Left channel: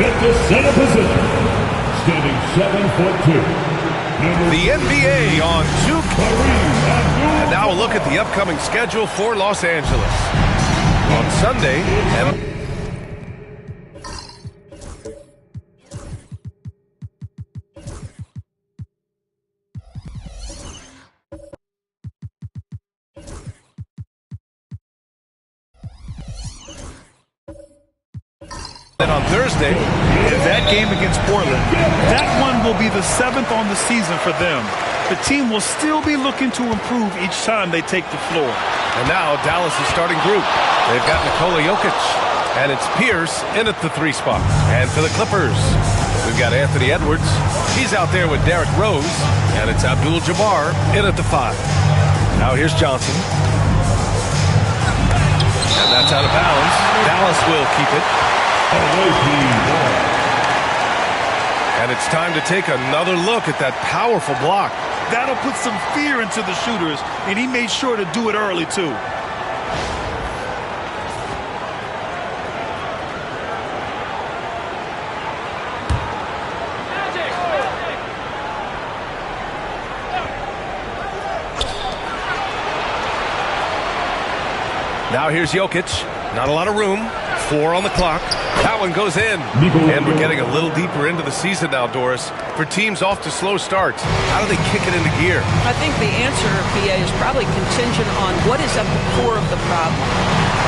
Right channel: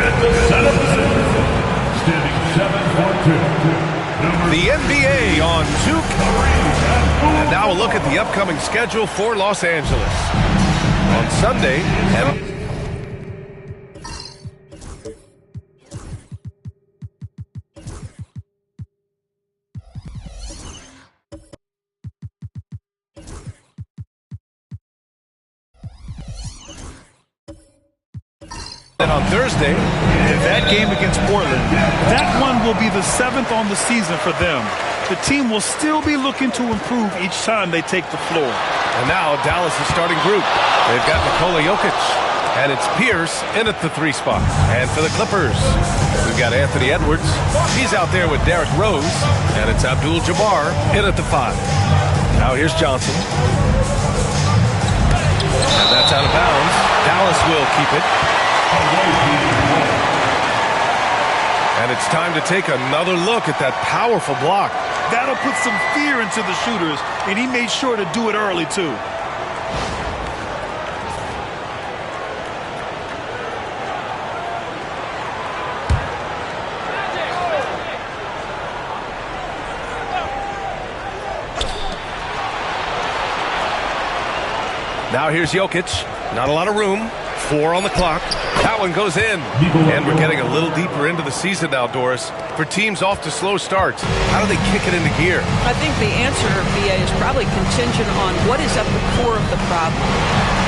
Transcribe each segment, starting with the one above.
At the center position, standing 7'2". The NBA on 2K. And now a look at the upcoming schedule for Los Angeles. On Sunday, and on Thursday, and that game against Portland, that one will be the 7th on the season for them. The team will still be looking to improve each time they take the floor. And now Dallas' starting group. They've got Nikola Jokic, and it's Pierce in at the 3 spot. And for the Clippers, we've got Anthony Edwards. He's out there with Derrick Rose, and it's Abdul-Jabbar in at the 5. Now here's Johnson. And that's out of bounds. Dallas will keep it. And it's time to take another look at that powerful block. That'll put some fear into the shooters, and he made sure to do it early, too. Now here's Jokic. Not a lot of room. 4 on the clock. That one goes in. And we're getting a little deeper into the season now, Doris. For teams off to slow starts, how do they kick it into gear? I think the answer, BA, is probably contingent on what is at the core of the problem.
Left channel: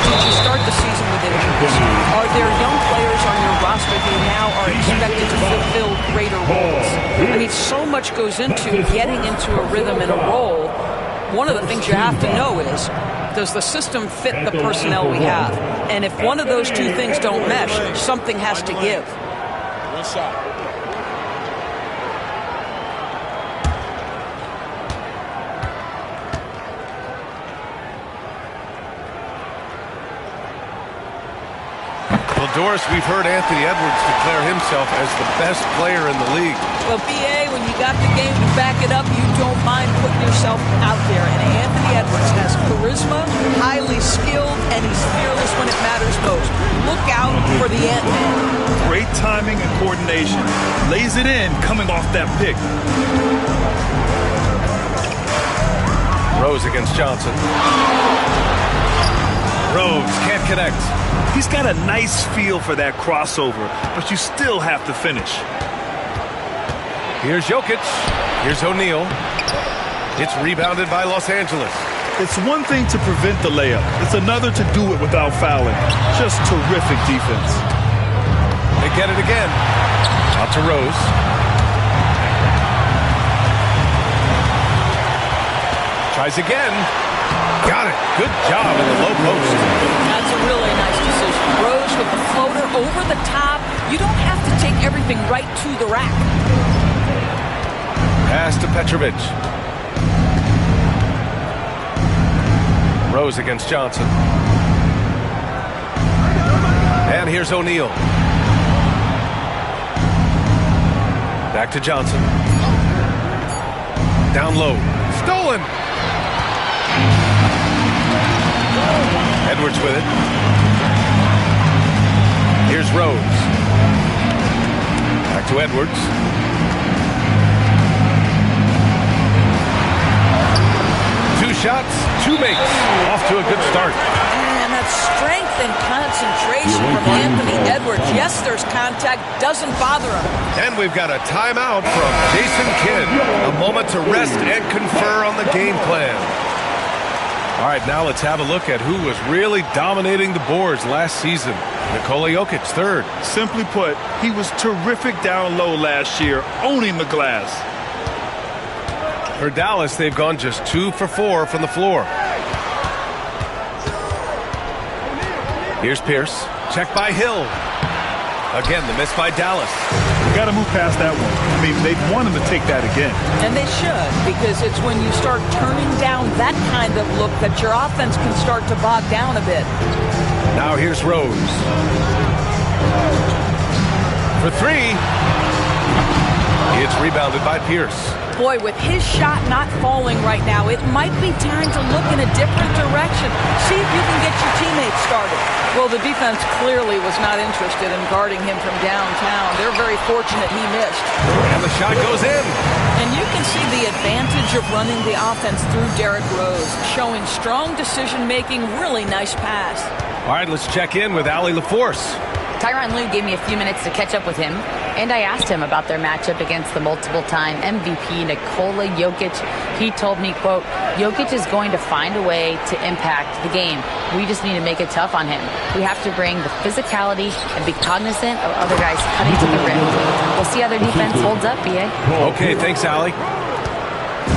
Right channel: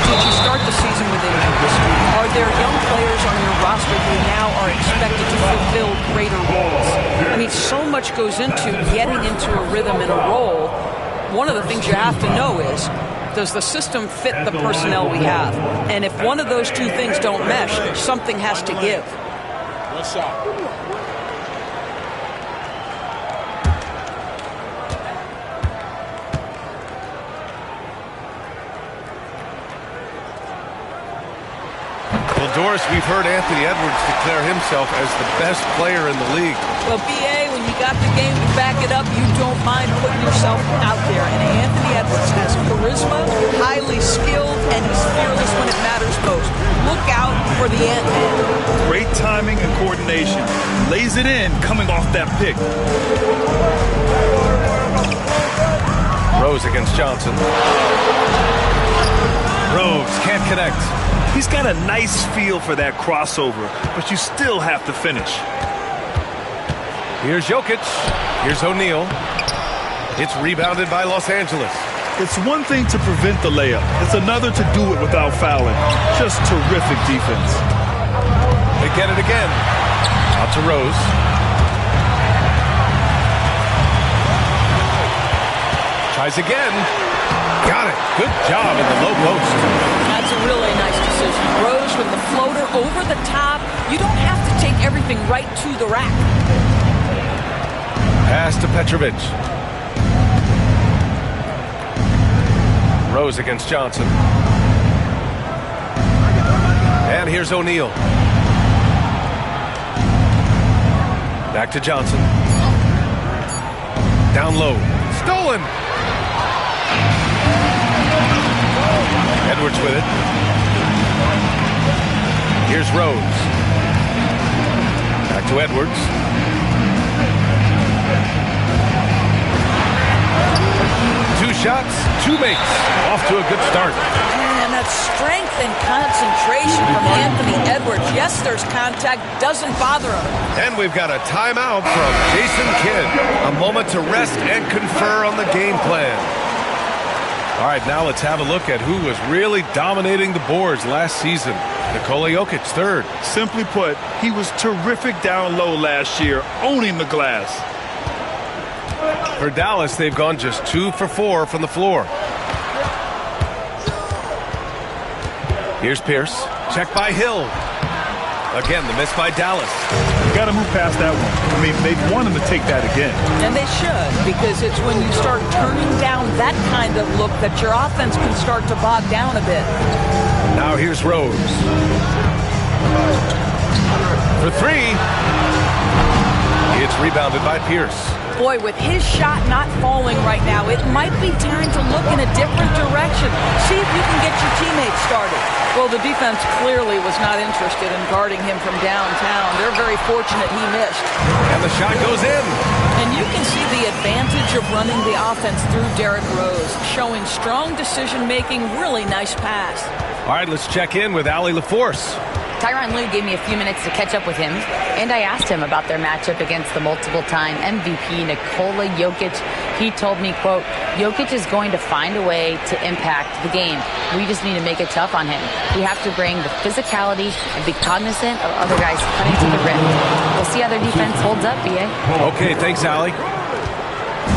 Did you start the season with injuries? Are there young players on your roster who now are expected to fulfill greater roles? I mean, so much goes into getting into a rhythm and a role. One of the things you have to know is, does the system fit the personnel we have? And if one of those two things don't mesh, something has to give. One shot. Well, Doris, we've heard Anthony Edwards declare himself as the best player in the league. Well, BA, when you got the game to back it up, you don't mind putting yourself out there. And Anthony Edwards has charisma, highly skilled, and he's fearless when it matters most. Look out for the Ant-Man. Great timing and coordination. Lays it in coming off that pick. Rose against Johnson. Rose can't connect. He's got a nice feel for that crossover, but you still have to finish. Here's Jokic. Here's O'Neal. It's rebounded by Los Angeles. It's one thing to prevent the layup. It's another to do it without fouling. Just terrific defense. They get it again. Out to Rose. Tries again. Got it. Good job in the low post. That's a really nice decision. Rose with the floater over the top. You don't have to take everything right to the rack. Pass to Petrovic. Rose against Johnson. And here's O'Neal. Back to Johnson. Down low. Stolen. Edwards with it. Here's Rose. Back to Edwards. Two shots, two makes. Off to a good start. And that strength and concentration from Anthony Edwards. Yes, there's contact. Doesn't bother him. And we've got a timeout from Jason Kidd. A moment to rest and confer on the game plan. All right, now let's have a look at who was really dominating the boards last season. Nikola Jokic, third. Simply put, he was terrific down low last year, owning the glass. For Dallas, they've gone just 2 for 4 from the floor. Here's Pierce. Check by Hill. Again, the miss by Dallas. You got to move past that one. I mean, they want him to take that again. And they should, because it's when you start turning down that kind of look that your offense can start to bog down a bit. Now here's Rose. For three. It's rebounded by Pierce. Boy, with his shot not falling right now, it might be time to look in a different direction. See if you can get your teammates started. Well, the defense clearly was not interested in guarding him from downtown. They're very fortunate he missed. And the shot goes in. And you can see the advantage of running the offense through Derrick Rose, showing strong decision-making, really nice pass. All right, let's check in with Allie LaForce. Tyronn Lue gave me a few minutes to catch up with him, and I asked him about their matchup against the multiple-time MVP Nikola Jokic. He told me, quote, Jokic is going to find a way to impact the game. We just need to make it tough on him. We have to bring the physicality and be cognizant of other guys cutting to the rim. We'll see how their defense holds up, B.A. Okay, thanks, Allie.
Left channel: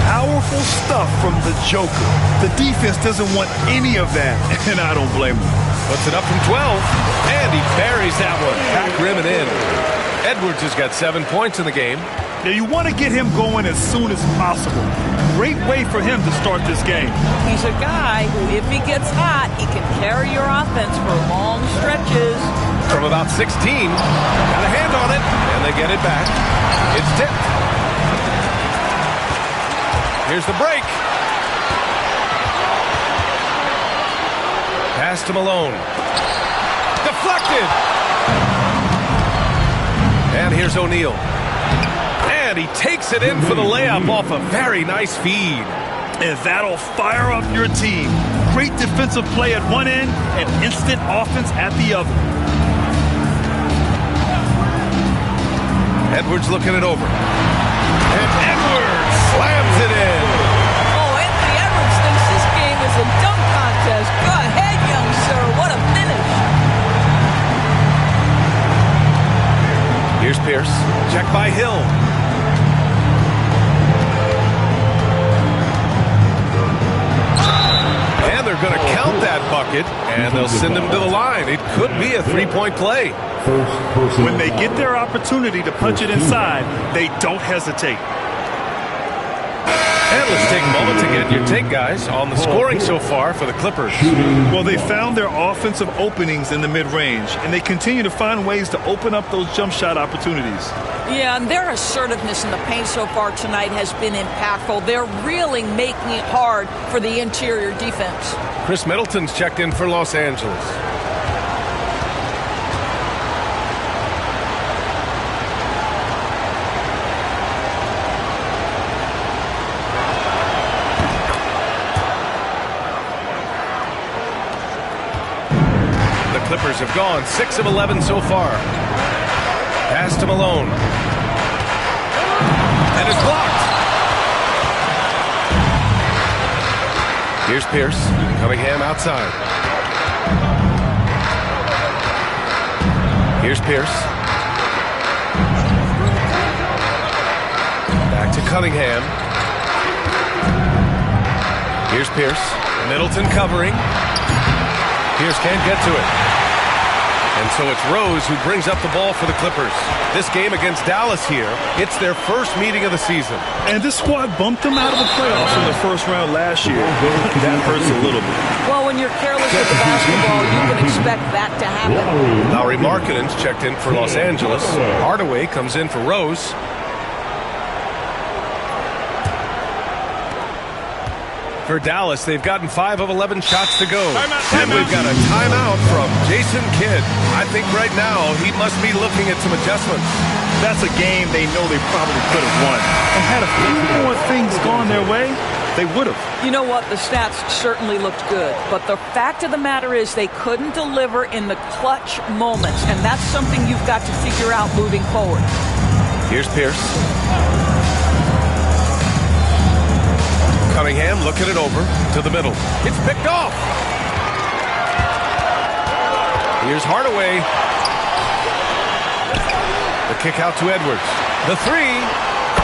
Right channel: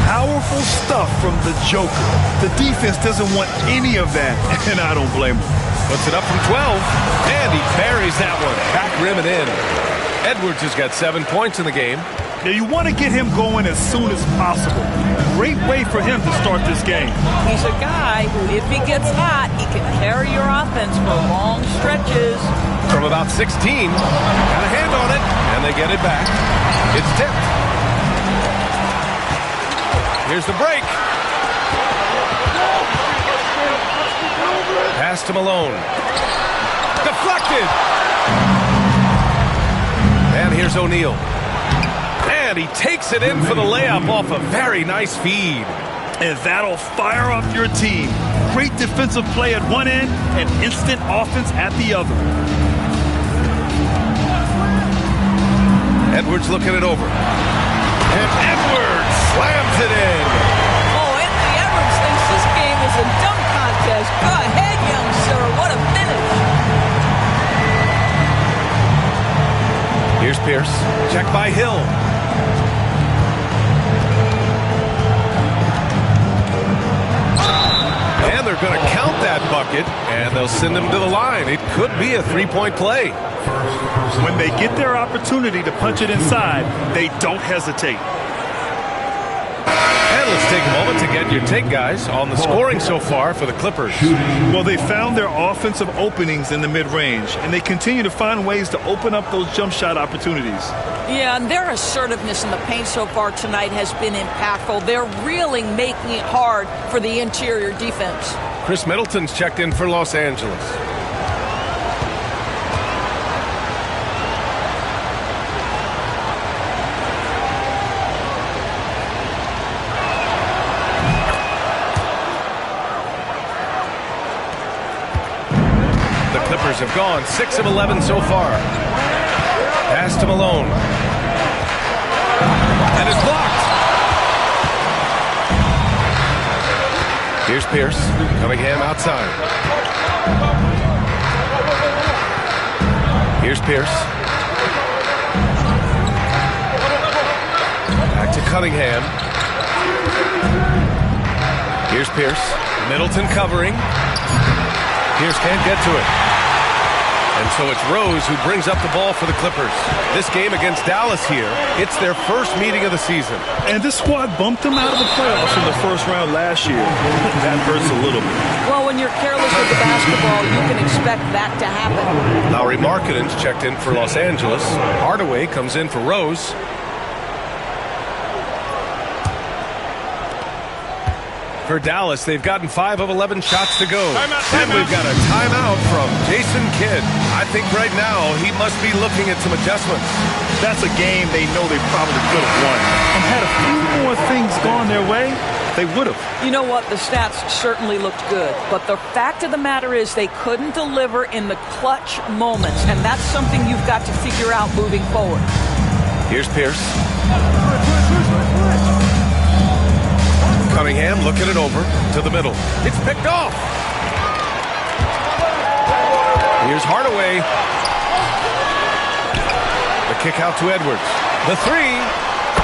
Powerful stuff from the Joker. The defense doesn't want any of that, and I don't blame them. Puts it up from 12, and he buries that one. Back rim and in. Edwards has got 7 points in the game. Now, you want to get him going as soon as possible. Great way for him to start this game. He's a guy who, if he gets hot, he can carry your offense for long stretches. From about 16, got a hand on it, and they get it back. It's tipped. Here's the break. Pass to Malone. Deflected. And here's O'Neal. And he takes it in for the layup off a very nice feed. And that'll fire up your team. Great defensive play at one end and instant offense at the other. Edwards looking it over. And Edwards slams it in. Oh, Anthony Edwards thinks this game is a dunk contest. Go ahead, young sir. What a finish. Here's Pierce. Check by Hill. And they're going to count that bucket, and they'll send him to the line. It could be a three-point play. When they get their opportunity to punch it inside, they don't hesitate. And let's take a moment to get your take, guys, on the scoring so far for the Clippers. Well, they found their offensive openings in the mid-range, and they continue to find ways to open up those jump shot opportunities. Yeah, and their assertiveness in the paint so far tonight has been impactful. They're really making it hard for the interior defense. Chris Middleton's checked in for Los Angeles. The Clippers have gone 6 of 11 so far. Pass to Malone. And it's blocked. Here's Pierce. Cunningham outside. Here's Pierce. Back to Cunningham. Here's Here's Pierce. Middleton covering. Pierce can't get to it. And so it's Rose who brings up the ball for the Clippers. This game against Dallas here, it's their first meeting of the season. And this squad bumped them out of the playoffs in the first round last year. That hurts a little bit. Well, when you're careless with the basketball, you can expect that to happen. Lauri Markkanen's checked in for Los Angeles. Hardaway comes in for Rose. For Dallas, they've gotten 5 of 11 shots to go. And we've got a timeout from Jason Kidd. I think right now he must be looking at some adjustments. That's a game they know they probably could have won. And had a few more things gone their way, they would have. You know what? The stats certainly looked good. But the fact of the matter is they couldn't deliver in the clutch moments. And that's something you've got to figure out moving forward. Here's Pierce. Cunningham looking it over to the middle. It's picked off. Here's Hardaway. The kick out to Edwards. The three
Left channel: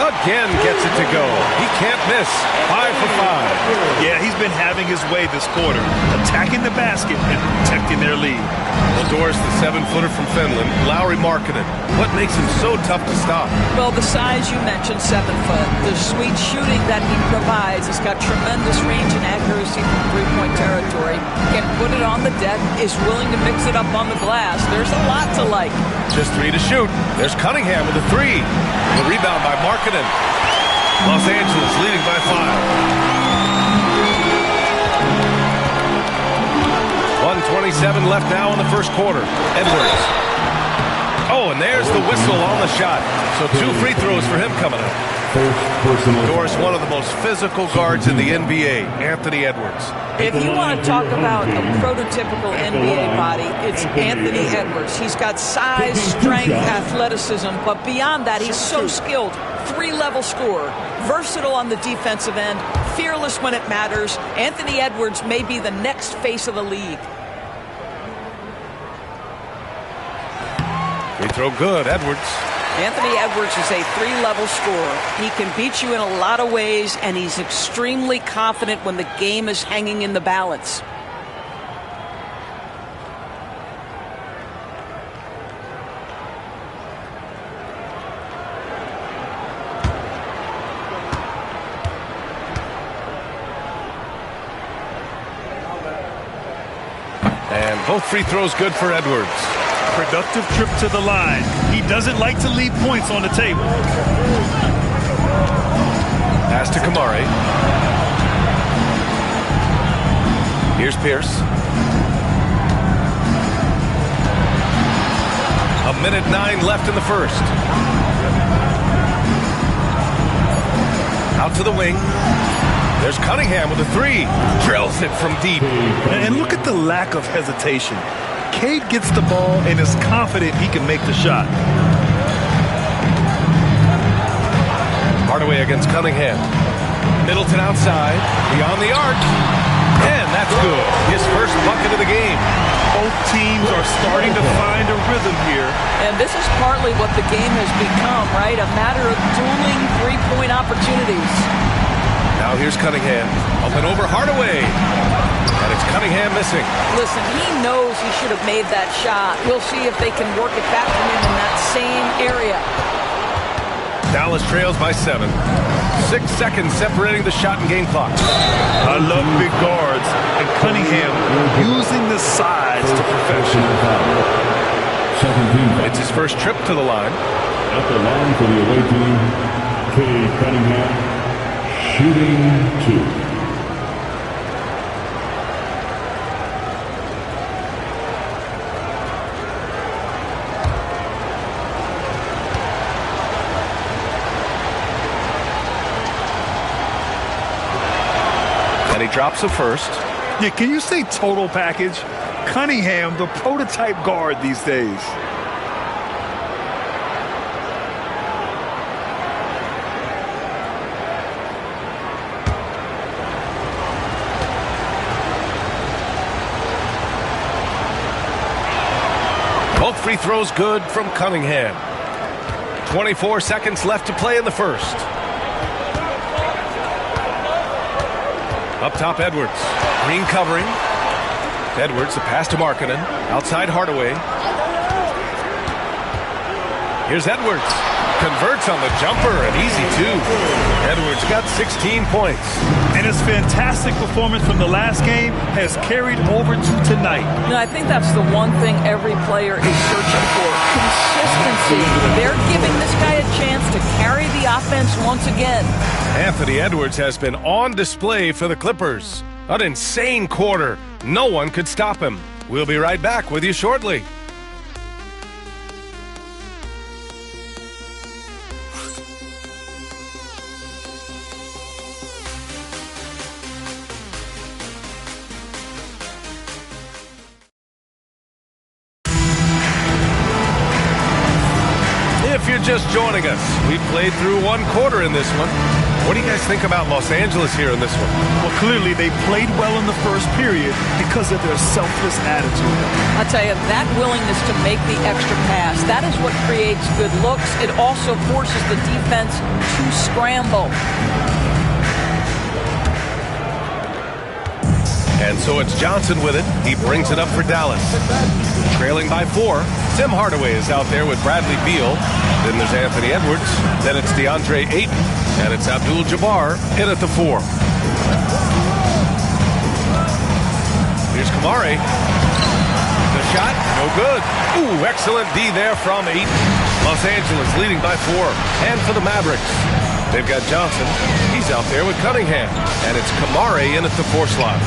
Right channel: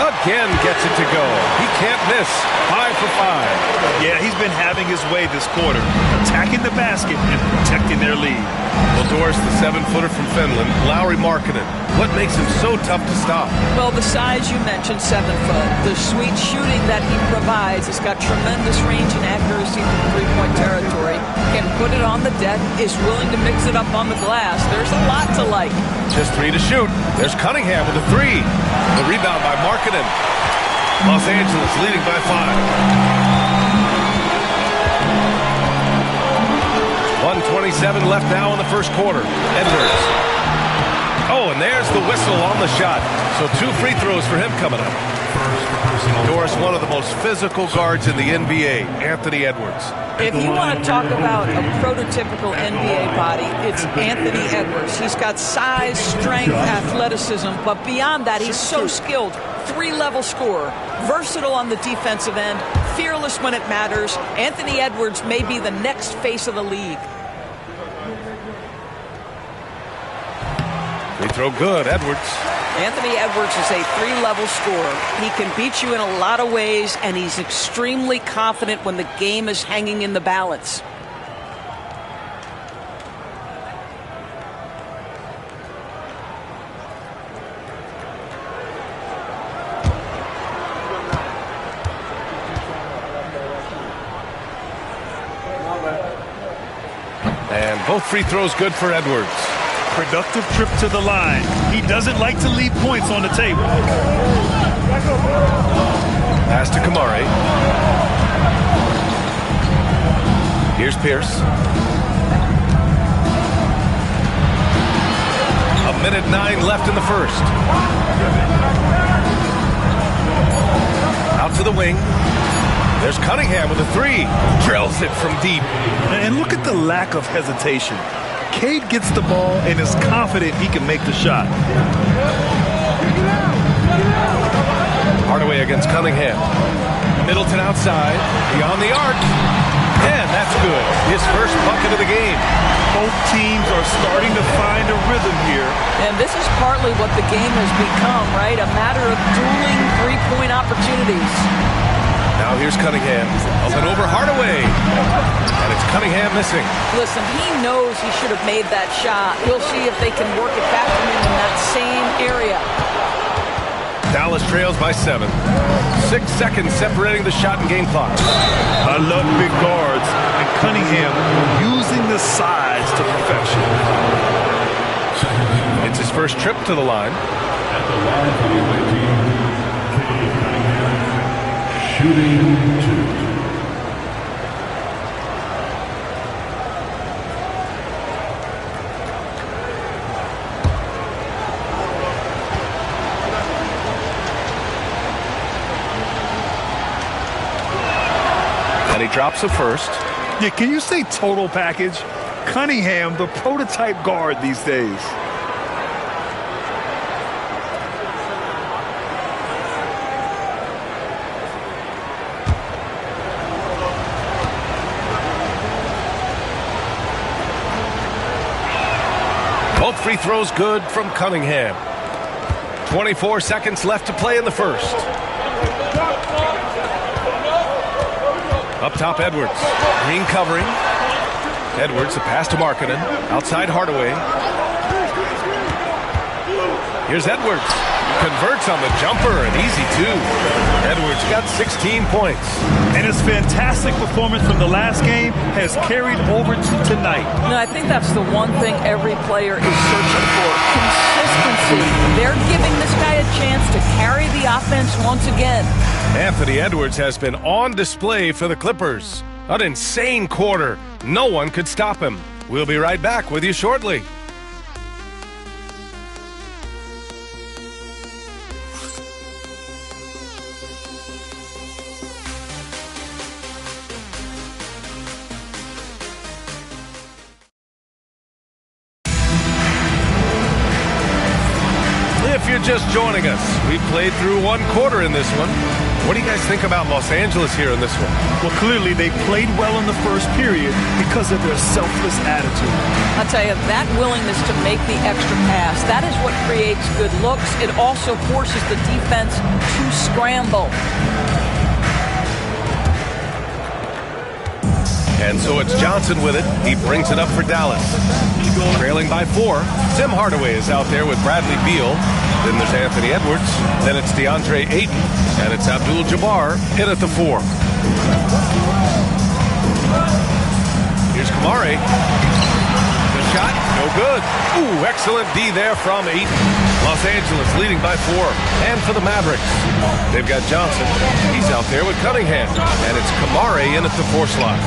again gets it to go. He can't miss. 5 for 5. Yeah, he's been having his way this quarter, attacking the basket and protecting their lead. Well, Doris, the 7-footer from Finland, Lauri Markkanen. What makes him so tough to stop? Well, the size you mentioned, 7 foot. The sweet shooting that he provides. He's got tremendous range and accuracy from three-point territory. Can put it on the deck, is willing to mix it up on the glass. There's a lot to like. Just 3 to shoot. There's Cunningham with a 3. The rebound by Markkanen. Los Angeles leading by 5. 1:27 left now in the first quarter. Edwards. Oh, and there's the whistle on the shot. So 2 free throws for him coming up. First personal. Doris, one of the most physical guards in the NBA, Anthony Edwards. If you want to talk about a prototypical NBA body, it's Anthony Edwards. He's got size, strength, athleticism, but beyond that, he's so skilled. 3-level scorer, versatile on the defensive end, fearless when it matters. Anthony Edwards may be the next face of the league. Free throw good, Edwards. Anthony Edwards is a 3-level scorer. He can beat you in a lot of ways, and he's extremely confident when the game is hanging in the balance. And both free throws good for Edwards. Productive trip to the line. He doesn't like to leave points on the table. Pass to Kamari. Here's Pierce. 1:09 left in the first. Out to the wing. There's Cunningham with a 3. Drills it from deep. And look at the lack of hesitation. Cade gets the ball and is confident he can make the shot. Hardaway against Cunningham. Middleton outside. Beyond the arc. And that's good. His first bucket of the game. Both teams are starting to find a rhythm here. And this is partly what the game has become, right? A matter of dueling three-point opportunities. Now here's Cunningham. Up and over Hardaway. And it's Cunningham missing. Listen, he knows he should have made that shot. We'll see if they can work it back from him in that same area. Dallas trails by 7. 6 seconds separating the shot and game clock. I love big guards, and Cunningham using the size to perfection. It's his first trip to the line. At the line for the away team, Cade Cunningham, shooting 2. And he drops the first. Yeah, can you say total package? Cunningham, the prototype guard these days. Both free throws good from Cunningham. 24 seconds left to play in the first. Up top, Edwards. Green covering. Edwards, the pass to Markkanen. Outside Hardaway. Here's Edwards. Converts on the jumper, and easy too. Edwards got 16 points. And his fantastic performance from the last game has carried over to tonight. No, I think that's the one thing every player is searching for. Consistency. They're giving this guy a chance to carry the offense once again. Anthony Edwards has been on display for the Clippers. An insane quarter. No one could stop him. We'll be right back with you shortly. If you're just joining us, we've played through one quarter in this one. What do you guys think about Los Angeles here in this one? Well, clearly they played well in the first period because of their selfless attitude. I'll tell you, that willingness to make the extra pass, that is what creates good looks. It also forces the defense to scramble. And so it's Johnson with it. He brings it up for Dallas. Trailing by 4. Tim Hardaway is out there with Bradley Beal. Then there's Anthony Edwards. Then it's DeAndre Ayton. And it's Abdul-Jabbar in at the 4. Here's Kamare. The shot, no good. Ooh, excellent D there from Ayton. Los Angeles leading by 4. And for the Mavericks, they've got Johnson. He's out there with Cunningham. And it's Kamare in at the 4 slot.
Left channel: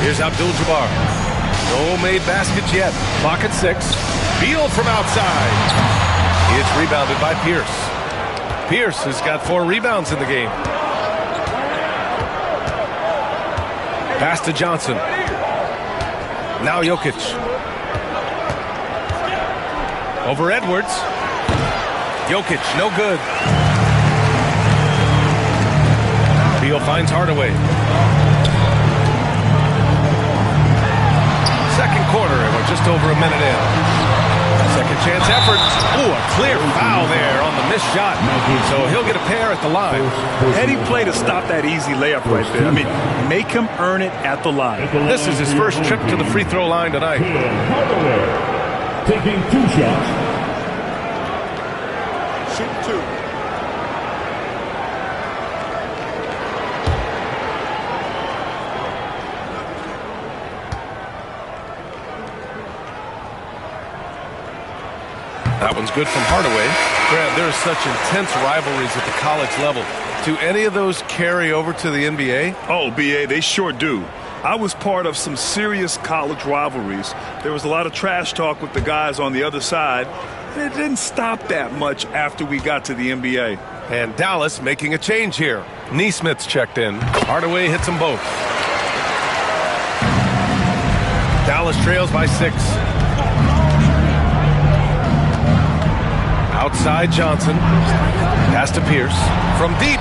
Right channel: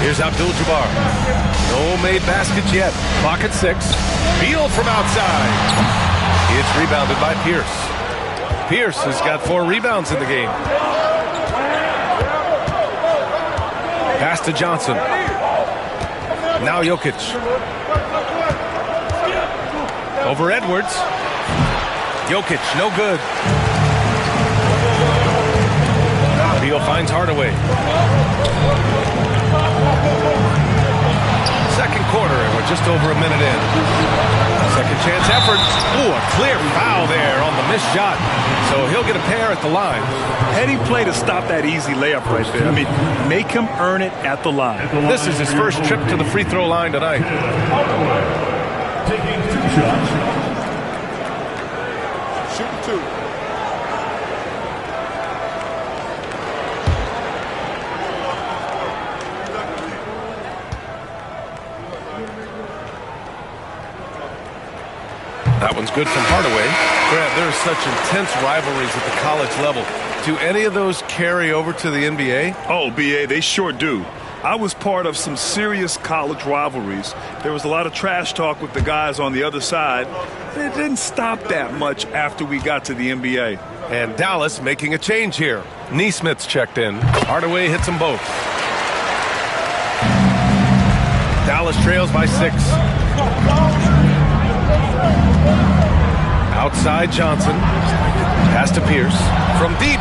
Here's Abdul-Jabbar. No made baskets yet. Clock at 6. Beal from outside. It's rebounded by Pierce. Pierce has got 4 rebounds in the game. Pass to Johnson. Now Jokic. Over Edwards. Jokic, no good. Beal finds Hardaway. Second quarter, and we're just over a minute in. Second chance effort. Ooh, a clear foul there on the missed shot. So he'll get a pair at the line. Heady play to stop that easy layup right there. I mean, make him earn it at the line. This is his first trip to the free throw line tonight. Taking 2 shots. Shooting 2. That one's good from Hardaway. Grant, there are such intense rivalries at the college level. Do any of those carry over to the NBA? Oh, BA, they sure do. I was part of some serious college rivalries. There was a lot of trash talk with the guys on the other side, and it didn't stop that much after we got to the NBA. And Dallas making a change here. Neesmith's checked in. Hardaway hits them both. Dallas trails by 6. Outside Johnson. Pass to Pierce. From deep.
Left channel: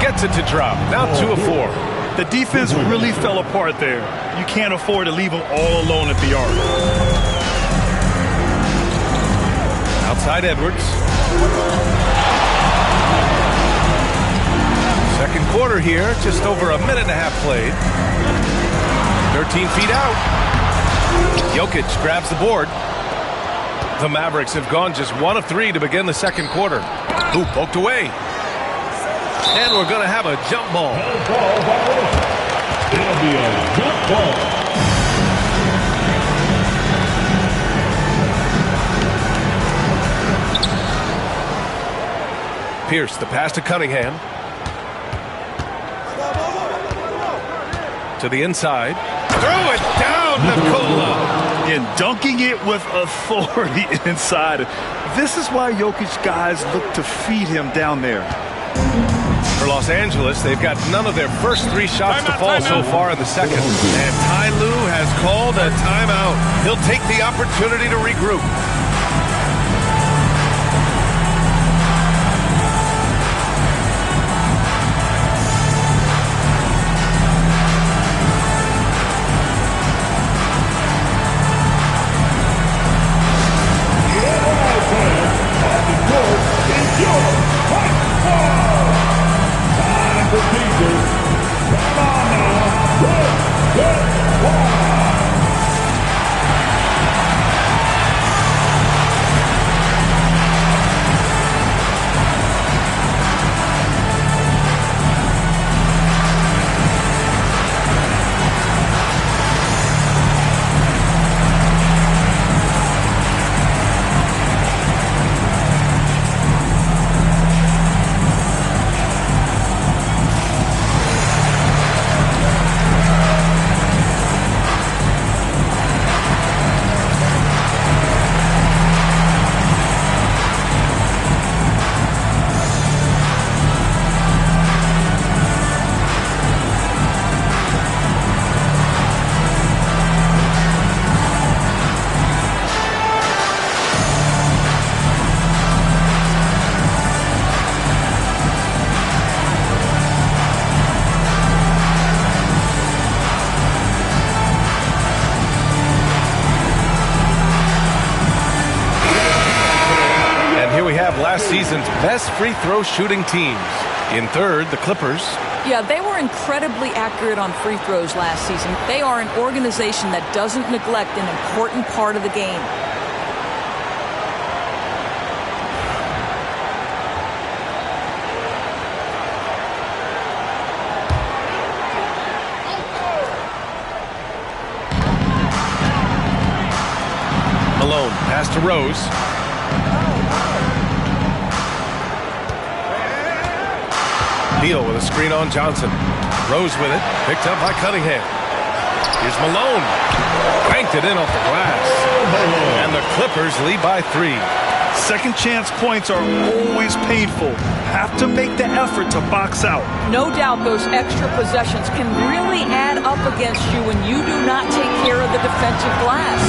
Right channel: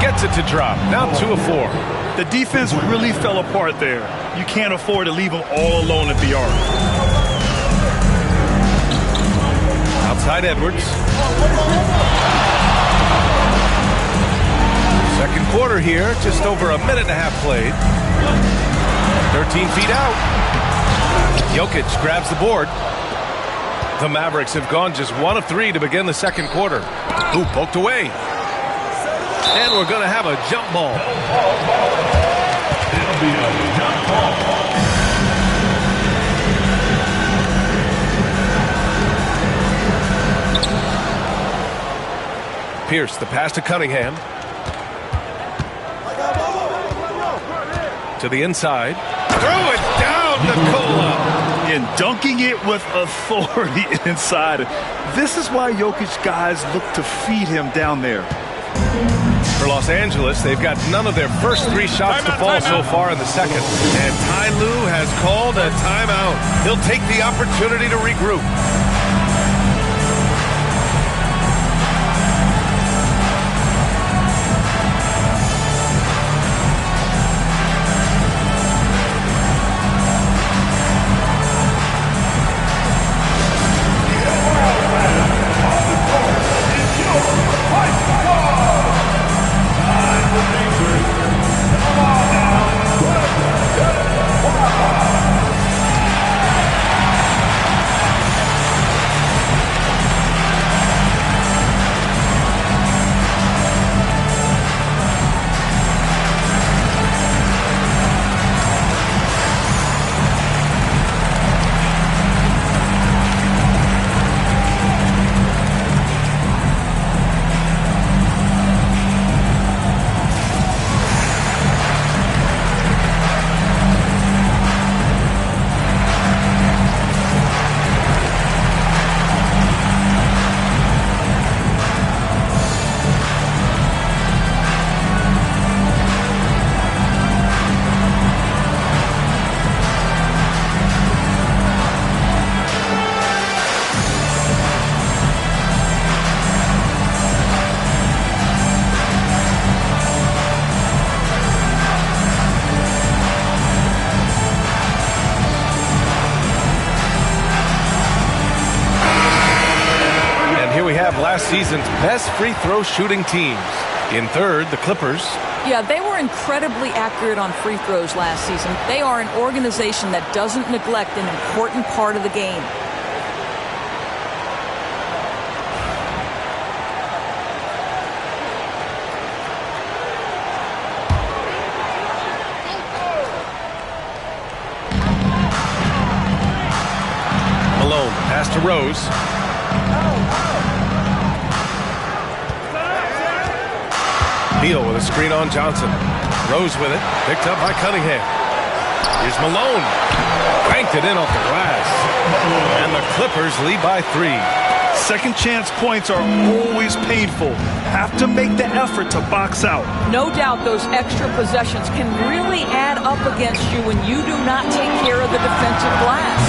Gets it to drop. Now 2 of 4. The defense really fell apart there. You can't afford to leave them all alone at the arc. Outside Edwards. Second quarter here. Just over a minute and a half played. 13 feet out. Jokic grabs the board. The Mavericks have gone just 1 of 3 to begin the second quarter. Ooh, poked away. And we're going to have a jump ball. It'll be a jump ball. Pierce, the pass to Cunningham. To the inside. Throw it down, Nikola. And dunking it with authority inside. This is why Jokic guys look to feed him down there. For Los Angeles, they've got none of their first 3 shots to fall so far in the second. And Ty Lue has called a timeout. He'll take the opportunity to regroup. last season's best free throw shooting teams. In third, the Clippers. Yeah, they were incredibly accurate on free throws last season. They are an organization that doesn't neglect an important part of the game. Malone, pass to Rose. Beal with a screen on Johnson. Rose with it, picked up by Cunningham. Here's Malone. Banked it in off the glass. And the Clippers lead by 3. Second chance points are always painful. Have to make the effort to box out. No doubt those extra possessions can really add up against you when you do not take care of the defensive glass.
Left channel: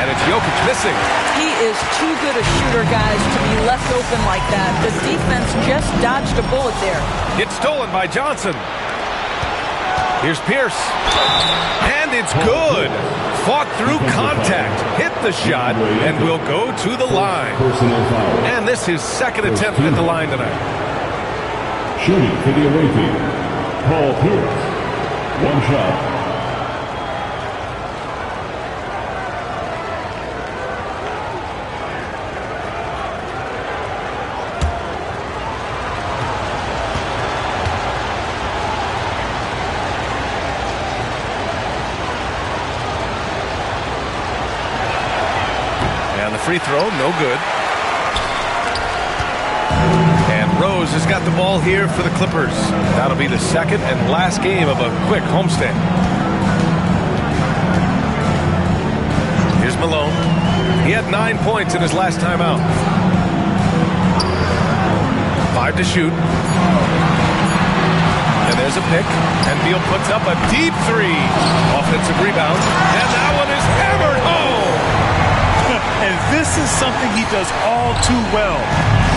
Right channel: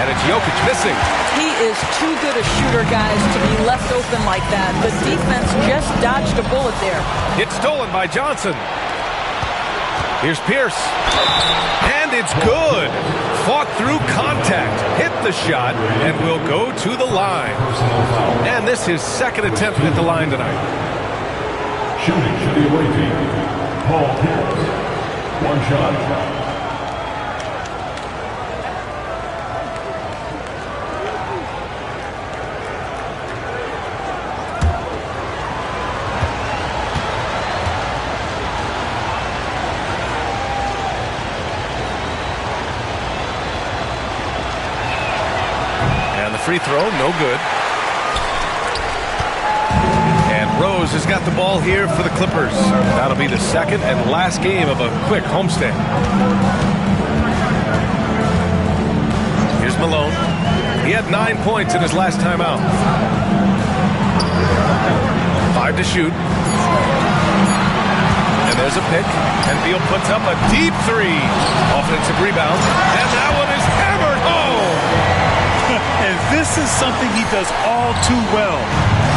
And it's Jokic missing. He is too good a shooter, guys, to be left open like that. The defense just dodged a bullet there. It's stolen by Johnson. Here's Pierce. And it's good. Fought through contact, hit the shot, and will go to the line. Personal foul. And this is his second attempt at the line tonight. Shooting for the away team, Paul Pierce. One shot. And the free throw, no good. And Rose has got the ball here for the Clippers. That'll be the second and last game of a quick homestand. Here's Malone. He had 9 points in his last time out. 5 to shoot. And there's a pick. And Beal puts up a deep 3. Offensive rebound. And that one is hammered home. And this is something he does all too well.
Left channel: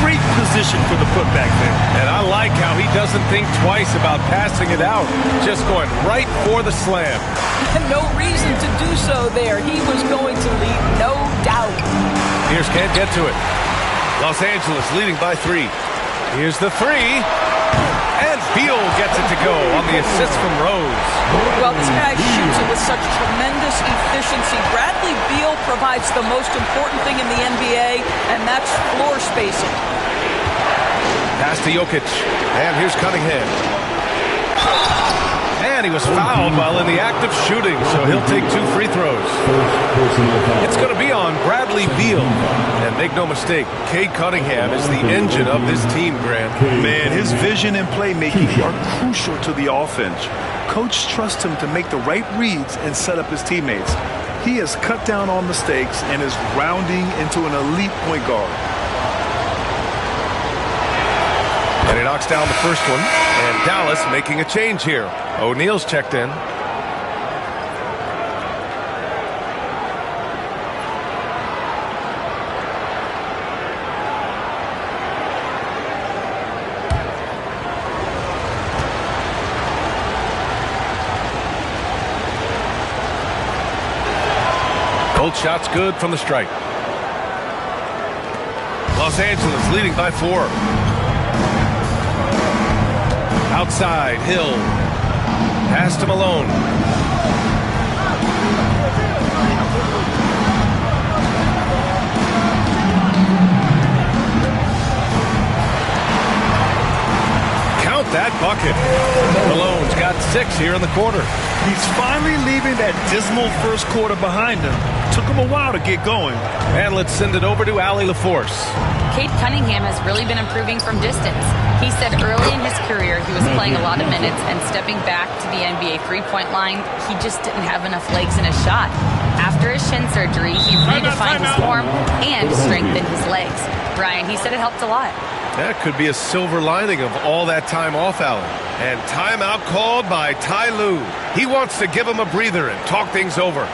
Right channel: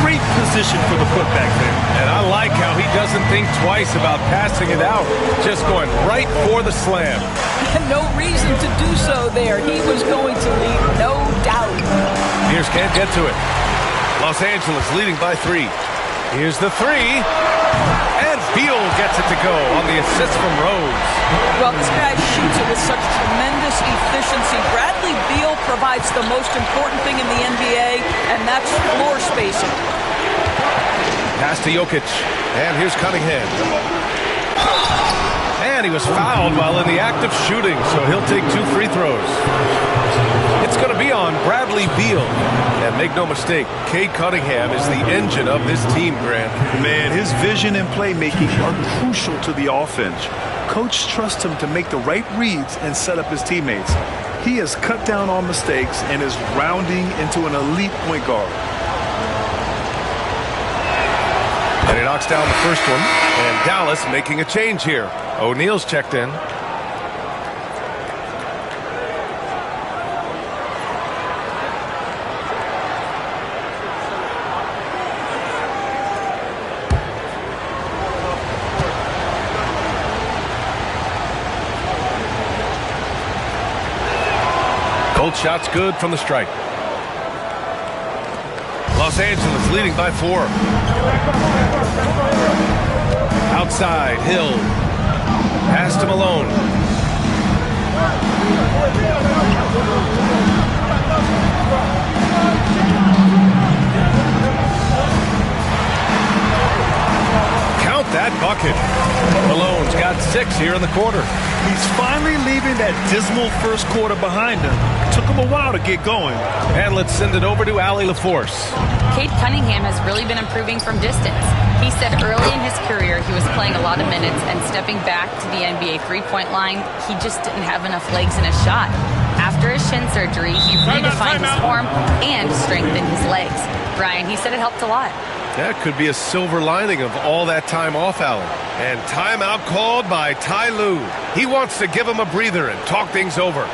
Great position for the putback there. And I like how he doesn't think twice about passing it out. Just going right for the slam. No reason to do so there. He was going to lead, no doubt. Pierce can't get to it. Los Angeles leading by 3. Here's the 3. And Beal gets it to go on the assist from Rose. Well, this guy shoots it with such tremendous efficiency. Bradley Beal provides the most important thing in the NBA, and that's floor spacing. Pass to Jokic. And here's Cunningham. And he was fouled while in the act of shooting, so he'll take 2 free throws. It's going to be on Bradley Beal. And make no mistake, Cade Cunningham is the engine of this team, Grant. Man, his vision and playmaking are crucial to the offense. Coach trusts him to make the right reads and set up his teammates. He has cut down on mistakes and is rounding into an elite point guard. And he knocks down the first one. And Dallas making a change here. O'Neal's checked in. Both shots good from the strike. Los Angeles leading by 4. Outside, Hill. Pass to Malone. Count that bucket. Malone's got 6 here in the quarter. He's finally leaving that dismal first quarter behind him. Took him a while to get going. And let's send it over to Allie LaForce. Cade Cunningham has really been improving from distance. He said early in his career he was playing a lot of minutes and stepping back to the NBA three-point line, he just didn't have enough legs in his shot. After his shin surgery, he redefined his form and strengthened his legs. Brian, he said it helped a lot. That could be a silver lining of all that time off, Allen. And timeout called by Ty Lue. He wants to give him a breather and talk things over.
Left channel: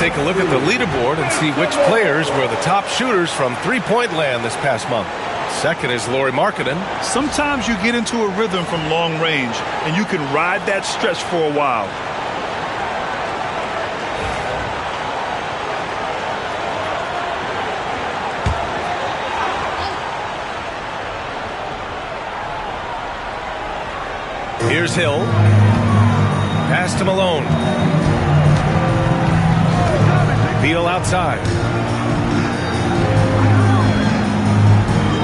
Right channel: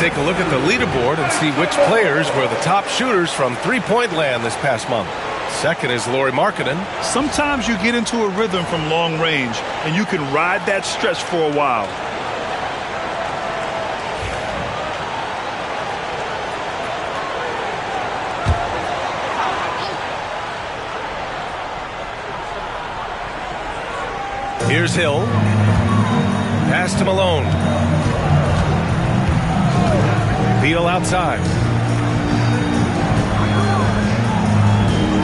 take a look at the leaderboard and see which players were the top shooters from three-point land this past month. Second is Lauri Markkanen. Sometimes you get into a rhythm from long range, and you can ride that stretch for a while. Here's Hill. Pass to Malone. Beal outside.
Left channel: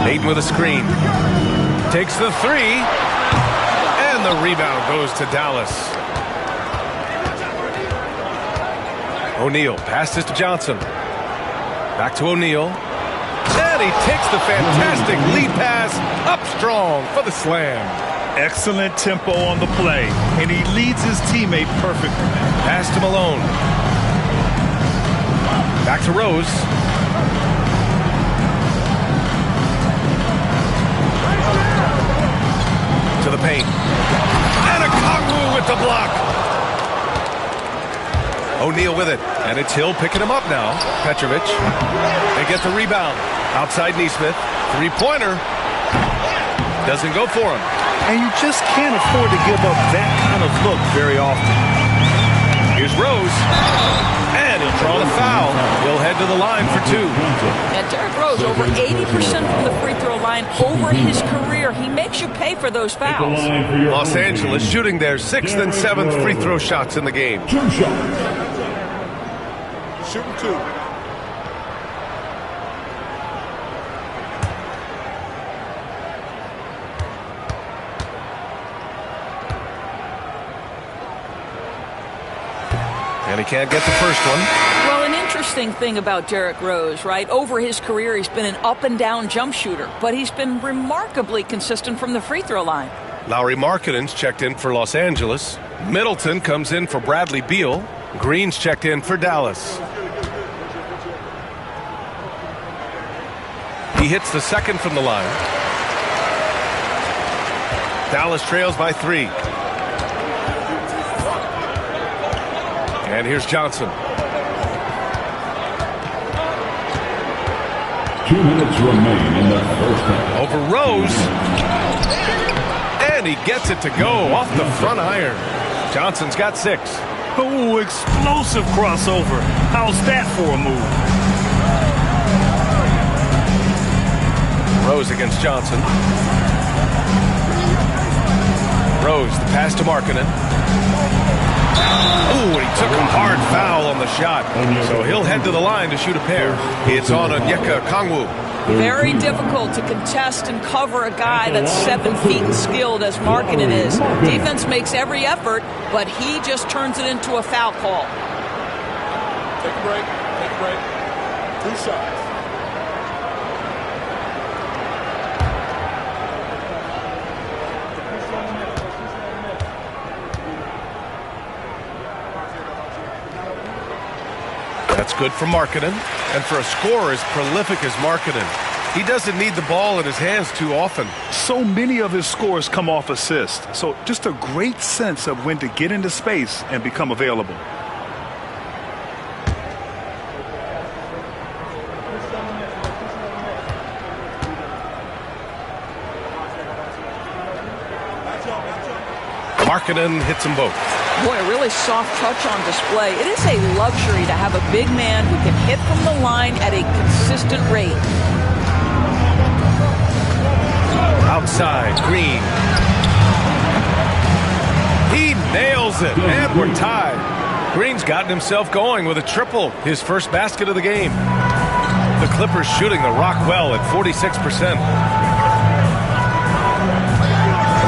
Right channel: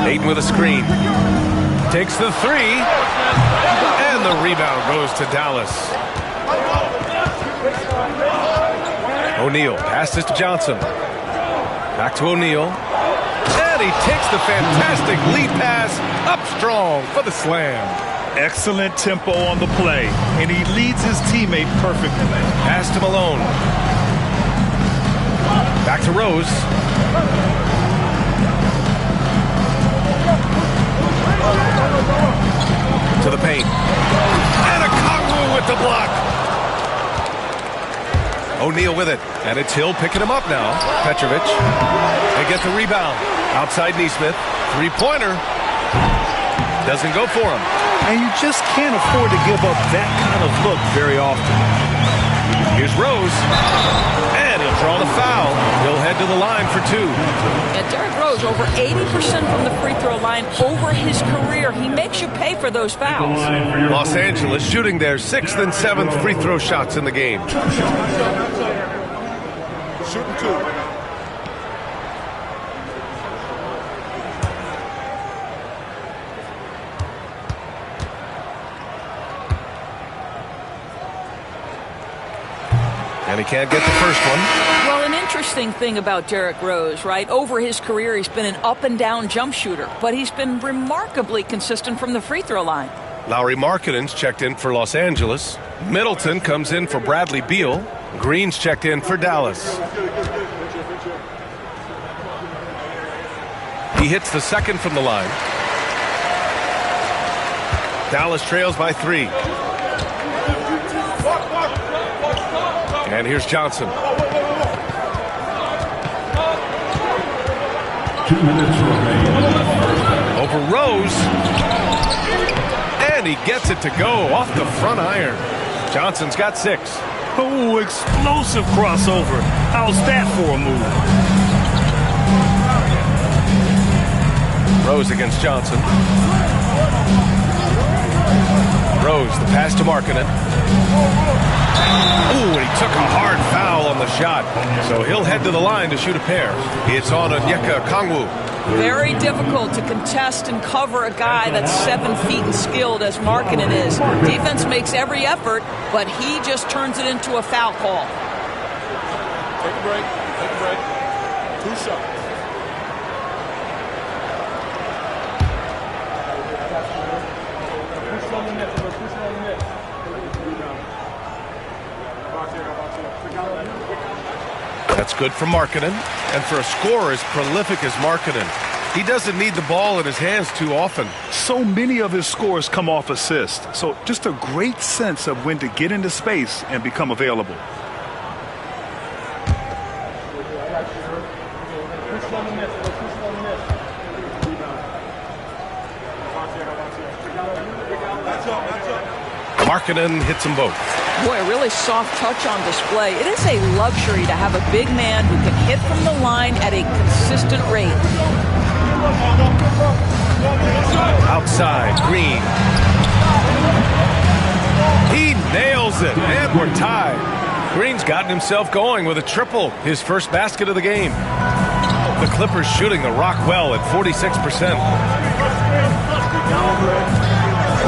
Ayton with a screen. Takes the three. And the rebound goes to Dallas. O'Neal passes to Johnson. Back to O'Neal. And he takes the fantastic lead pass up strong for the slam. Excellent tempo on the play, and he leads his teammate perfectly. Pass to Malone. Back to Rose. To the paint. And a Kongwu with the block. O'Neal with it. And it's Hill picking him up now. Petrovic. They get the rebound. Outside Nesmith. Three-pointer. Doesn't go for him. And you just can't afford to give up that kind of look very often. Here's Rose. And he'll draw the foul. He'll head to the line for two. Yeah, Derrick Rose, over 80% from the free throw line over his career. He makes you pay for those fouls. Los Angeles shooting their 6th and 7th free throw shots in the game. Shooting two. And he can't get the first one. Well, an interesting thing about Derrick Rose, right? Over his career, he's been an up-and-down jump shooter, but he's been remarkably consistent from the free throw line. Lauri Markkanen's checked in for Los Angeles. Middleton comes in for Bradley Beal. Green's checked in for Dallas. He hits the second from the line. Dallas trails by 3. And here's Johnson. 2 minutes remain in the first half. Over Rose. And he gets it to go off the front iron. Johnson's got 6. Oh, explosive crossover. How's that for a move? Rose against Johnson. Rose, the pass to Markkanen. Oh, and he took a hard foul on the shot. So he'll head to the line to shoot a pair. It's on Onyeka Kongwu. Very difficult to contest and cover a guy that's 7 feet and skilled as Markkanen is. Defense makes every effort, but he just turns it into a foul call. Take a break. Take a break. 2 shots. That's good for Markkanen. And for a scorer as prolific as Markkanen, he doesn't need the ball in his hands too often. So many of his scores come off assist. So just a great sense of when to get into space and become available. Markkanen hits them both. Boy, a really soft touch on display. It is a luxury to have a big man who can hit from the line at a consistent rate. Outside, Green. He nails it, and we're tied. Green's gotten himself going with a triple, his first basket of the game. The Clippers shooting the rock well at 46%.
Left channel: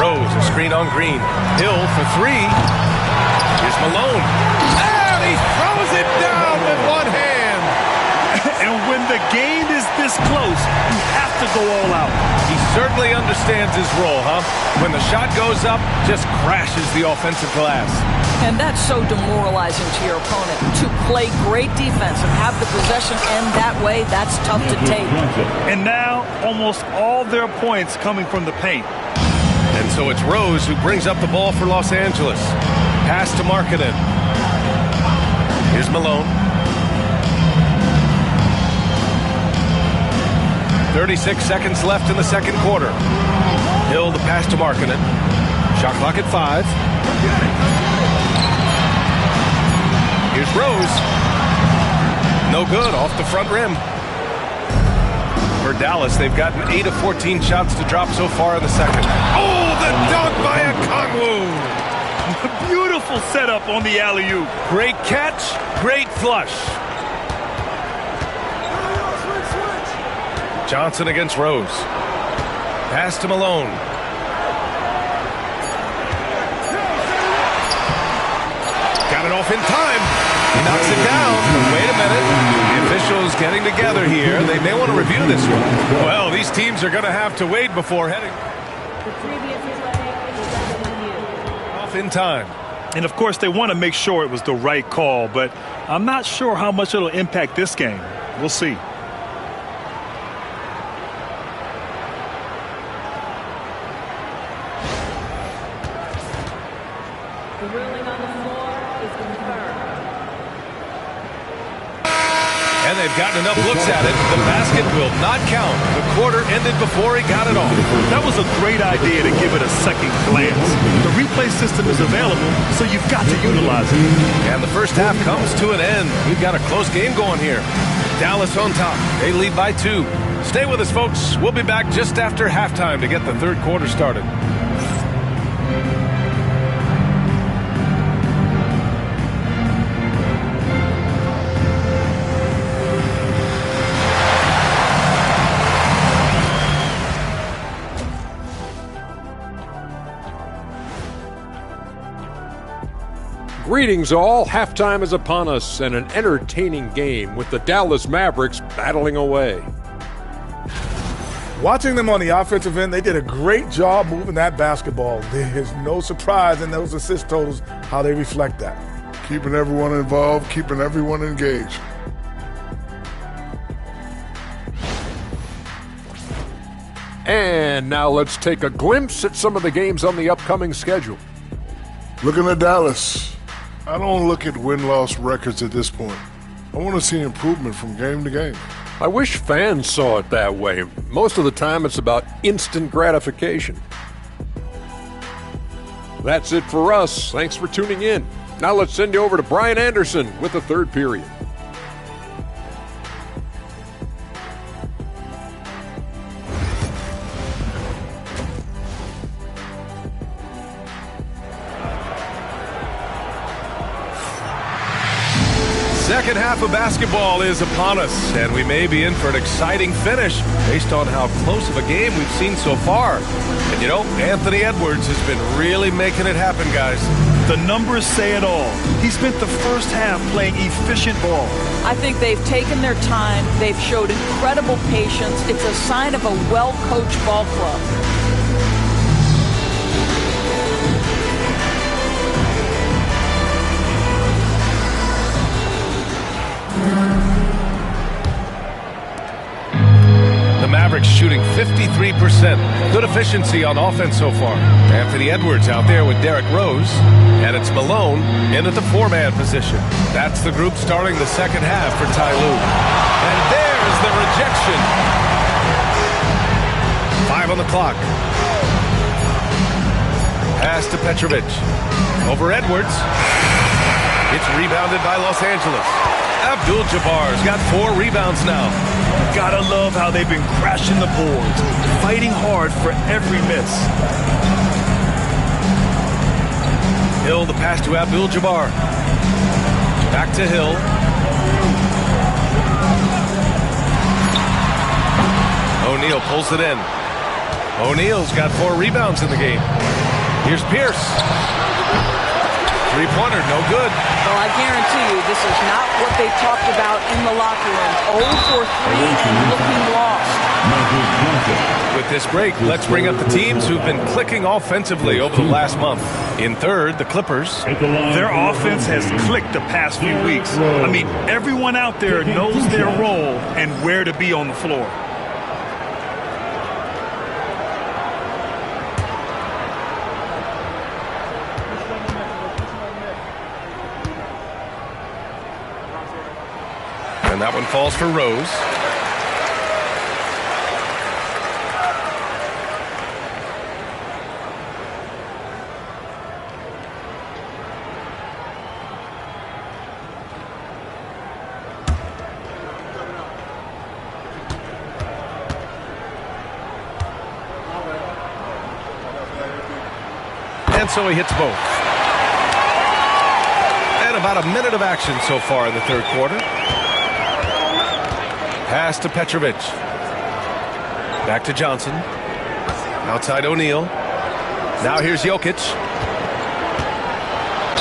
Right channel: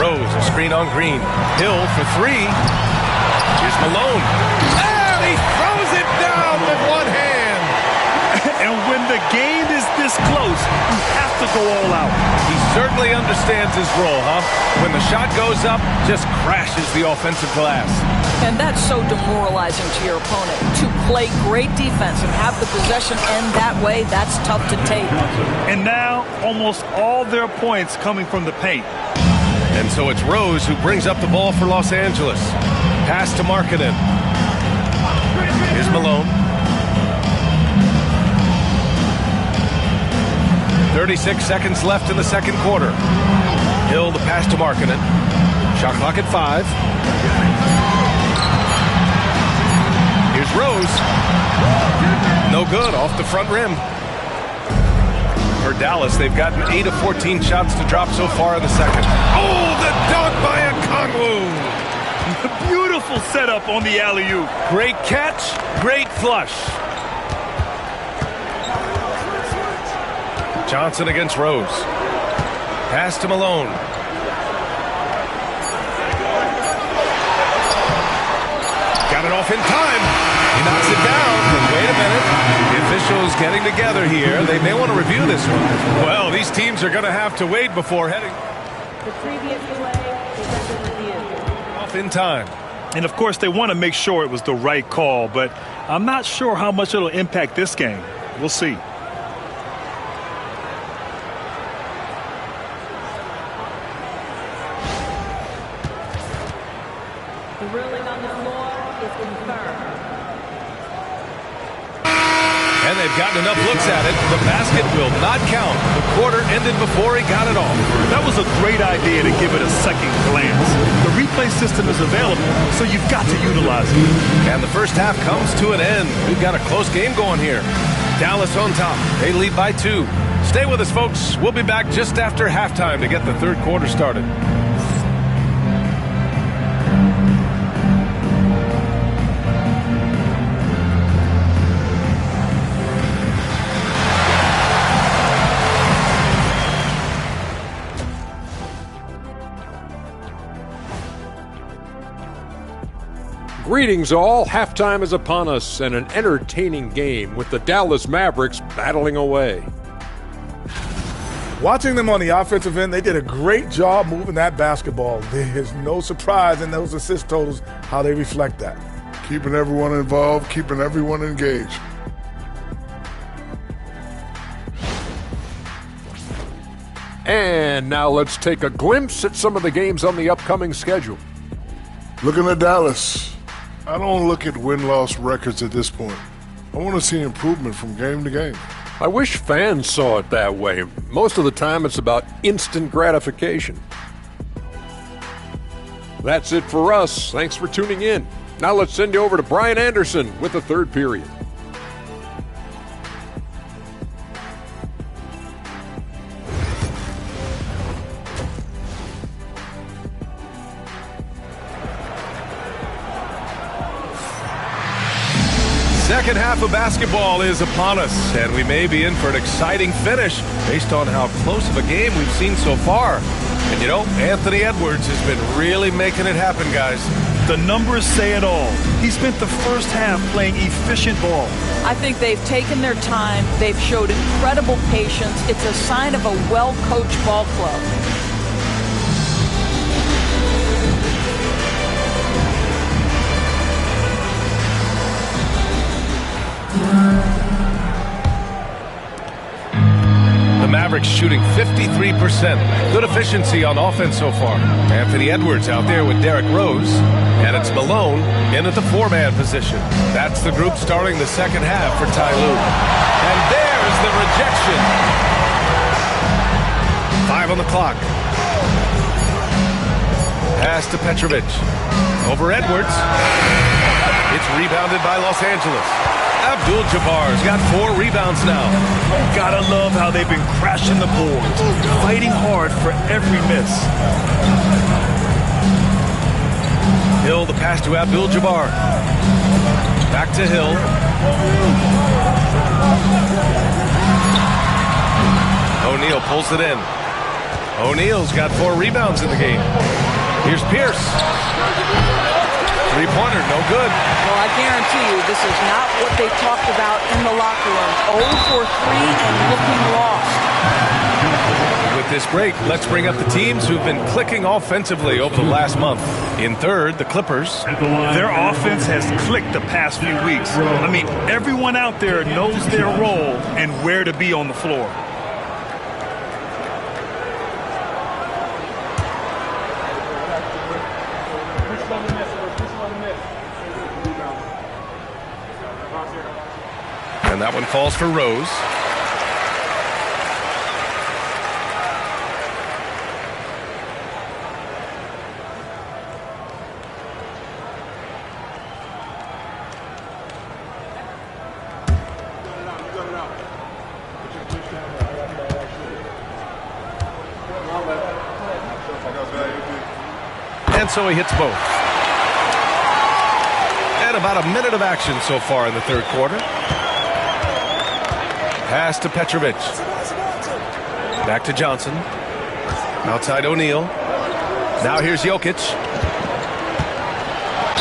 Rose, a screen on Green. Hill for 3. Here's Malone. And he throws it down with one hand. And when the game is this close, you have to go all out. He certainly understands his role, huh? When the shot goes up, just crashes the offensive glass. And that's so demoralizing to your opponent. To play great defense and have the possession end that way, that's tough to take. And now, almost all their points coming from the paint. And so it's Rose who brings up the ball for Los Angeles. Pass to Markkanen. Here's Malone. 36 seconds left in the second quarter. Hill the pass to Markkanen. Shot clock at 5. Here's Rose. No good, off the front rim. For Dallas, they've gotten 8 of 14 shots to drop so far in the second. Oh, the dunk by Okongwu! Beautiful setup on the alley-oop. Great catch, great flush. Johnson against Rose. Pass to Malone. Got it off in time. He knocks it down. Wait a minute. The officials getting together here. They may want to review this one. Well, these teams are going to have to wait before heading. The previous play is under review. Off in time. And, of course, they want to make sure it was the right call, but I'm not sure how much it'll impact this game. We'll see. The ruling on the floor is confirmed. And they've gotten enough looks at it. The basket will not count. The quarter ended before he got it off. That was a great idea to give it a second glance. The replay system is available, so you've got to utilize it. And the first half comes to an end. We've got a close game going here. Dallas on top. They lead by 2. Stay with us, folks. We'll be back just after halftime to get the third quarter started. Greetings all, halftime is upon us and an entertaining game with the Dallas Mavericks battling away. Watching them on the offensive end, they did a great job moving that basketball. There's no surprise in those assist totals how they reflect that. Keeping everyone involved, keeping everyone engaged. And now let's take a glimpse at some of the games on the upcoming schedule. Looking at Dallas, I don't look at win-loss records at this point. I want to see improvement from game to game. I wish fans saw it that way. Most of the time it's about instant gratification. That's it for us. Thanks for tuning in. Now let's send you over to Brian Anderson with the third period. Second half of basketball is upon us, and we may be in for an exciting finish based on how close of a game we've seen so far. And you know, Anthony Edwards has been really making it happen, guys. The numbers say it all. He spent the first half playing efficient ball. I think they've taken their time. They've showed incredible patience. It's a sign of a well-coached ball club. The Mavericks shooting 53%. Good efficiency on offense so far. Anthony Edwards out there with Derrick Rose. And it's Malone in at the 4-man position. That's the group starting the second half for Ty Lue. And there's the rejection. 5 on the clock. Pass to Petrovic. Over Edwards. It's rebounded by Los Angeles. Abdul-Jabbar's got 4 rebounds now. Gotta love how they've been crashing the boards, fighting hard for every miss. Hill, the pass to Abdul-Jabbar. Back to Hill. O'Neal pulls it in. O'Neal's got 4 rebounds in the game. Here's Pierce. Three-pointer, no good. Well, I guarantee you this is not what they talked about in the locker room. 0 for 3 and looking lost. With this break, let's bring up the teams who've been clicking offensively over the last month. In third, the Clippers. Their offense has clicked the past few weeks. I mean, everyone out there knows their role and where to be on the floor. And that one falls for Rose. And so he hits both. And about a minute of action so far in the third quarter. Pass to Petrovic. Back to Johnson. Outside O'Neal. Now here's Jokic.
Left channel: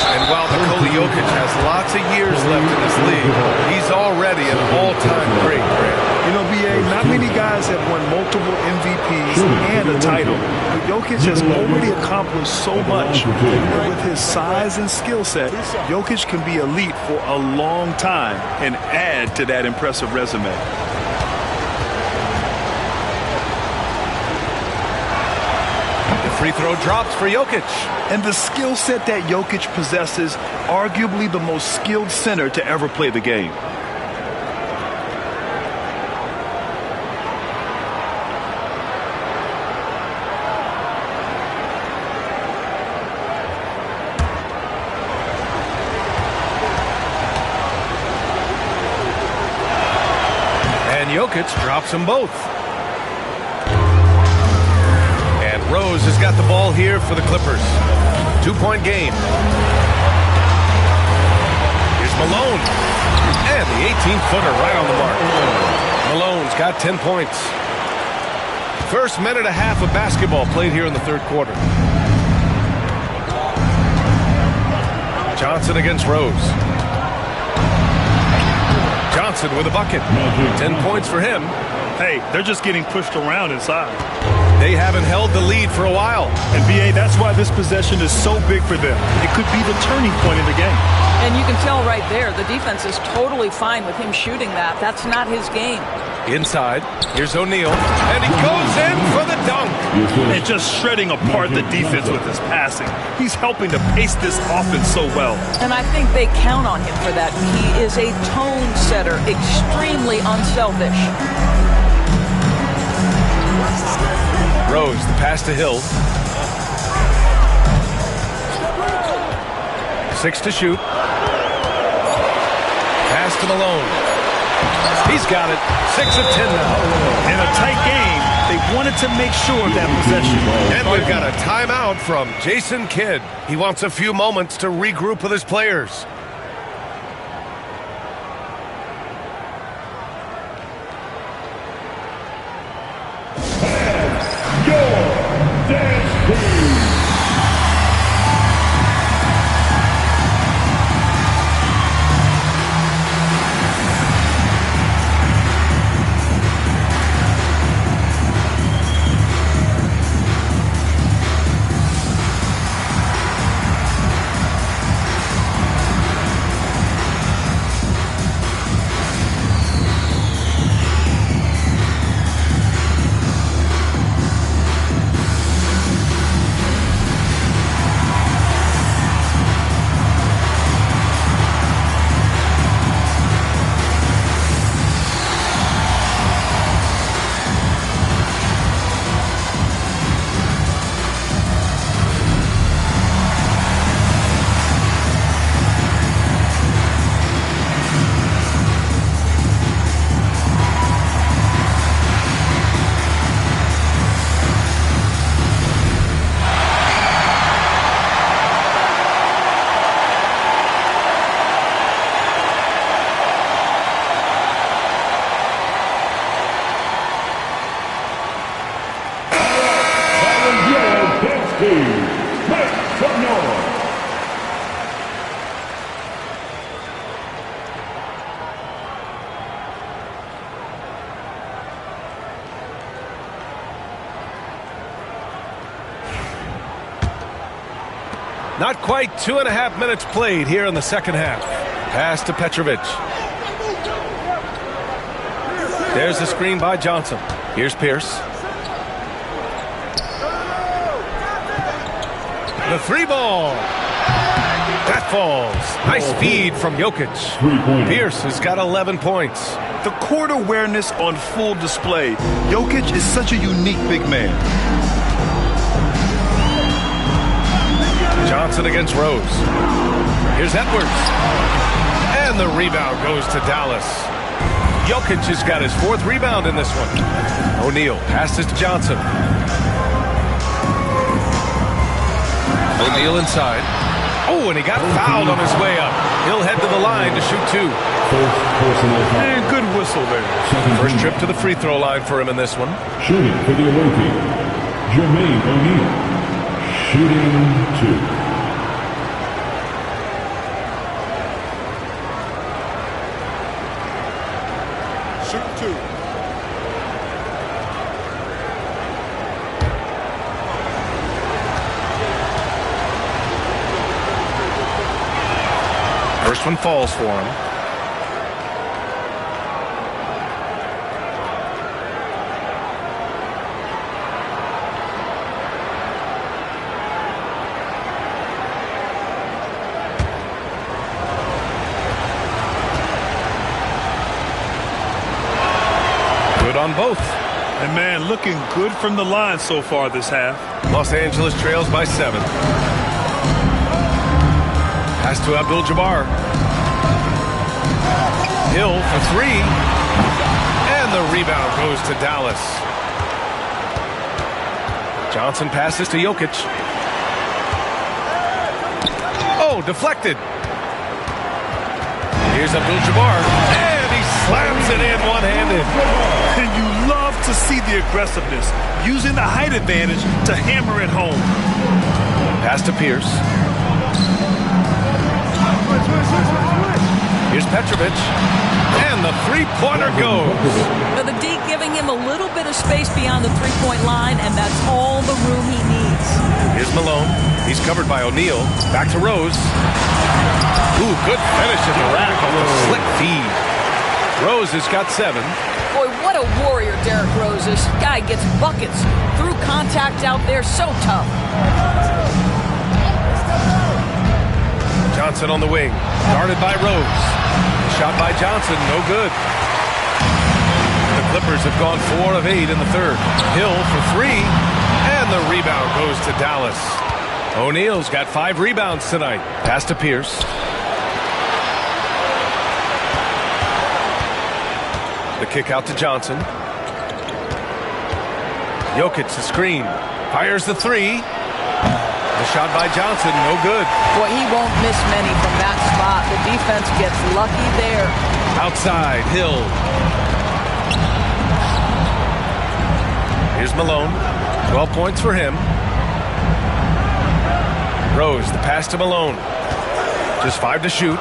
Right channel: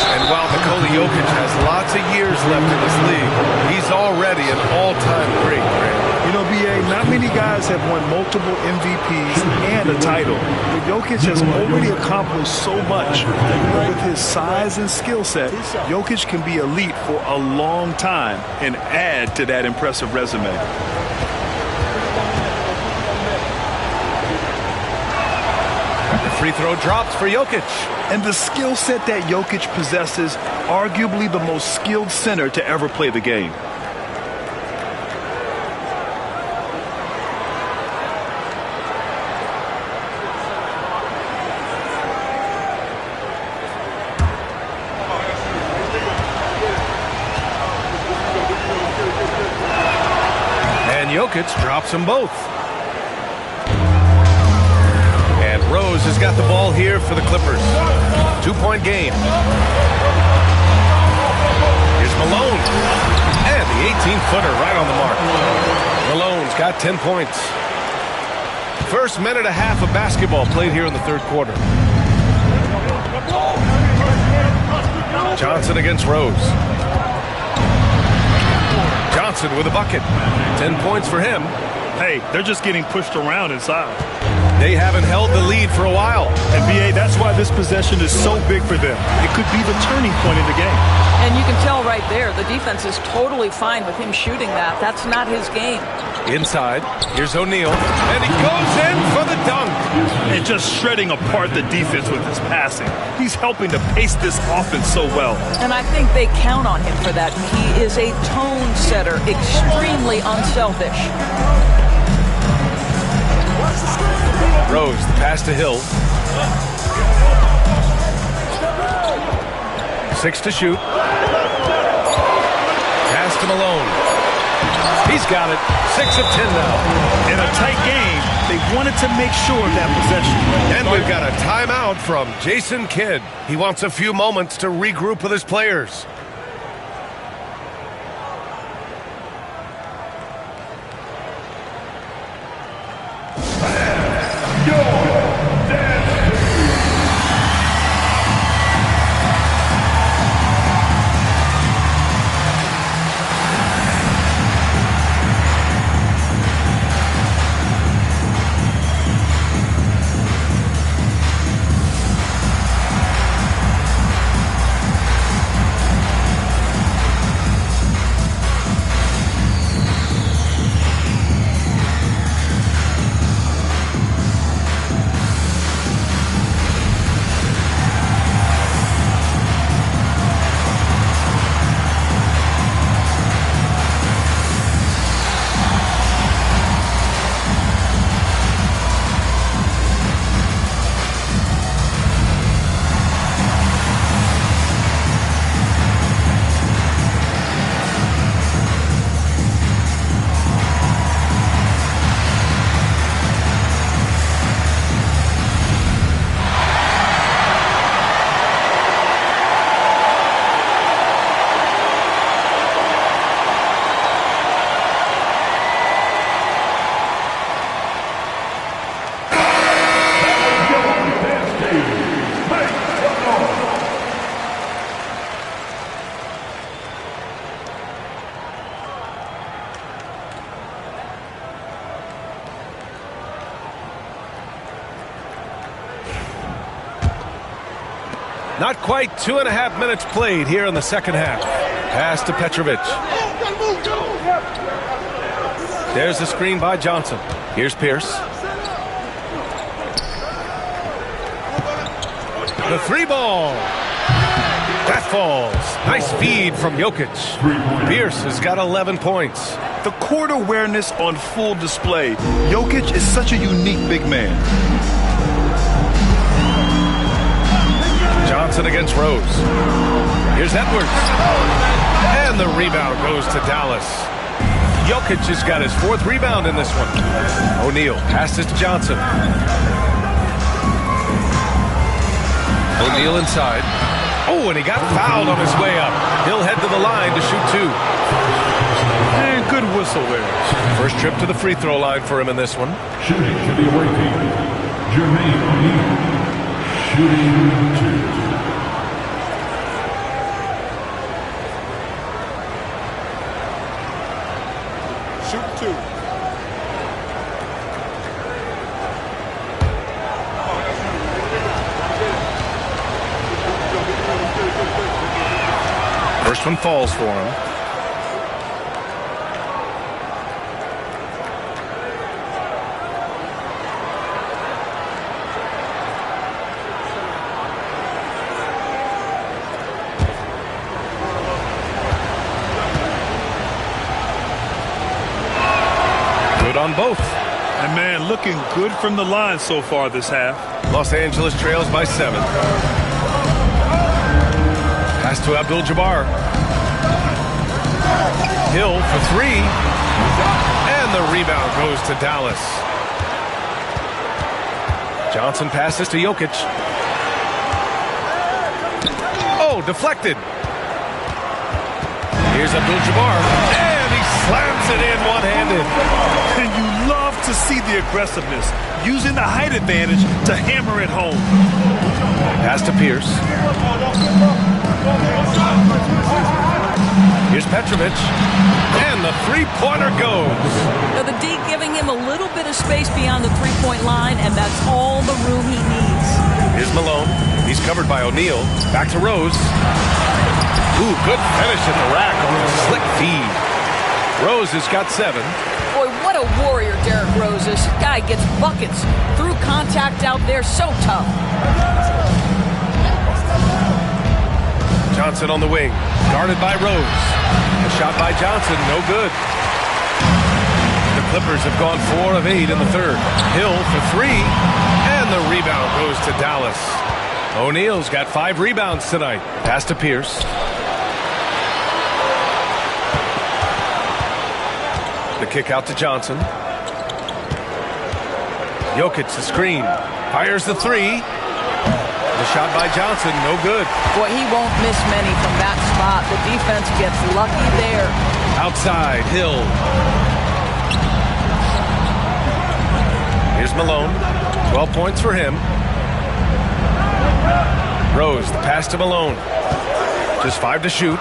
And while Nikola Jokic has lots of years left in this league, he's already an all-time great, Grant. You know, B.A., not many guys have won multiple MVPs and a title. But Jokic has already accomplished so much. But with his size and skill set, Jokic can be elite for a long time and add to that impressive resume. The free throw drops for Jokic. And the skill set that Jokic possesses, arguably the most skilled center to ever play the game. And Jokic drops them both. And Rose has got the ball here for the Clippers. 2-point game. Here's Malone. And the 18-footer right on the mark. Malone's got 10 points. First minute and a half of basketball played here in the third quarter. Johnson against Rose. Johnson with a bucket. 10 points for him. Hey, they're just getting pushed around inside. They haven't held the lead for a while. And, B.A., that's why this possession is so big for them. It could be the turning point in the game. And you can tell right there, the defense is totally fine with him shooting that. That's not his game. Inside, here's O'Neal, and he goes in for the dunk. And just shredding apart the defense with his passing. He's helping to pace this offense so well. And I think they count on him for that. He is a tone setter, extremely unselfish. Rose, the pass to Hill. 6 to shoot. Pass to Malone. He's got it. 6 of 10 now. In a tight game, they wanted to make sure of that possession. And we've got a timeout from Jason Kidd. He wants a few moments to regroup with his players. Not quite 2.5 minutes played here in the second half. Pass to Petrovic. There's the screen by Johnson. Here's Pierce. The three ball. That falls. Nice feed from Jokic. Pierce has got 11 points. The court awareness on full display. Jokic is such a unique big man. Johnson against Rose. Here's Edwards. And the rebound goes to Dallas. Jokic has got his 4th rebound in this one. O'Neal passes to Johnson. O'Neal inside. Oh, and he got fouled on his way up. He'll head to the line to shoot 2. First personal foul. And good whistle there. First trip to the free throw line for him in this one. Shooting for the away team, Jermaine O'Neal. Shooting 2. Shooting 2. First one falls for him. Good on both. And man, looking good from the line so far this half. Los Angeles trails by 7. Pass to Abdul-Jabbar. Hill for 3. And the rebound goes to Dallas. Johnson passes to Jokic. Oh, deflected. Here's Abdul-Jabbar. And he slams it in one-handed. And you love to see the aggressiveness, using the height advantage to hammer it home. Pass to Pierce. Here's Petrovic. And the three-pointer goes. Now the D giving him a little bit of space beyond the three-point line, and that's all the room he needs. Here's Malone. He's covered by O'Neal. Back to Rose. Ooh, good finish at the rack on the slick feed. Rose has got 7. Boy, what a warrior Derrick Rose is. Guy gets buckets through contact out there, so tough. Johnson on the wing, guarded by Rose. The shot by Johnson, no good. The Clippers have gone 4 of 8 in the third. Hill for 3, and the rebound goes to Dallas. O'Neal's got 5 rebounds tonight. Pass to Pierce. The kick out to Johnson. Jokic the screen. Fires the 3. The shot by Johnson, no good. Boy, he won't miss many from that spot. The defense gets lucky there. Outside, Hill. Here's Malone. 12 points for him. Rose, the pass to Malone. Just 5 to shoot.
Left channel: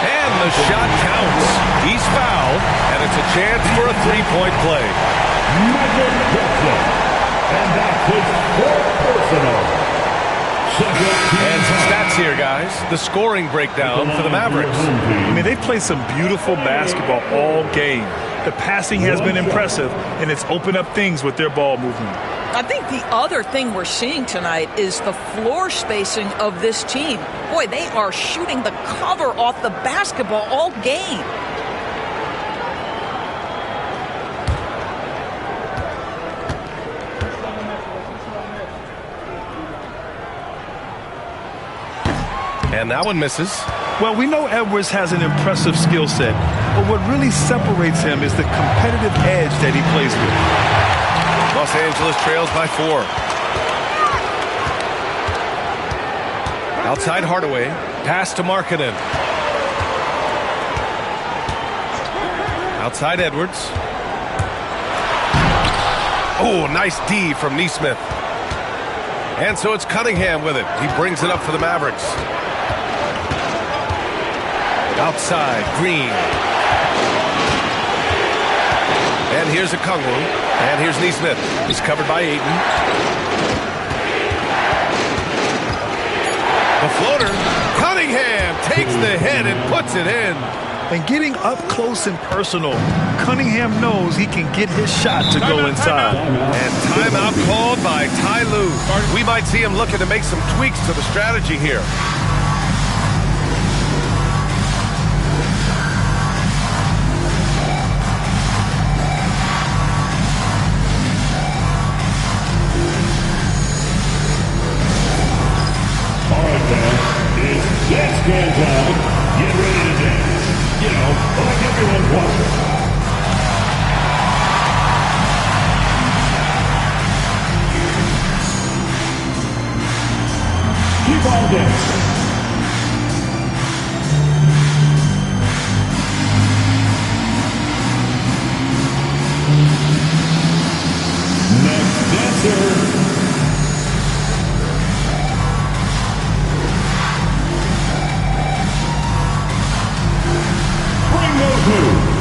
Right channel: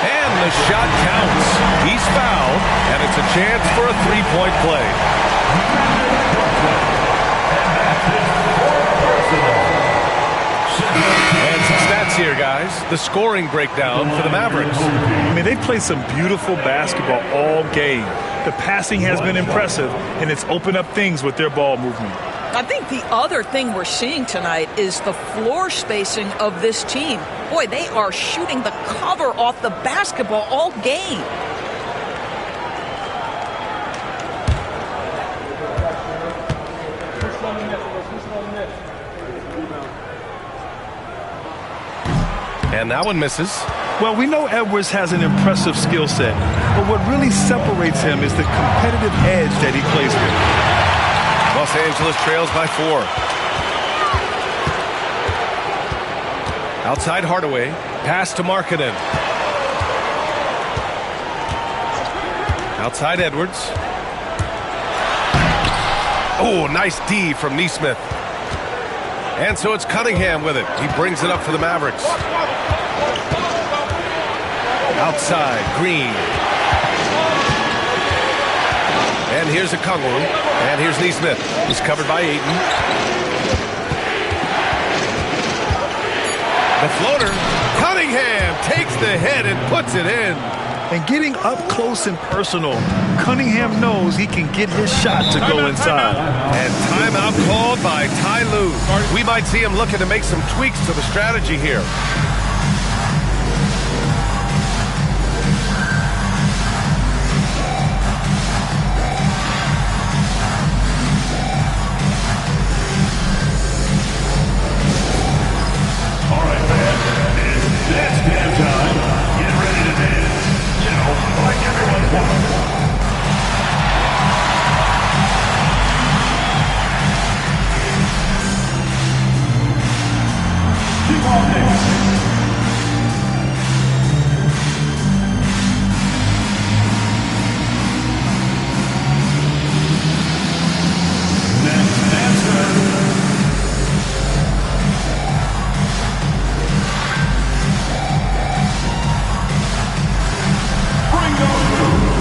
And the shot counts. He's fouled, and it's a chance for a three-point play. And that's his 4th personal. And some stats here, guys. The scoring breakdown for the Mavericks. I mean, they've played some beautiful basketball all game. The passing has been impressive, and it's opened up things with their ball movement. I think the other thing we're seeing tonight is the floor spacing of this team. Boy, they are shooting the cover off the basketball all game. And that one misses. Well, we know Edwards has an impressive skill set, but what really separates him is the competitive edge that he plays with. Los Angeles trails by 4. Outside Hardaway. Pass to Markkanen. Outside Edwards. Oh, nice D from Nesmith. And so it's Cunningham with it. He brings it up for the Mavericks. Outside, Green. And here's Okongwu. And here's Nesmith. He's covered by Ayton. The floater. Cunningham takes the hit and puts it in. And getting up close and personal, Cunningham knows he can get his shot to go inside. And timeout called by Ty Lue. We might see him looking to make some tweaks to the strategy here. All right, man. It's dance can time. Get ready to dance. You know, like everyone's watching. dance. Next dancer. Bring those moves.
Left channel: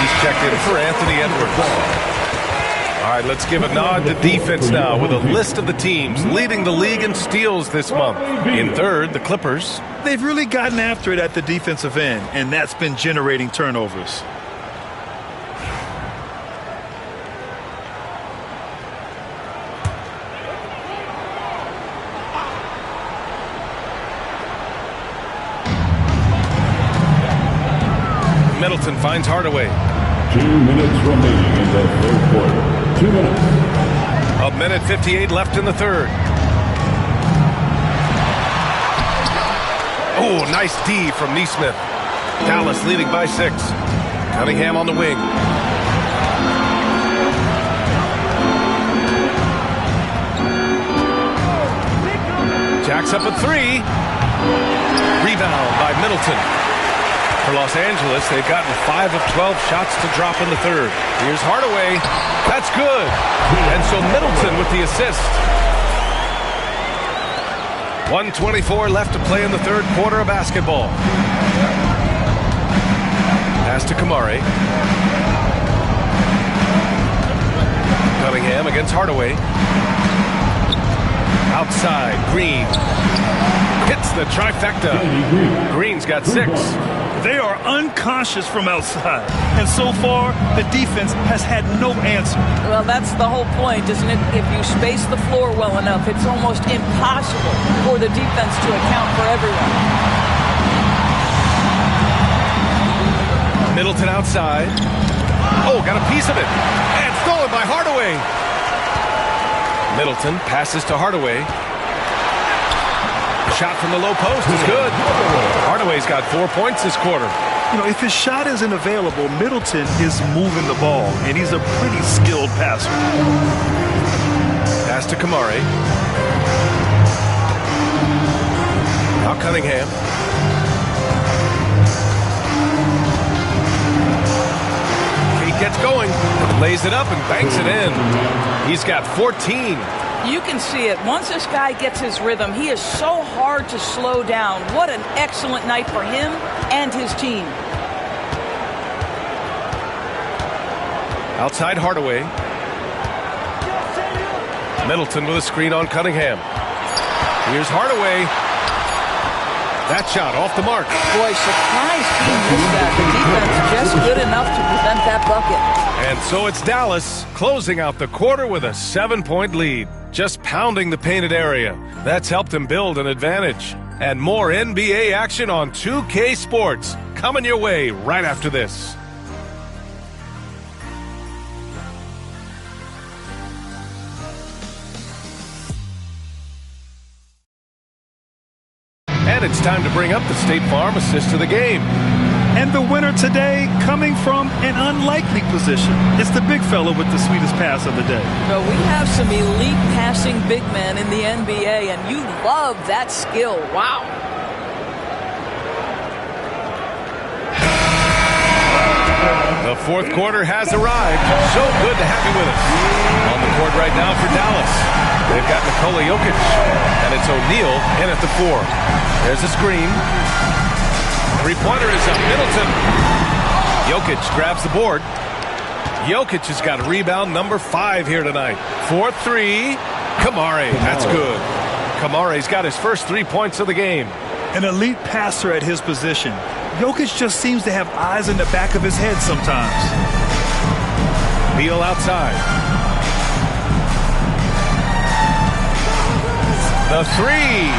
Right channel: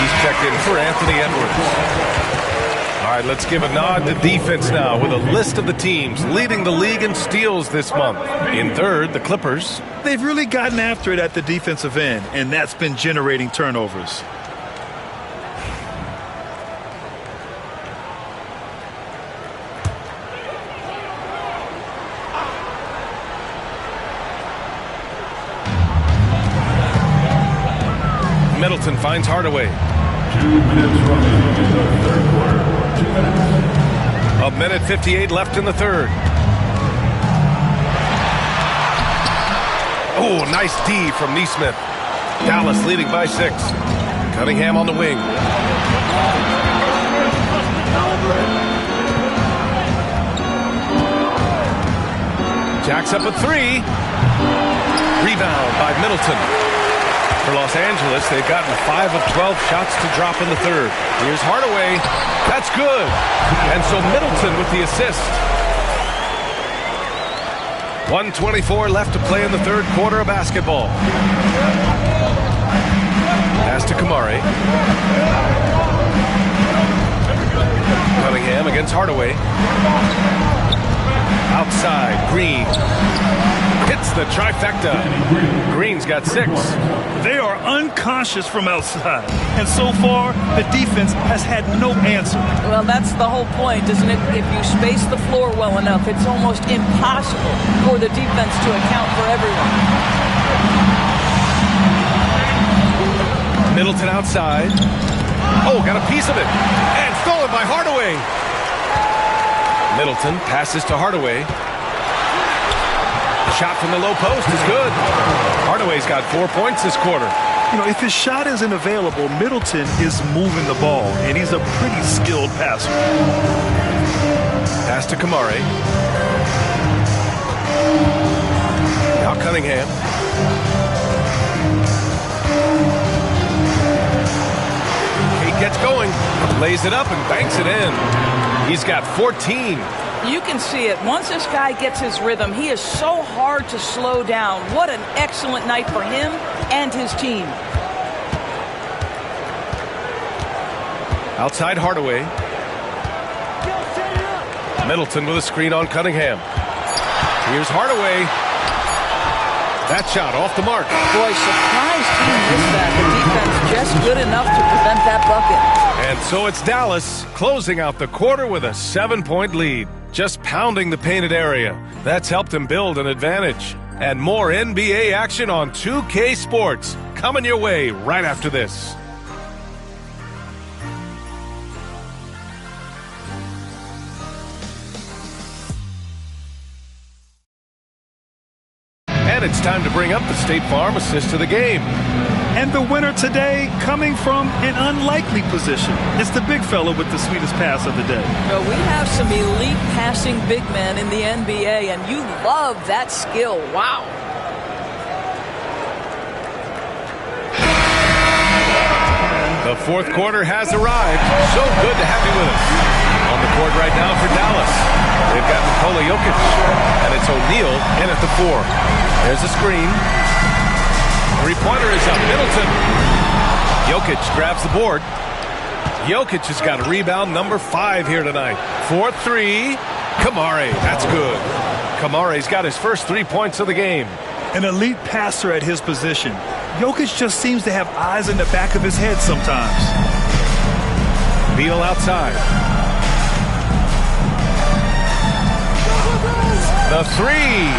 He's checked in for Anthony Edwards. All right, let's give a nod to defense now with a list of the teams leading the league in steals this month. In third, the Clippers. They've really gotten after it at the defensive end, and that's been generating turnovers. Middleton finds Hardaway. 2 minutes remaining in the third quarter. 2 minutes. A minute 58 left in the third. Oh, nice D from Neesmith. Dallas leading by 6. Cunningham on the wing. Jacks up a 3. Rebound by Middleton. For Los Angeles, they've gotten 5 of 12 shots to drop in the third. Here's Hardaway. That's good. And so Middleton with the assist. 1:24 left to play in the third quarter of basketball. Pass to Kamari. Cunningham against Hardaway. Outside, Green. Hits the trifecta. Green's got 6. They are unconscious from outside, and so far, the defense has had no answer. Well, that's the whole point, isn't it? If you space the floor well enough, it's almost impossible for the defense to account for everyone. Middleton outside. Oh, got a piece of it. And stolen by Hardaway. Middleton passes to Hardaway. Shot from the low post is good. Hardaway's got 4 points this quarter. You know, if his shot isn't available, Middleton is moving the ball, and he's a pretty skilled passer. Pass to Kamari. Now Cunningham. Kate gets going, lays it up and banks it in. He's got 14. You can see it. Once this guy gets his rhythm, he is so hard to slow down. What an excellent night for him and his team. Outside Hardaway. Middleton with a screen on Cunningham. Here's Hardaway. That shot off the mark. Boy, surprised he missed that. The defense just good enough to prevent that bucket. And so it's Dallas closing out the quarter with a 7-point lead. Just pounding the painted area. That's helped him build an advantage. And more NBA action on 2K Sports coming your way right after this. And it's time to bring up the State Farm assist to the game. And the winner today coming from an unlikely position. It's the big fella with the sweetest pass of the day. Well, we have some elite passing big men in the NBA, and you love that skill. Wow. The fourth quarter has arrived. So good to have you with us. On the court right now for Dallas. They've got Nikola Jokic, and it's O'Neal in at the 4. There's a screen. Three-pointer is up. Middleton. Jokic grabs the board. Jokic has got a rebound number 5 here tonight. 4-3. Kamari. That's good. Kamari's got his first 3 points of the game. An elite passer at his position. Jokic just seems to have eyes in the back of his head sometimes. Beal outside. The three.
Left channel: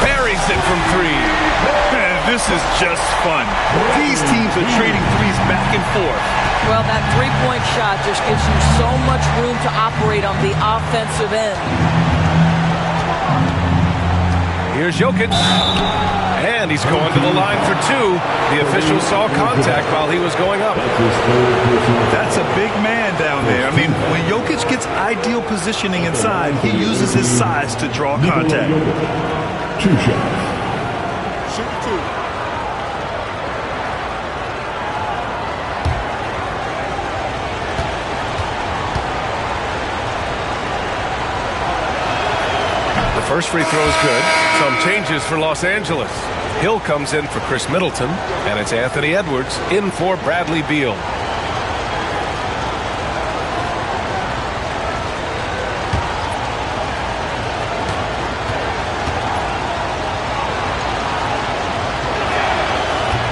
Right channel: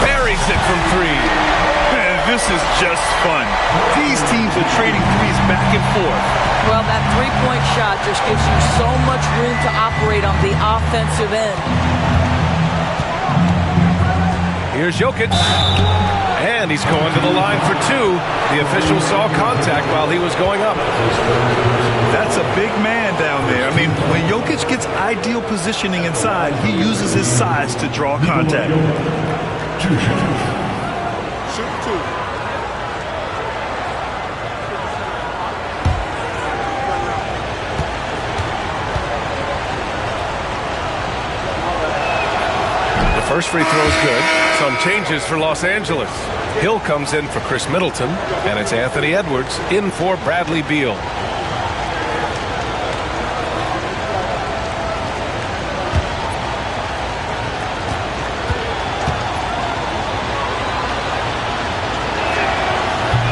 Buries it from three. Man, this is just fun. These teams are trading threes back and forth. Well, that three-point shot just gives you so much room to operate on the offensive end. Here's Jokic. And he's going to the line for two. The official saw contact while he was going up. That's a big man down there. I mean, when Jokic gets ideal positioning inside, he uses his size to draw contact. 2 shots. Shoot two. The first free throw is good. Some changes for Los Angeles. Hill comes in for Chris Middleton, and it's Anthony Edwards in for Bradley Beal.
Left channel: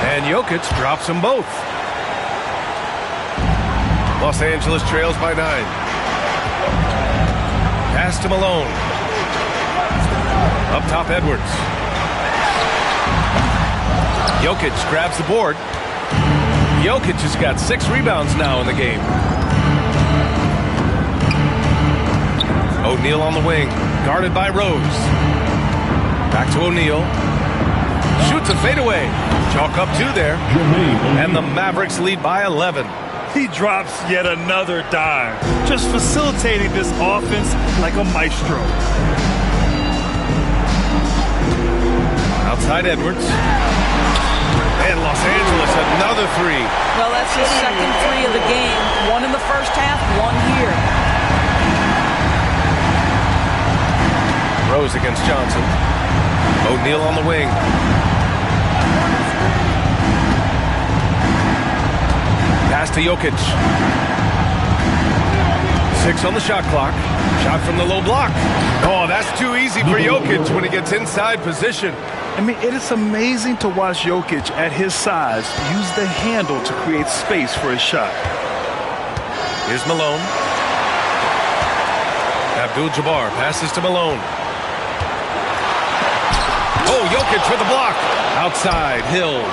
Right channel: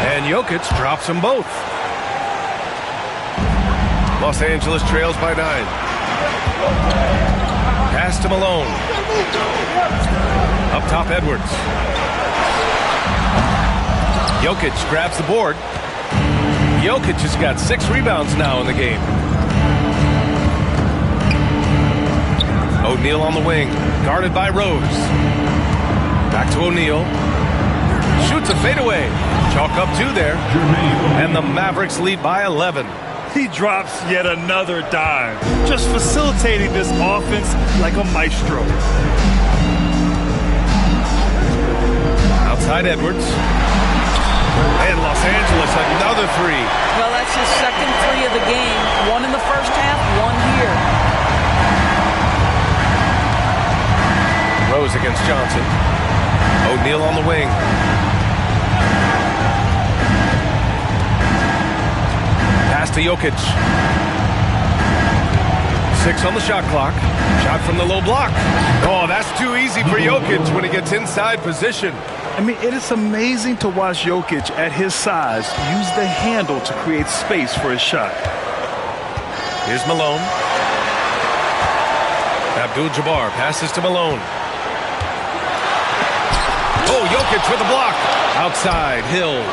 And Jokic drops them both. Los Angeles trails by 9. Pass to Malone. Up top, Edwards. Jokic grabs the board. Jokic has got 6 rebounds now in the game. O'Neal on the wing, guarded by Rose. Back to O'Neal. Shoots a fadeaway. Chalk up 2 there. And the Mavericks lead by 11. He drops yet another dime, just facilitating this offense like a maestro. Outside Edwards. And Los Angeles, another 3. Well, that's his second 3 of the game. 1 in the first half, 1 here. Rose against Johnson. O'Neal on the wing. Pass to Jokic. 6 on the shot clock. Shot from the low block. Oh, that's too easy for Jokic when he gets inside position. I mean, it is amazing to watch Jokic at his size use the handle to create space for his shot. Here's Malone. Abdul-Jabbar passes to Malone. Oh, Jokic with the block. Outside, Hill.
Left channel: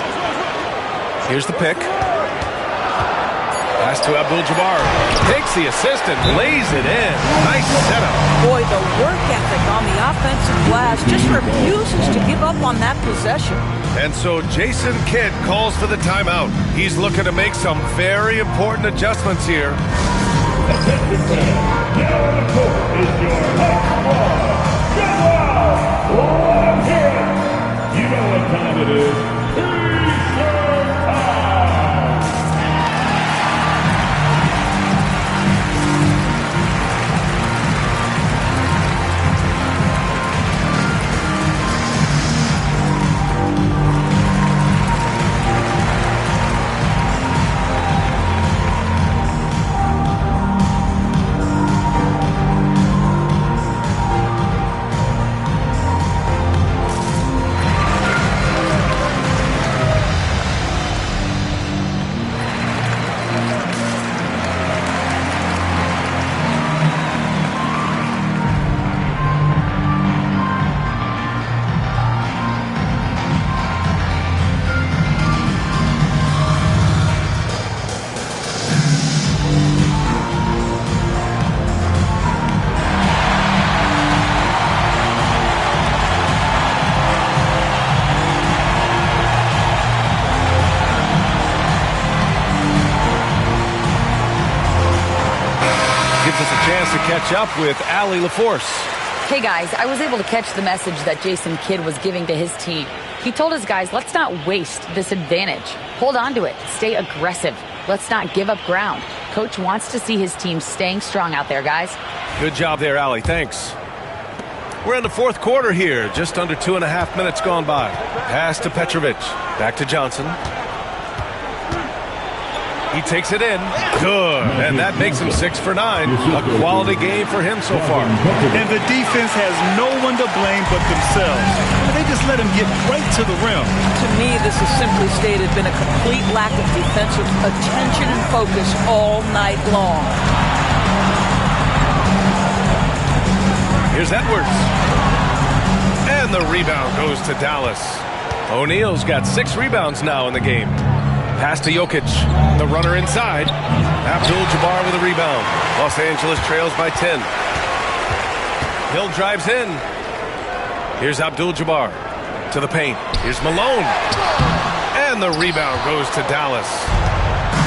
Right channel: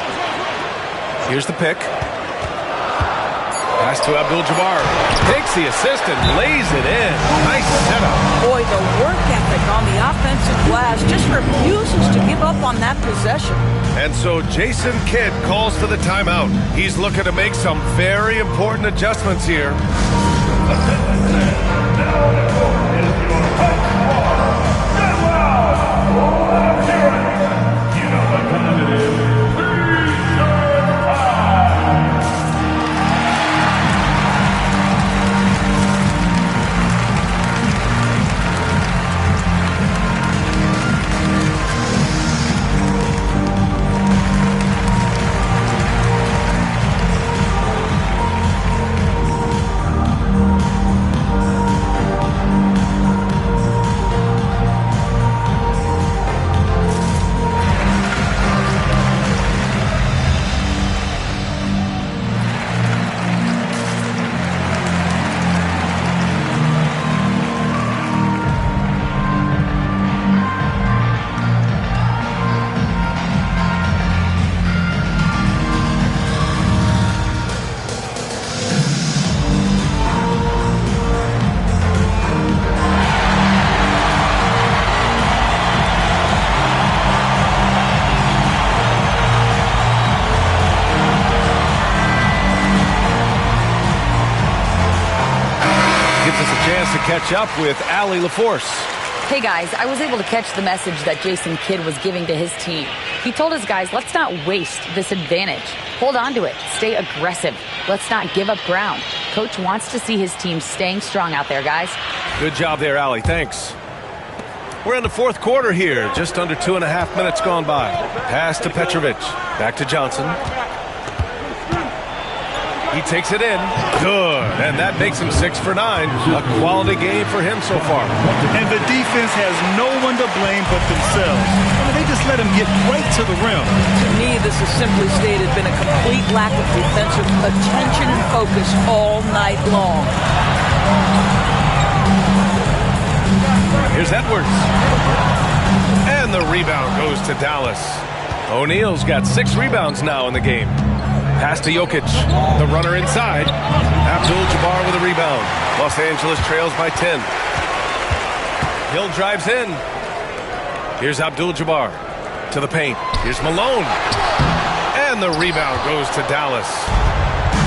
Here's the pick. Pass to Abdul-Jabbar. Takes the assist and lays it in. Nice setup. Boy, the work ethic on the offensive glass just refuses to give up on that possession. And so Jason Kidd calls for the timeout. He's looking to make some very important adjustments here. Attention fans, now on the court is your hot squad. Go out! Let's hear it. You know what time it is. Three-serve time. Gives us a chance to catch up with Allie LaForce. Hey guys, I was able to catch the message that Jason Kidd was giving to his team. He told his guys, let's not waste this advantage. Hold on to it. Stay aggressive. Let's not give up ground. Coach wants to see his team staying strong out there, guys. Good job there, Allie. Thanks. We're in the fourth quarter here. Just under 2.5 minutes gone by. Pass to Petrovic. Back to Johnson. He takes it in. Good. And that makes him 6 for 9. A quality game for him so far. And the defense has no one to blame but themselves. I mean, they just let him get right to the rim. To me, this has simply stated been a complete lack of defensive attention and focus all night long. Here's Edwards. And the rebound goes to Dallas. O'Neal's got 6 rebounds now in the game. Pass to Jokic. The runner inside. Abdul-Jabbar with a rebound. Los Angeles trails by 10. Hill drives in. Here's Abdul-Jabbar to the paint. Here's Malone. And the rebound goes to Dallas.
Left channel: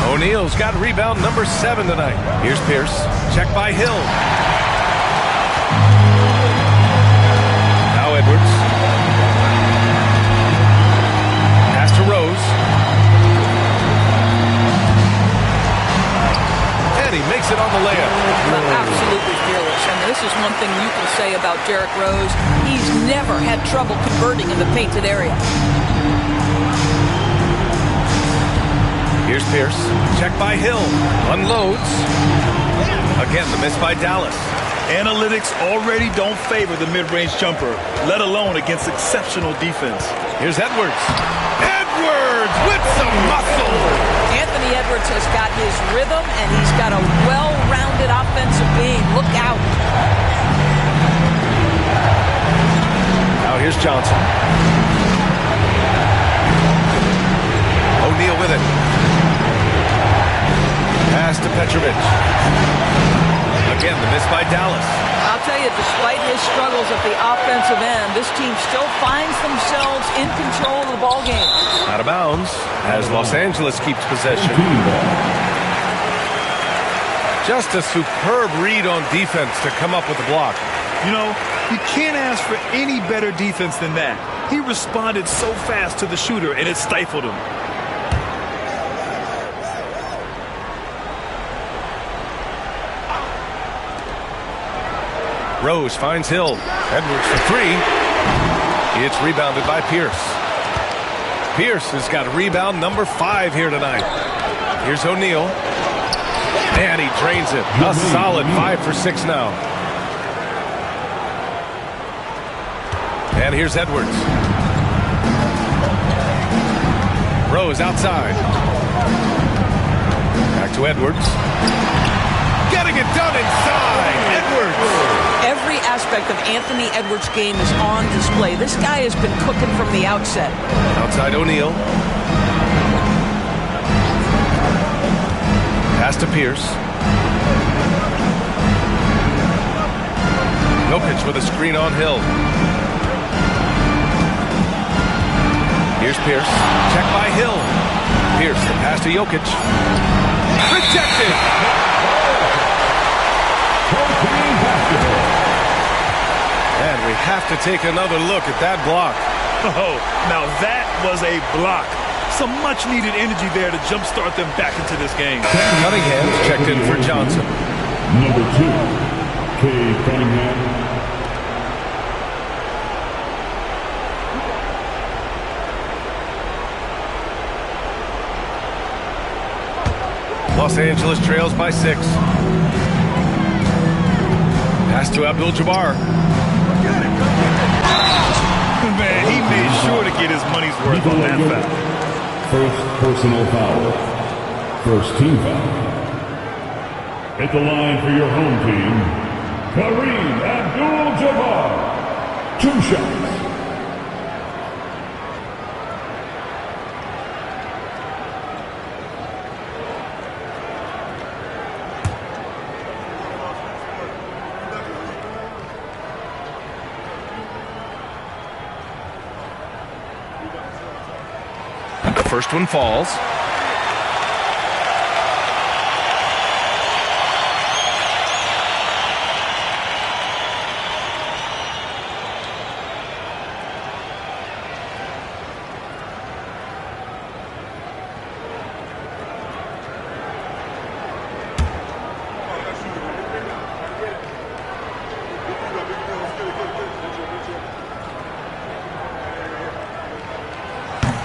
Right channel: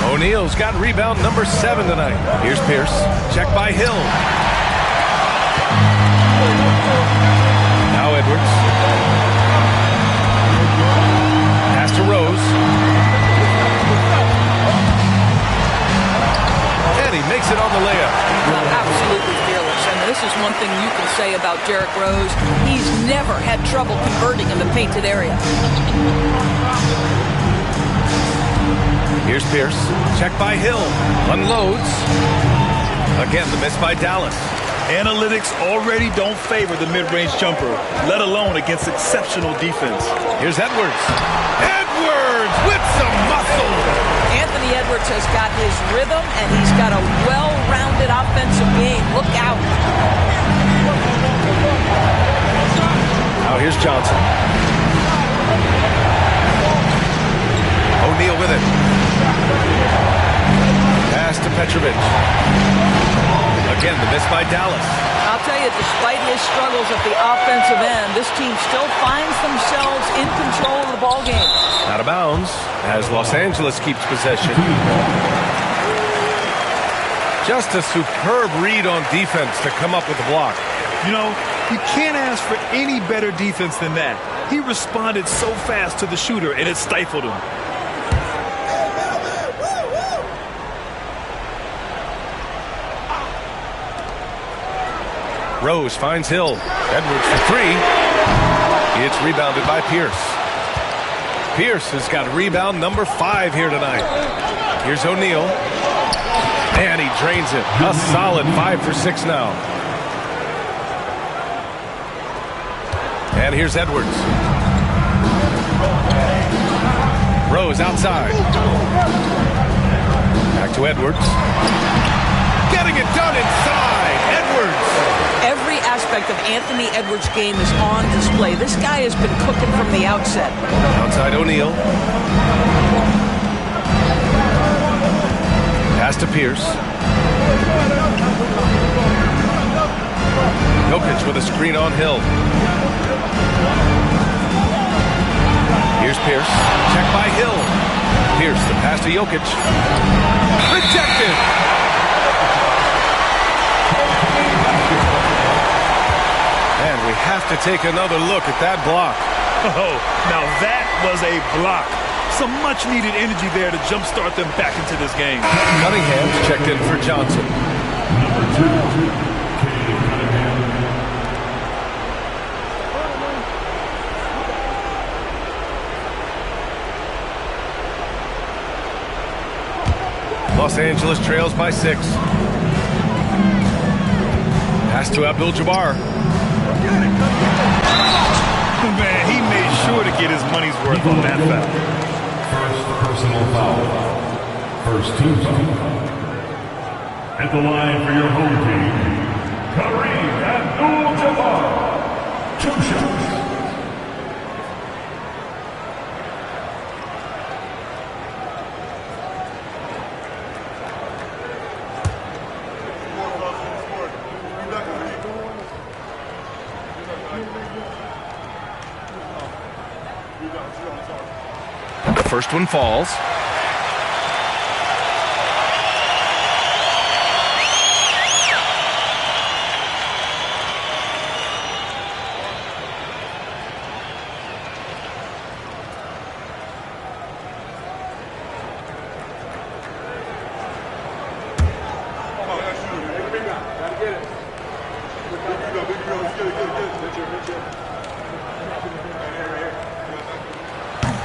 O'Neal's got rebound number 7 tonight. Here's Pierce. Check by Hill. Now Edwards. Pass to Rose. And he makes it on the layup. Absolutely fearless. And this is one thing you can say about Derrick Rose. He's never had trouble converting in the painted area. Here's Pierce. Check by Hill. Unloads. Again, the miss by Dallas. Analytics already don't favor the mid-range jumper, let alone against exceptional defense. Here's Edwards. Edwards with some muscle. Anthony Edwards has got his rhythm, and he's got a well-rounded offensive game. Look out. Now here's Johnson. O'Neal with it. Pass to Petrovic. Again, the miss by Dallas. I'll tell you, despite his struggles at the offensive end, this team still finds themselves in control of the ball game. Out of bounds as Los Angeles keeps possession. Just a superb read on defense to come up with the block. You know, you can't ask for any better defense than that. He responded so fast to the shooter, and it stifled him. Rose finds Hill. Edwards for 3. It's rebounded by Pierce. Pierce has got rebound number 5 here tonight. Here's O'Neal. And he drains it. A solid 5 for 6 now. And here's Edwards. Rose outside. Back to Edwards. Getting it done inside. Edwards. Every aspect of Anthony Edwards' game is on display. This guy has been cooking from the outset. Outside O'Neal. Pass to Pierce. Jokic with a screen on Hill. Here's Pierce. Check by Hill. Pierce, the pass to Jokic. Rejected. And we have to take another look at that block. Oh, now that was a block. Some much-needed energy there to jumpstart them back into this game. Cunningham's checked in for Johnson. Number 2, Cade Cunningham. Los Angeles trails by 6. Pass to Abdul-Jabbar. Man, he made sure to get his money's worth on that foul. First personal foul. First team foul. At the line for your home team, Kareem Abdul-Jabbar. 2 shots. The first one falls.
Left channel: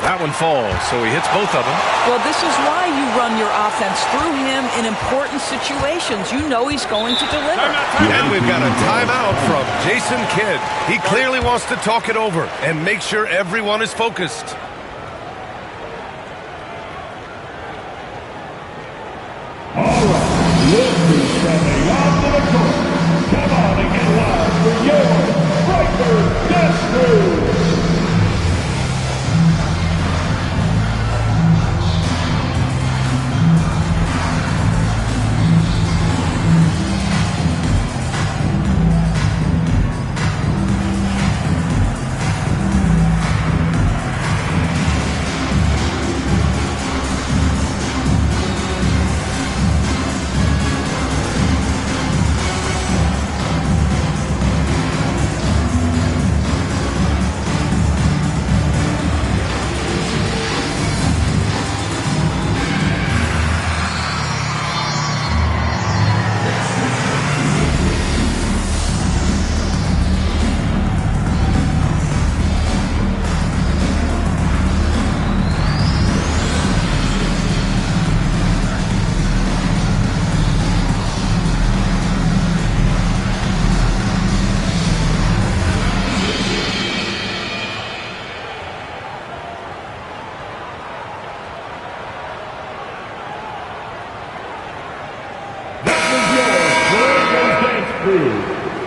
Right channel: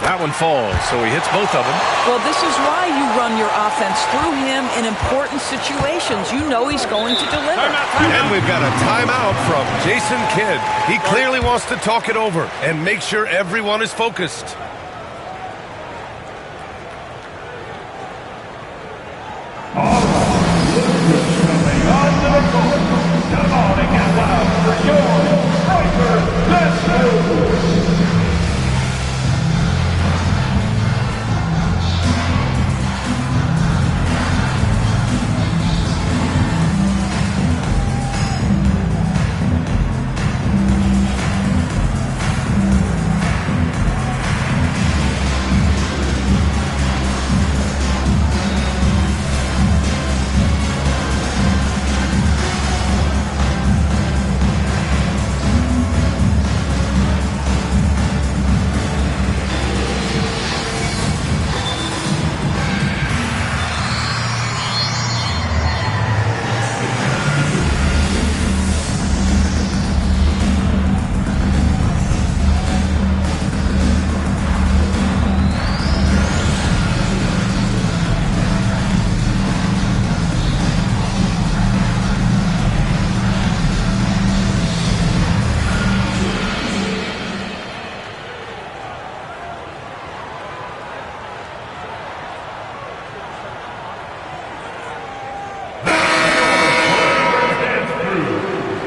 That one falls, so he hits both of them. Well, this is why you run your offense through him in important situations. You know he's going to deliver. And we've got a timeout from Jason Kidd. He clearly wants to talk it over and make sure everyone is focused. All right, Lucas coming onto the court. Come on and get loud for your Striker Death Move.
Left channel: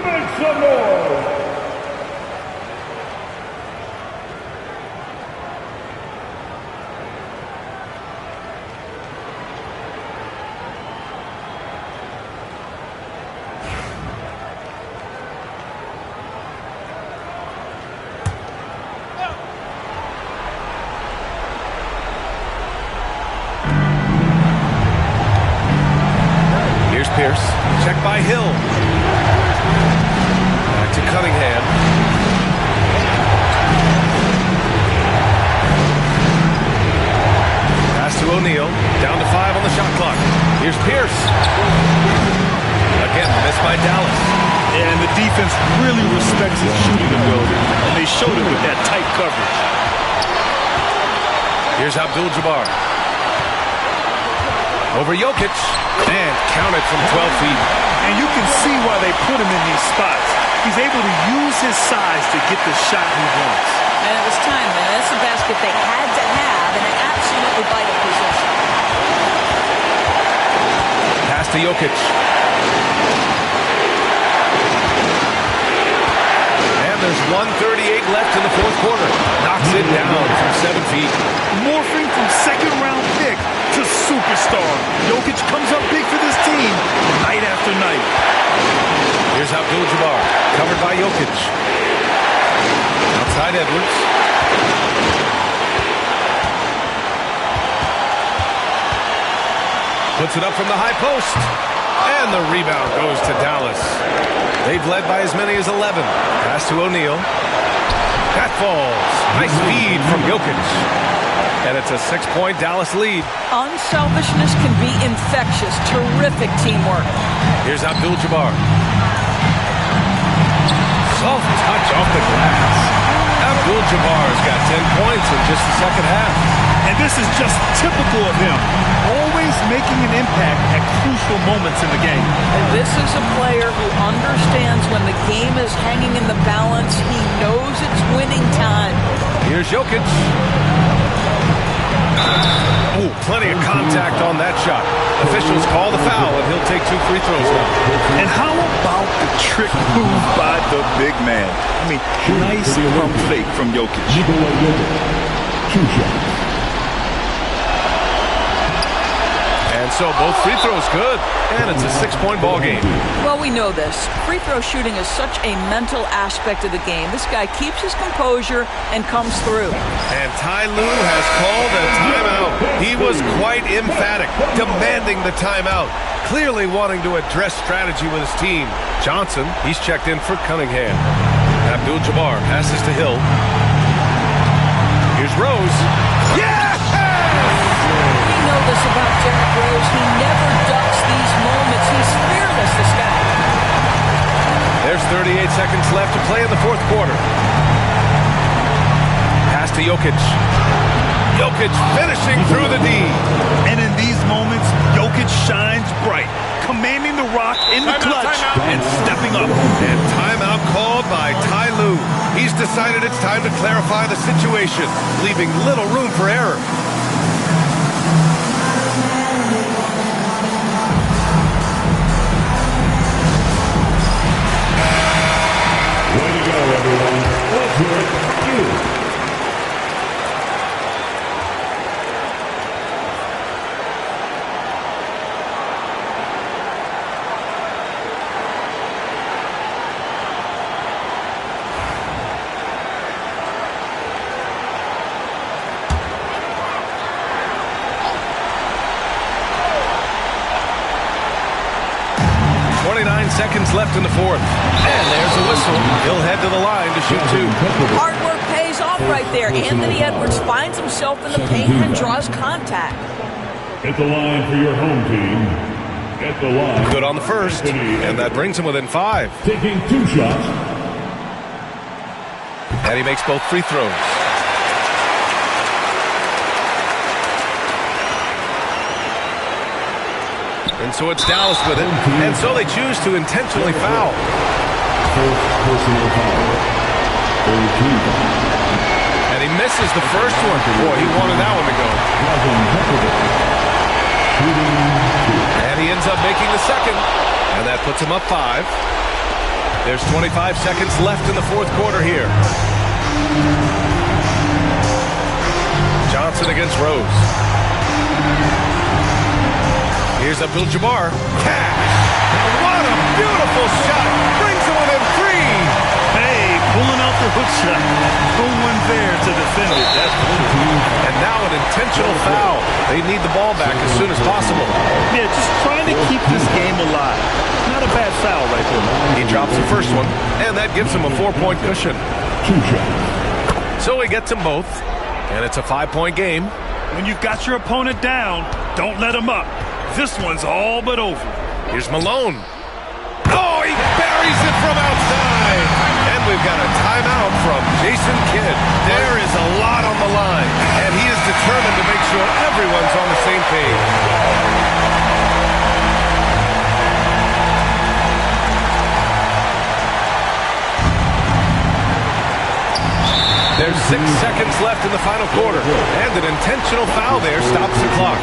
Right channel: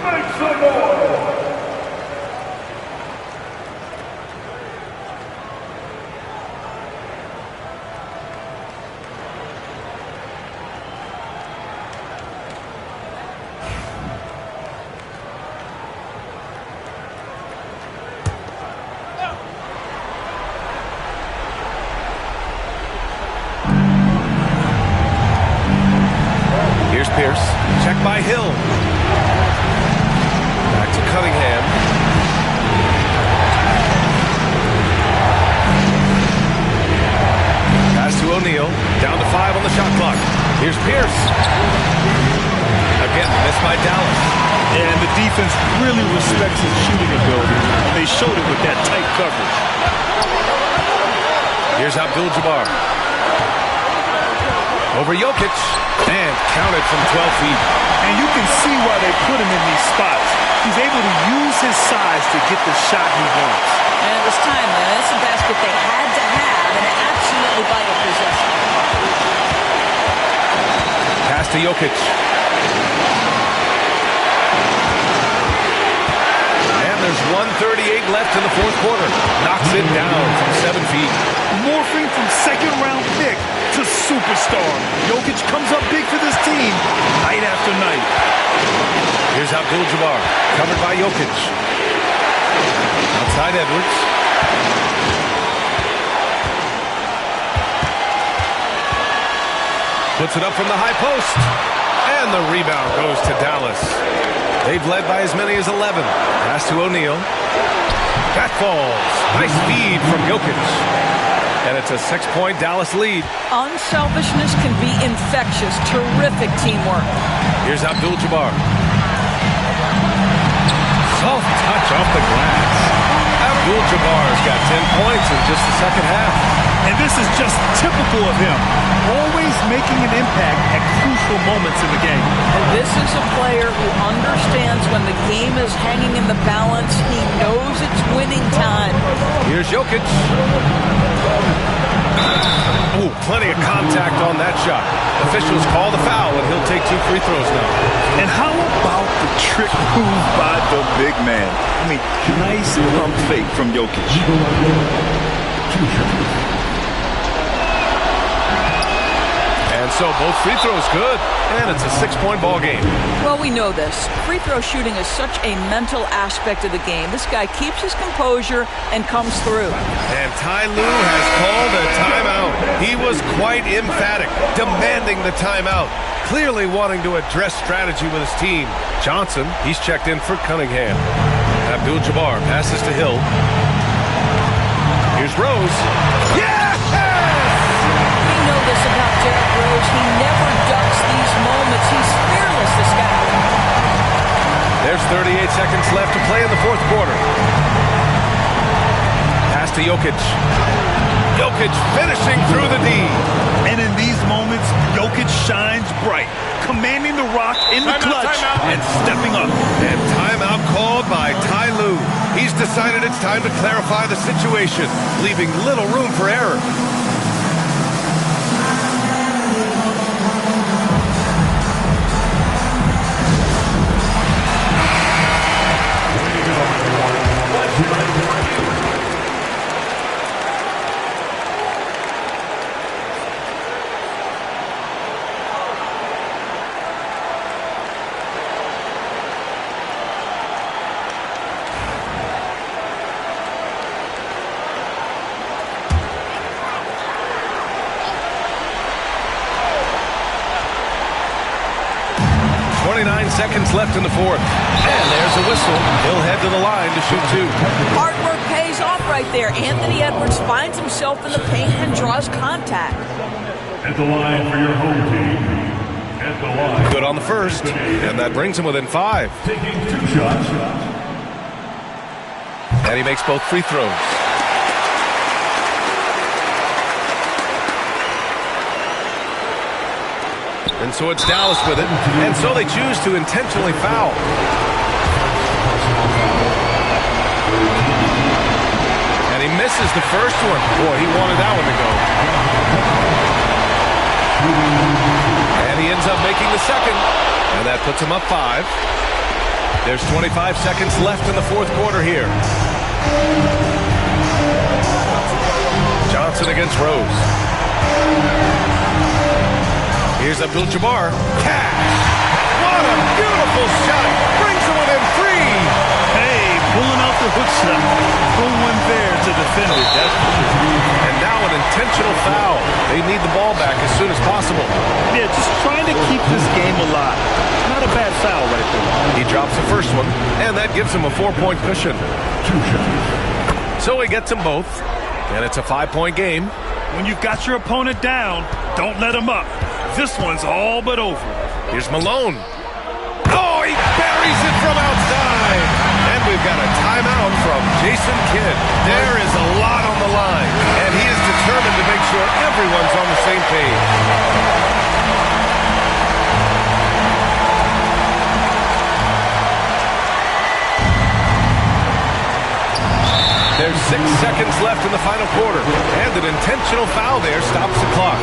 Make some noise! Here's Pierce. Check by Hill. Back to Cunningham. Pass to O'Neal. Down to 5 on the shot clock. Here's Pierce. Again, missed by Dallas. And the defense really respects his shooting ability, and they showed it with that tight coverage. Here's Abdul-Jabbar. Over Jokic. And counted from 12 feet. And you can see why they put him in these spots. He's able to use his size to get the shot he wants. And it was timely. That's a basket they had to have, an absolutely vital possession. Pass to Jokic. And there's 1:38 left in the fourth quarter. Knocks it down from 7 feet. Morphing from second-round pick to superstar. Jokic comes up big for this team night after night. Here's Abdul-Jabbar, covered by Jokic. Outside Edwards. Puts it up from the high post. And the rebound goes to Dallas. They've led by as many as 11. Pass to O'Neal. That falls. Nice feed from Jokic. And it's a 6-point Dallas lead. Unselfishness can be infectious. Terrific teamwork. Here's Abdul-Jabbar. Soft touch off the glass. Abdul-Jabbar's got 10 points in just the second half. And this is just typical of him. Always making an impact at crucial moments in the game. And this is a player who understands when the game is hanging in the balance. He knows it's winning time. Here's Jokic. Ooh, plenty of contact on that shot. Officials call the foul, and he'll take 2 free throws now. And how about the trick move by the big man? I mean, nice pump fake from Jokic. And so both free throws good, and it's a 6-point ball game. Well, we know this. Free throw shooting is such a mental aspect of the game. This guy keeps his composure and comes through. And Ty Lue has called a timeout. He was quite emphatic, demanding the timeout, clearly wanting to address strategy with his team. Johnson, he's checked in for Cunningham. Abdul-Jabbar passes to Hill. Here's Rose. Yes! We know this about Derrick Rose. He never ducks these moments. He's fearless, this guy. There's 38 seconds left to play in the fourth quarter. Pass to Jokic. Jokic finishing through the D. And in these moments, Jokic shines bright, commanding the rock in the clutch and stepping up. And timeout called by Ty Lue. He's decided it's time to clarify the situation, leaving little room for error. Way to go, everyone. Let's hear it from you. Seconds left in the fourth. And there's a whistle. He'll head to the line to shoot two. Hard work pays off right there. Anthony Edwards finds himself in the paint and draws contact. At the line for your home team. At the line. Good on the first. And that brings him within 5. Taking 2 shots. And he makes both free throws. And so it's Dallas with it. And so they choose to intentionally foul. First personal foul. And he misses the first one. Boy, he wanted that one to go. And he ends up making the second. And that puts him up 5. There's 25 seconds left in the fourth quarter here. Johnson against Rose. Here's Abdul-Jabbar. Cash! What a beautiful shot! Brings him within 3! Hey, pulling out the hook shot. No one there to defend it, that's for sure. And now an intentional foul. They need the ball back as soon as possible. Yeah, just trying to keep this game alive. Not a bad foul right there. He drops the first one, and that gives him a 4-point cushion. 2 shots. So he gets them both, and it's a 5-point game. When you've got your opponent down, don't let him up. This one's all but over. Here's Malone. Oh, he buries it from outside. And we've got a timeout from Jason Kidd. There is a lot on the line, and he is determined to make sure everyone's on the same page. There's 6 seconds left in the final quarter, and an intentional foul there stops the clock.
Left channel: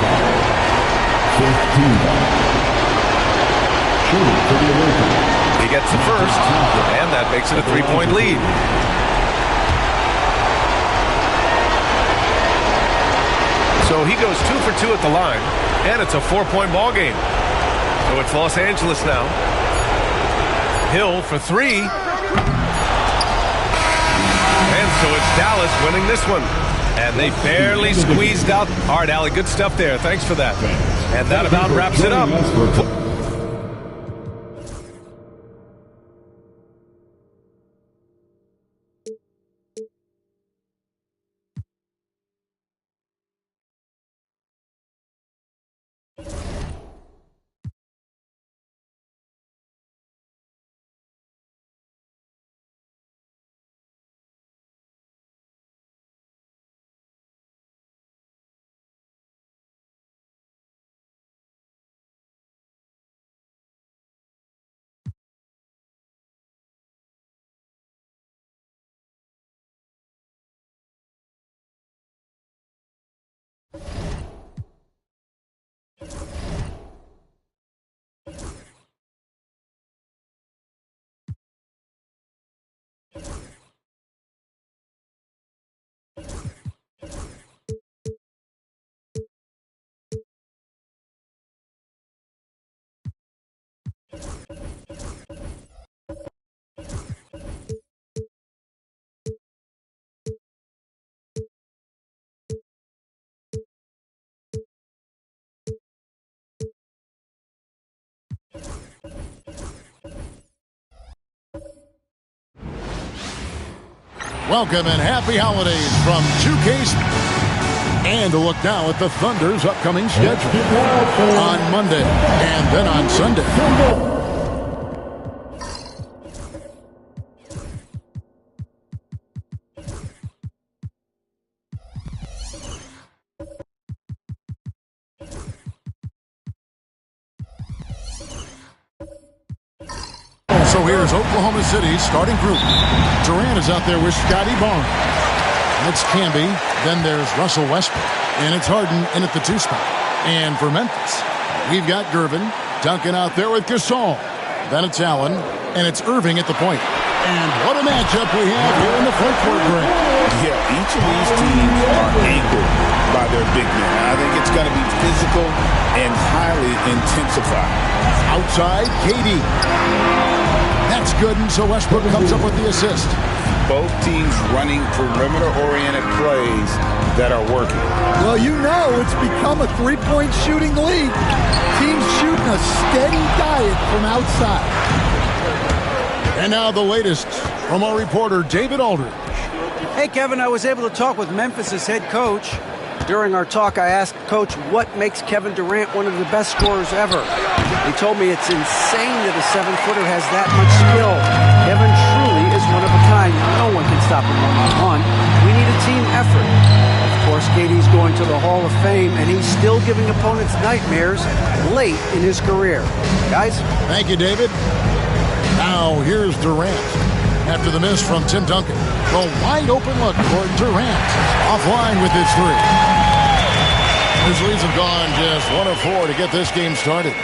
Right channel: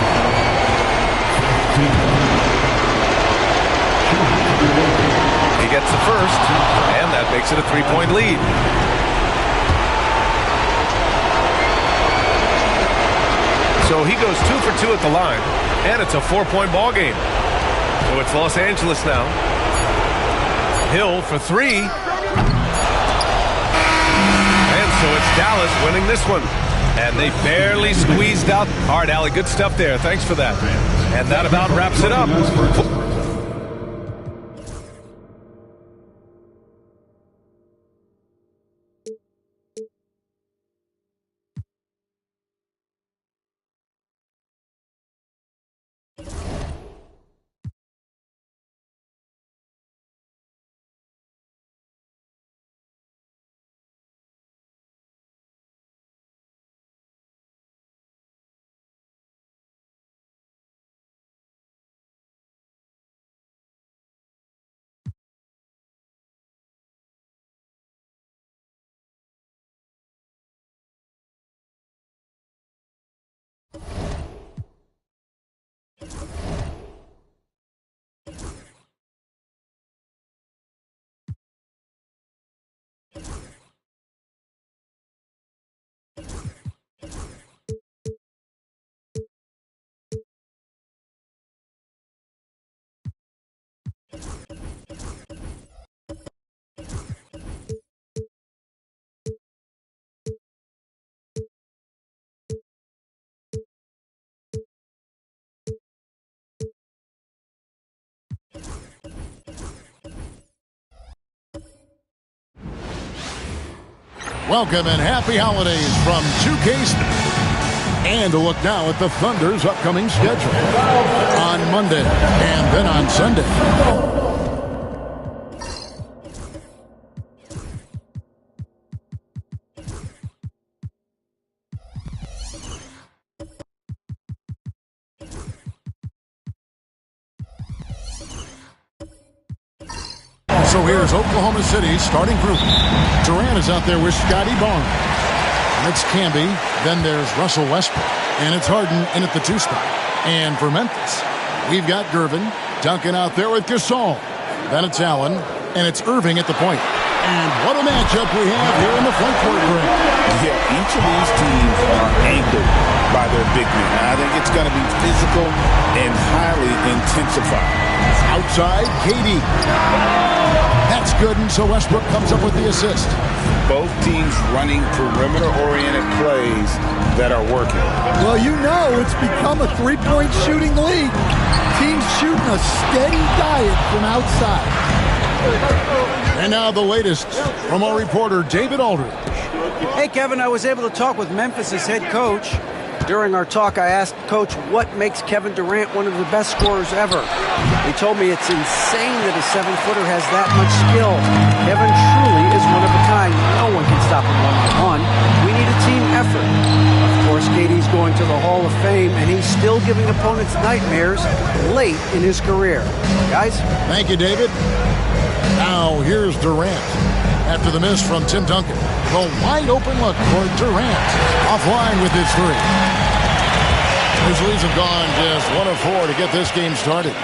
15. He gets the first, and that makes it a 3-point lead. So he goes 2 for 2 at the line, and it's a 4-point ball game. So it's Los Angeles now. Hill for 3. And so it's Dallas winning this one. And they barely squeezed out. All right, Allie, good stuff there. Thanks for that. And that about wraps it up. Welcome and happy holidays from 2K. And a look now at the Thunder's upcoming schedule on Monday and then on Sunday. So here's Oklahoma City's starting group. Durant is out there with Scotty Barnes. It's Camby. Then there's Russell Westbrook. And it's Harden in at the 2 spot. And for Memphis, we've got Gervin. Duncan out there with Gasol. Then it's Allen. And it's Irving at the point. And what a matchup we have here in the front court, Greg. Yeah, each of these teams are anchored by their big men. I think it's going to be physical and highly intensified. Outside, KD. That's good, and so Westbrook comes up with the assist. Both teams running perimeter-oriented plays that are working. Well, you know it's become a three-point shooting league. Teams shooting a steady diet from outside. And now the latest from our reporter, David Aldridge. Hey, Kevin, I was able to talk with Memphis' head coach. During our talk, I asked Coach what makes Kevin Durant one of the best scorers ever. He told me it's insane that a 7-footer has that much skill. Kevin truly is one of a kind. No one can stop him one-on-one. We need a team effort. Of course, KD's going to the Hall of Fame, and he's still giving opponents nightmares late in his career. Guys? Thank you, David. Now, here's Durant. After the miss from Tim Duncan, the wide-open look for Durant. Offline with his 3. Grizzlies have gone just 1 of 4 to get this game started.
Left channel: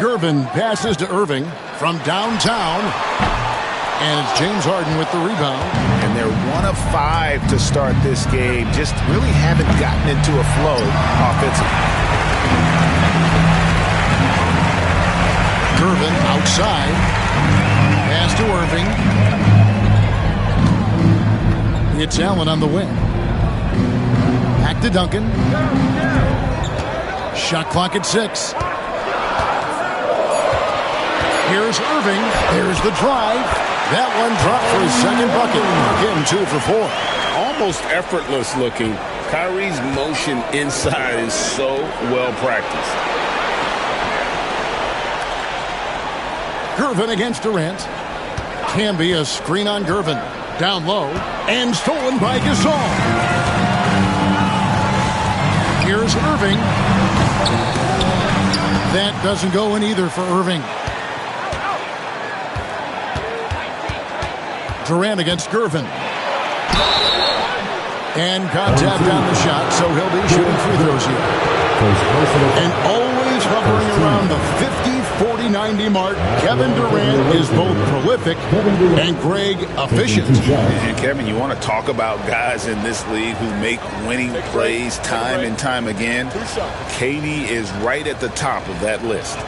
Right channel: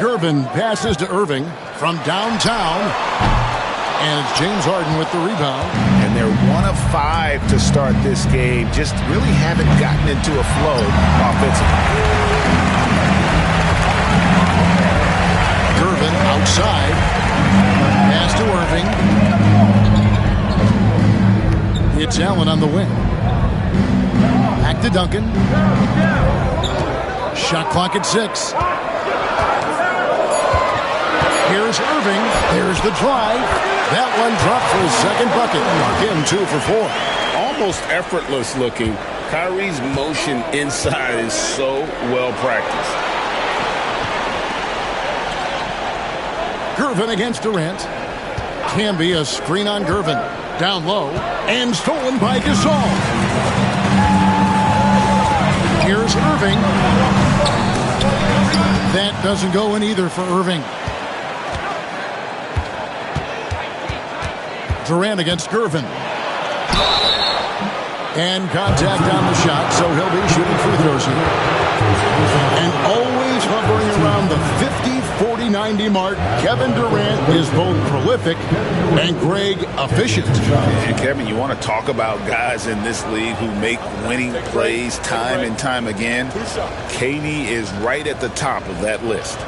Gervin passes to Irving from downtown. And it's James Harden with the rebound. And they're 1 of 5 to start this game. Just really haven't gotten into a flow offensively. Gervin outside. Pass to Irving. It's Allen on the wing. Back to Duncan. Shot clock at 6. Here's Irving. There's the drive. That one dropped for his second bucket. Mark him 2 for 4. Almost effortless looking. Kyrie's motion inside is so well practiced. Gervin against Durant. Can be a screen on Gervin. Down low. And stolen by Gasol. Here's Irving. That doesn't go in either for Irving. Durant against Gervin. And contact on the shot, so he'll be shooting free throws here. And always hovering around the 50, 40, 90 mark, Kevin Durant is both prolific and, Greg, efficient. And, Kevin, you want to talk about guys in this league who make winning plays time and time again? KD is right at the top of that list.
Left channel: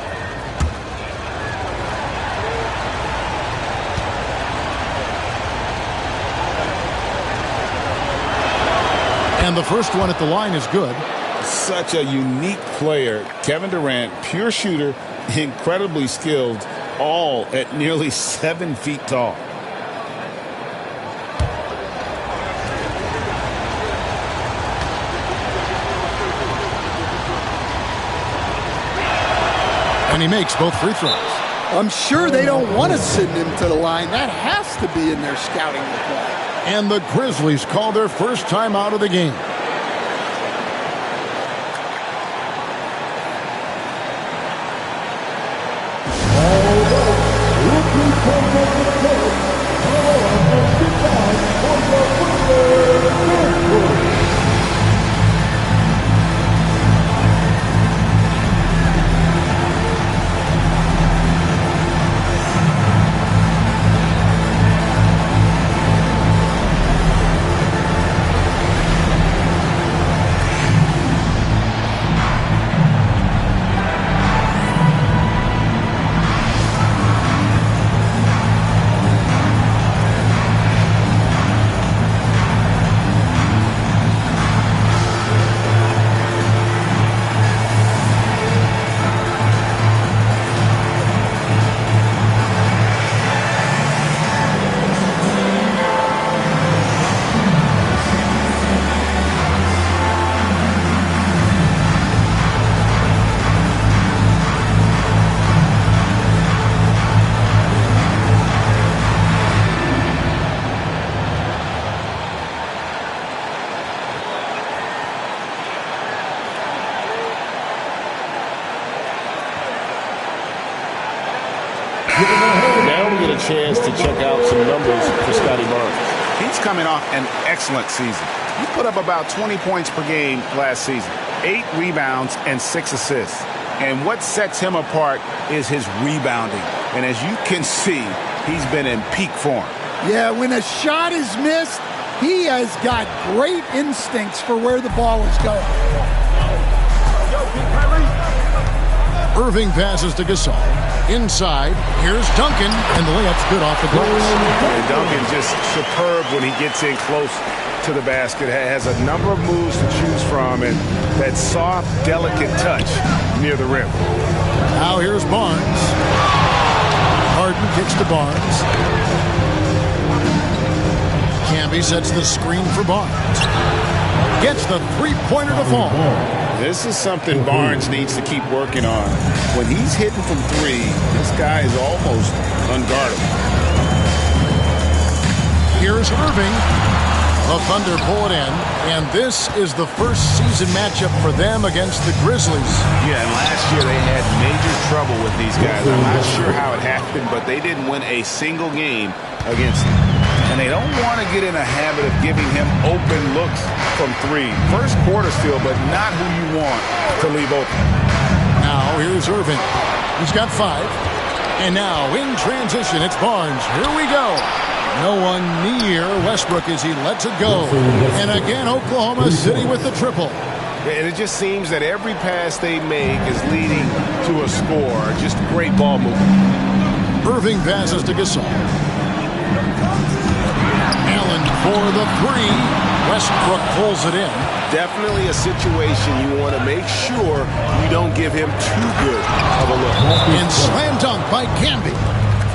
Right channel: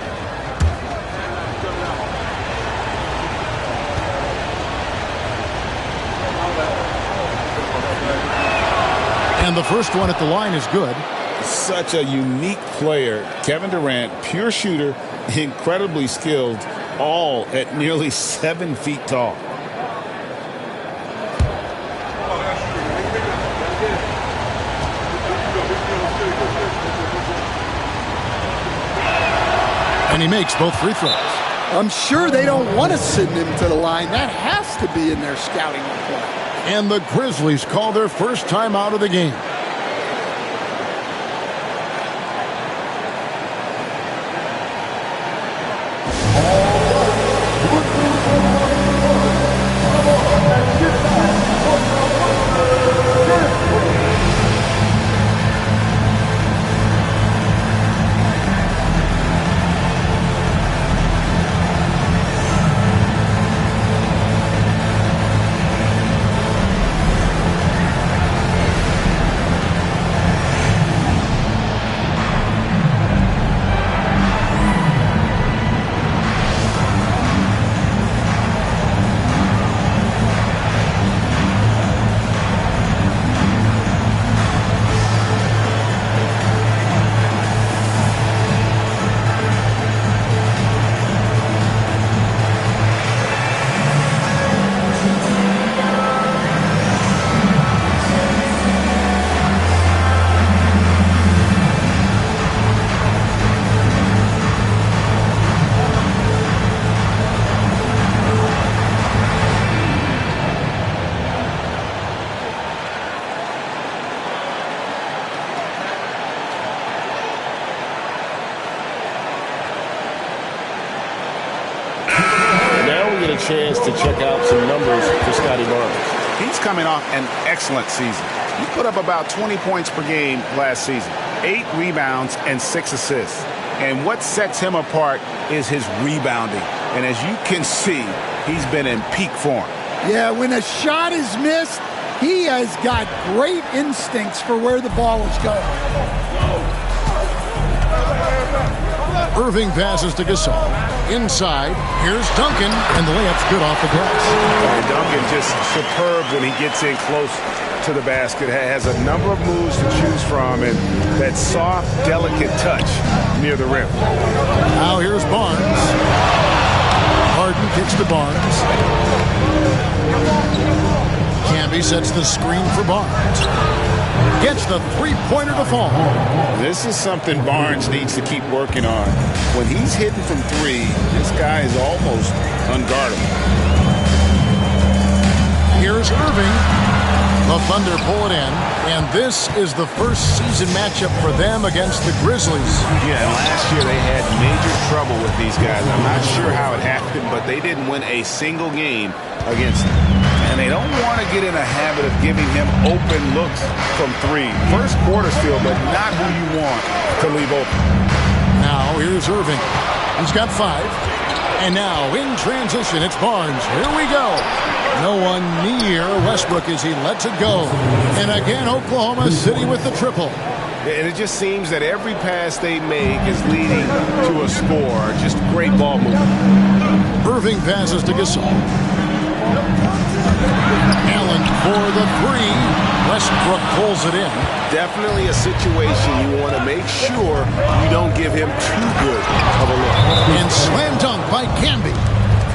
And the first one at the line is good. Such a unique player. Kevin Durant, pure shooter, incredibly skilled, all at nearly 7 feet tall. And he makes both free throws. I'm sure they don't want to send him to the line. That has to be in their scouting report. And the Grizzlies call their first time out of the game. a chance to check out some numbers for Scotty Barnes. He's coming off an excellent season. He put up about 20 points per game last season, 8 rebounds and 6 assists. And what sets him apart is his rebounding. And as you can see, he's been in peak form. Yeah, when a shot is missed, he has got great instincts for where the ball is going. Irving passes to Gasol. Inside, here's Duncan, and the layup's good off the glass. And Duncan just superb when he gets in close to the basket. Has a number of moves to choose from, and that soft, delicate touch near the rim. Now here's Barnes. Harden kicks to Barnes. Camby sets the screen for Barnes. Gets the three-pointer to fall. This is something Barnes needs to keep working on. When he's hitting from 3, this guy is almost unguardable. Here's Irving. The Thunder pull it in, and this is the first season matchup for them against the Grizzlies. Yeah, and last year they had major trouble with these guys. I'm not sure how it happened, but they didn't win a single game against them. And they don't want to get in a habit of giving him open looks from 3. First quarter still, but not who you want to leave open. Now here's Irving. He's got 5. And now in transition, it's Barnes. Here we go. No one near Westbrook as he lets it go. And again, Oklahoma City with the triple. And it just seems that every pass they make is leading to a score. Just great ball movement. Irving passes to Gasol. Allen for the 3. Westbrook pulls it in. Definitely a situation you want to make sure you don't give him too good of a look. And slam dunk by Camby.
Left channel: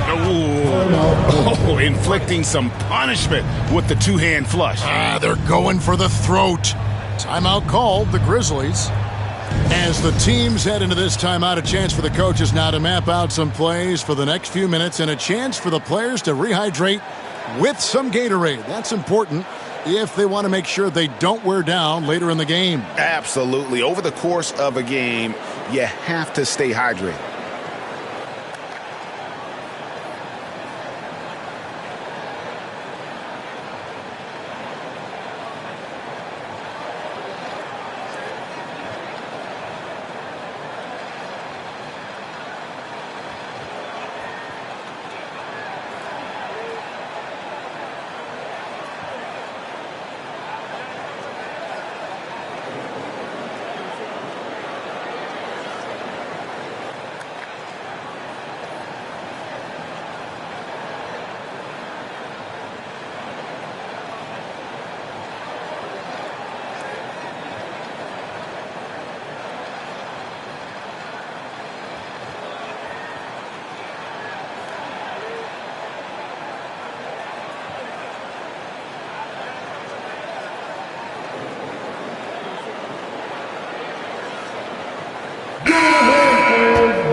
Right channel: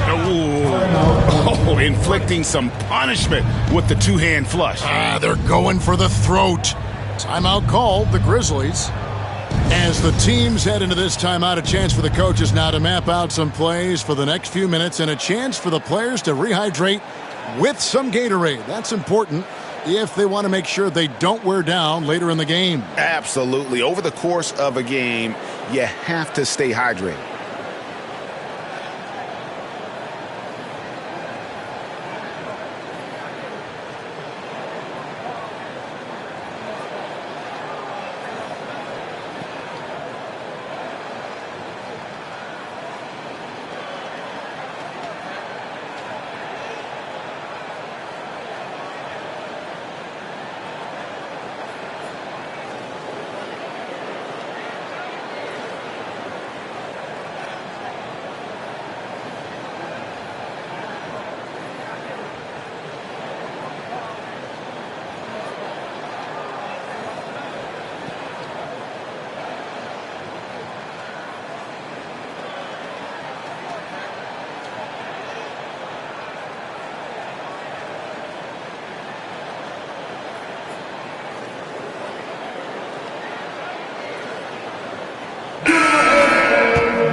Oh, inflicting some punishment with the 2-hand flush. They're going for the throat. Timeout called, the Grizzlies. As the teams head into this timeout, a chance for the coaches now to map out some plays for the next few minutes and a chance for the players to rehydrate with some Gatorade. That's important if they want to make sure they don't wear down later in the game. Absolutely. Over the course of a game, you have to stay hydrated.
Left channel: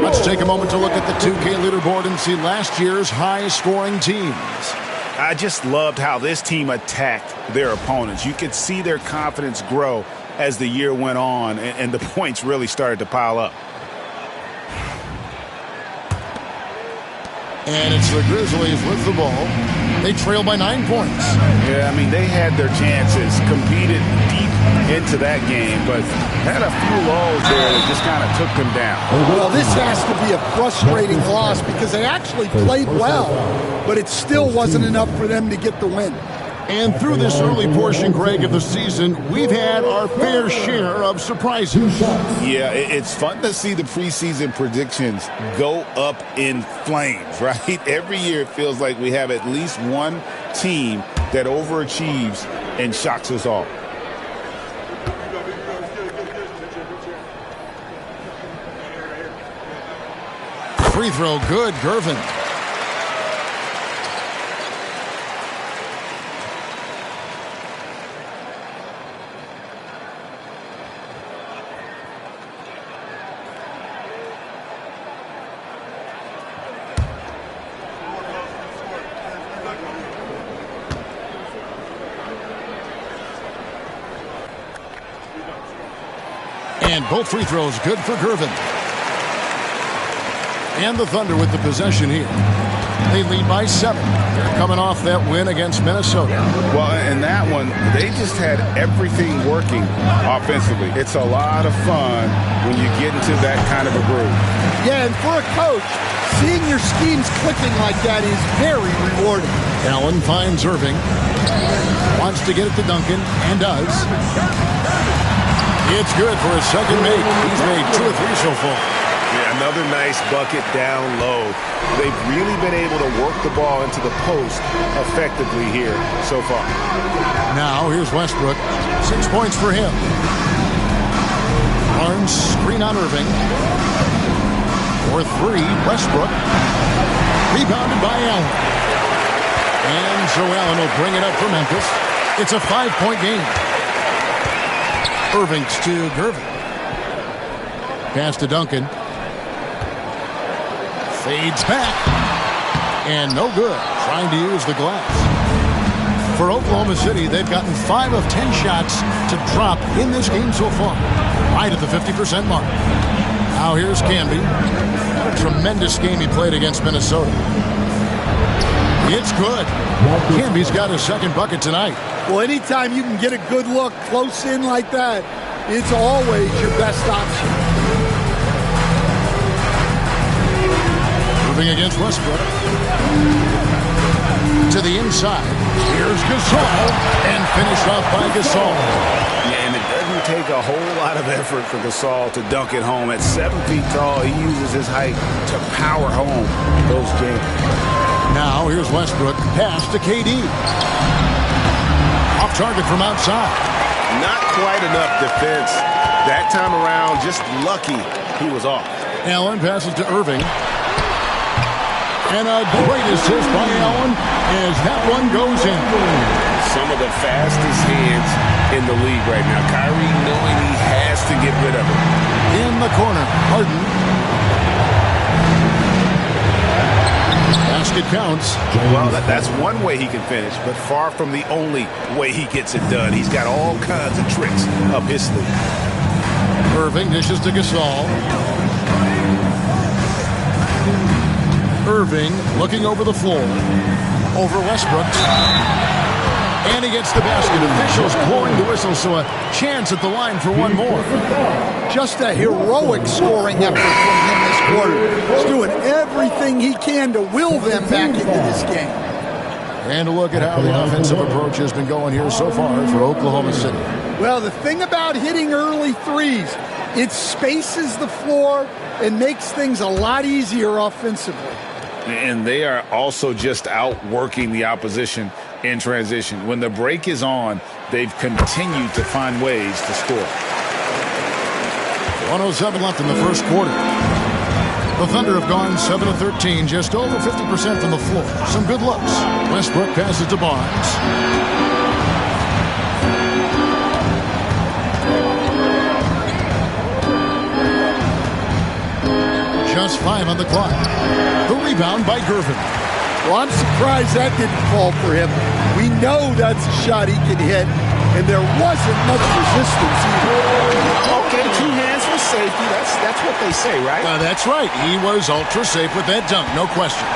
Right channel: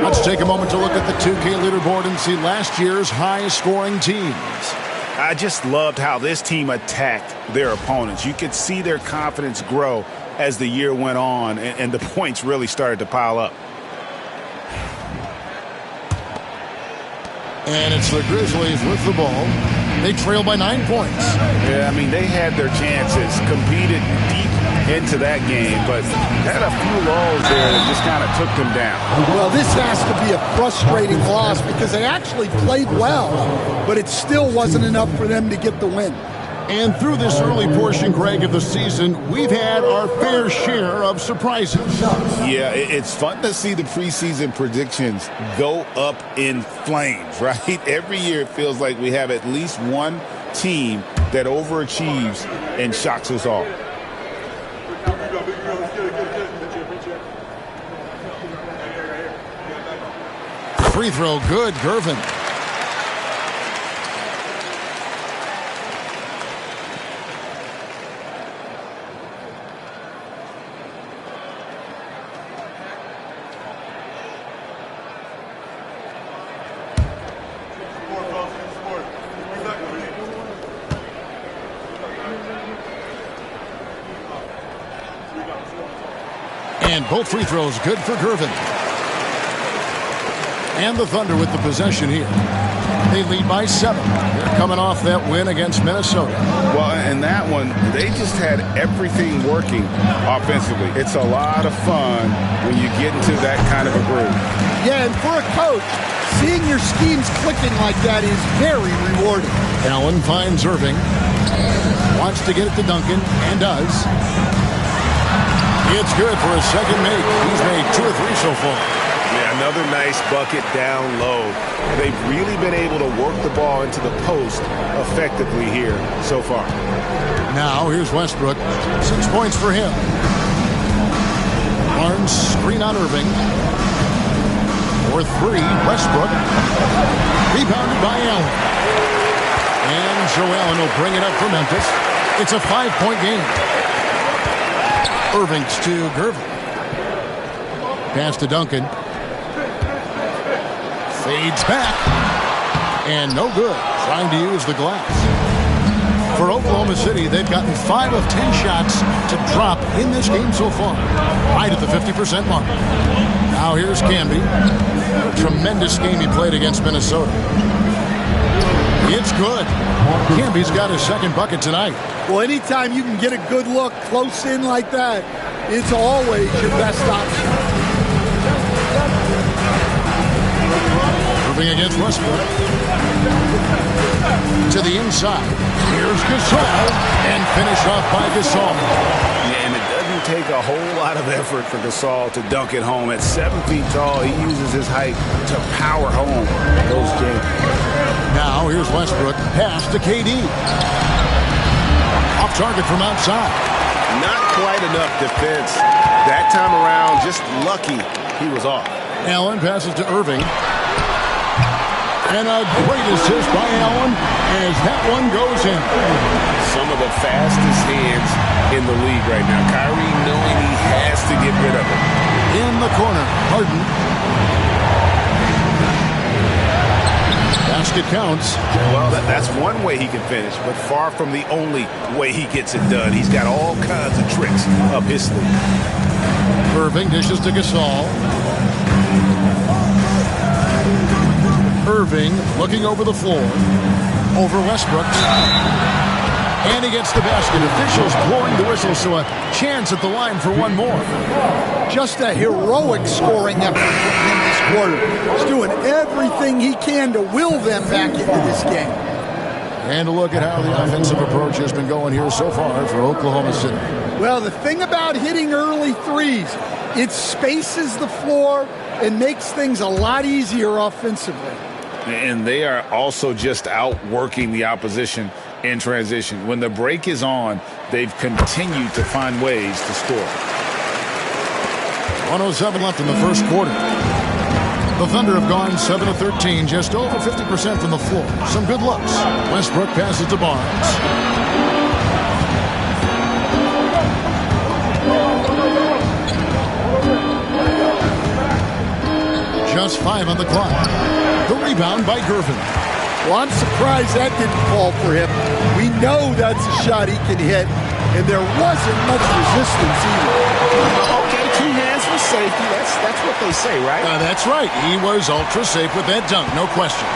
Let's take a moment to look at the 2K leaderboard and see last year's high-scoring teams. I just loved how this team attacked their opponents. You could see their confidence grow as the year went on, and the points really started to pile up. And it's the Grizzlies with the ball. They trail by 9 points. Yeah, I mean, they had their chances, competed deep into that game, but had a few lulls there that just kind of took them down. Well, this has to be a frustrating loss because they actually played well, but it still wasn't enough for them to get the win. And through this early portion, Greg, of the season, we've had our fair share of surprises. Yeah, it's fun to see the preseason predictions go up in flames, right? Every year it feels like we have at least one team that overachieves and shocks us all. Free throw good, Gervin. And both free throws good for Gervin. And the Thunder with the possession here. They lead by 7. They're coming off that win against Minnesota. Well, in that one, they just had everything working offensively. It's a lot of fun when you get into that kind of a groove. Yeah, and for a coach, seeing your schemes clicking like that is very rewarding. Allen finds Irving. Wants to get it to Duncan, and does. It's good for his second make. He's made 2 or 3 so far. Yeah, another nice bucket down low. They've really been able to work the ball into the post effectively here so far. Now here's Westbrook. 6 points for him. Barnes screen on Irving. For 3, Westbrook. Rebounded by Allen. And so Allen will bring it up for Memphis. It's a 5-point game. Irving's to Gervin. Pass to Duncan. Fades back. And no good. Trying to use the glass. For Oklahoma City, they've gotten 5 of 10 shots to drop in this game so far. Right at the 50% mark. Now here's Canby. What a tremendous game he played against Minnesota. It's good. Canby's got his second bucket tonight. Well, anytime you can get a good look close in like that, it's always your best option. Moving against Westbrook. To the inside. Here's Gasol. And finished off by Gasol. Yeah, and it doesn't take a whole lot of effort for Gasol to dunk it home. At 7 feet tall, he uses his height to power home those jams. Now here's Westbrook. Pass to KD. Off target from outside. Not quite enough defense. That time around, just lucky he was off. Allen passes to Irving. And a great assist by Allen as that one goes in. Some of the fastest hands in the league right now. Kyrie knowing he has to get rid of it. In the corner, Harden. Basket counts. Well, that's one way he can finish, but far from the only way he gets it done. He's got all kinds of tricks up his sleeve. Irving dishes to Gasol. Irving looking over the floor. Over Westbrook. And he gets the basket. Officials blowing the whistle, so a chance at the line for one more. Just a heroic scoring effort from him this quarter. He's doing everything he can to will them back into this game. And a look at how the offensive approach has been going here so far for Oklahoma City. Well, the thing about hitting early threes, it spaces the floor and makes things a lot easier offensively. And they are also just outworking the opposition in transition. When the break is on, they've continued to find ways to score. 1:07 left in the first quarter. The Thunder have gone 7 of 13, just over 50% from the floor. Some good looks. Westbrook passes to Barnes. Just 5 on the clock. The rebound by Gervin. Well, I'm surprised that didn't fall for him. We know that's a shot he can hit, and there wasn't much resistance either. Okay, 2 hands for safety. That's what they say, right? That's right. He was ultra safe with that dunk, no question.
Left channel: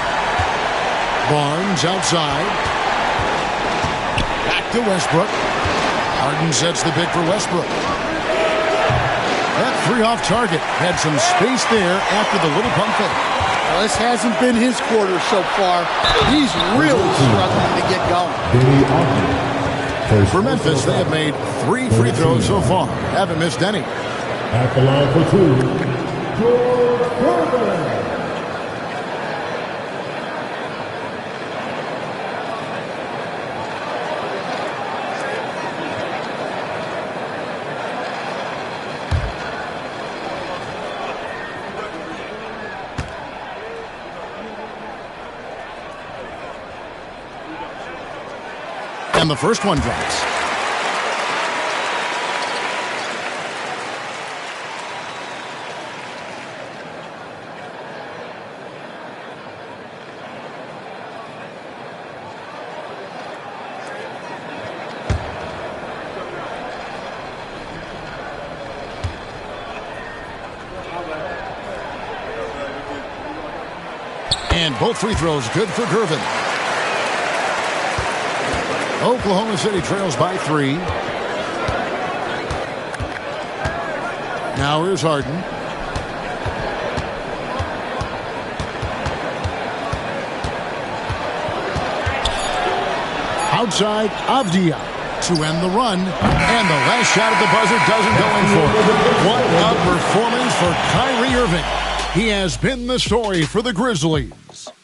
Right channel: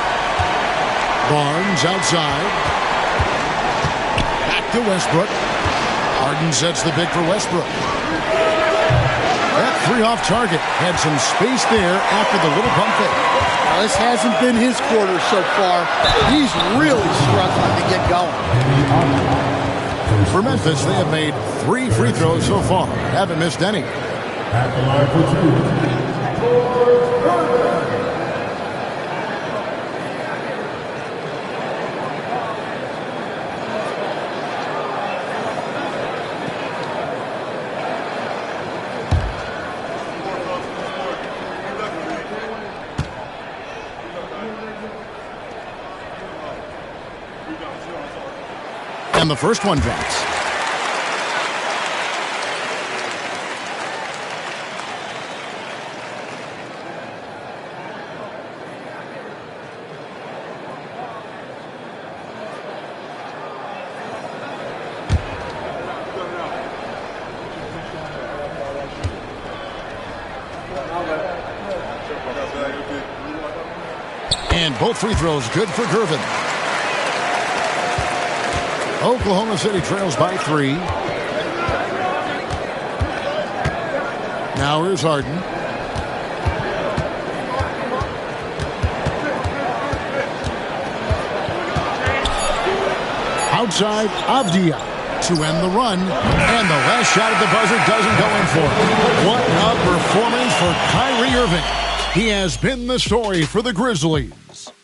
Barnes outside. Back to Westbrook. Harden sets the pick for Westbrook. That 3 off target had some space there after the little pump fake. Well, this hasn't been his quarter so far. He's really struggling to get going. For Memphis, they have made 3 free throws so far. Haven't missed any. At the line for 2. And the first one drops. And both free throws good for Gervin. Oklahoma City trails by 3. Now here's Harden. Outside, Avdia to end the run. And the last shot at the buzzer doesn't go in for it. What a performance for Kyrie Irving. He has been the story for the Grizzlies.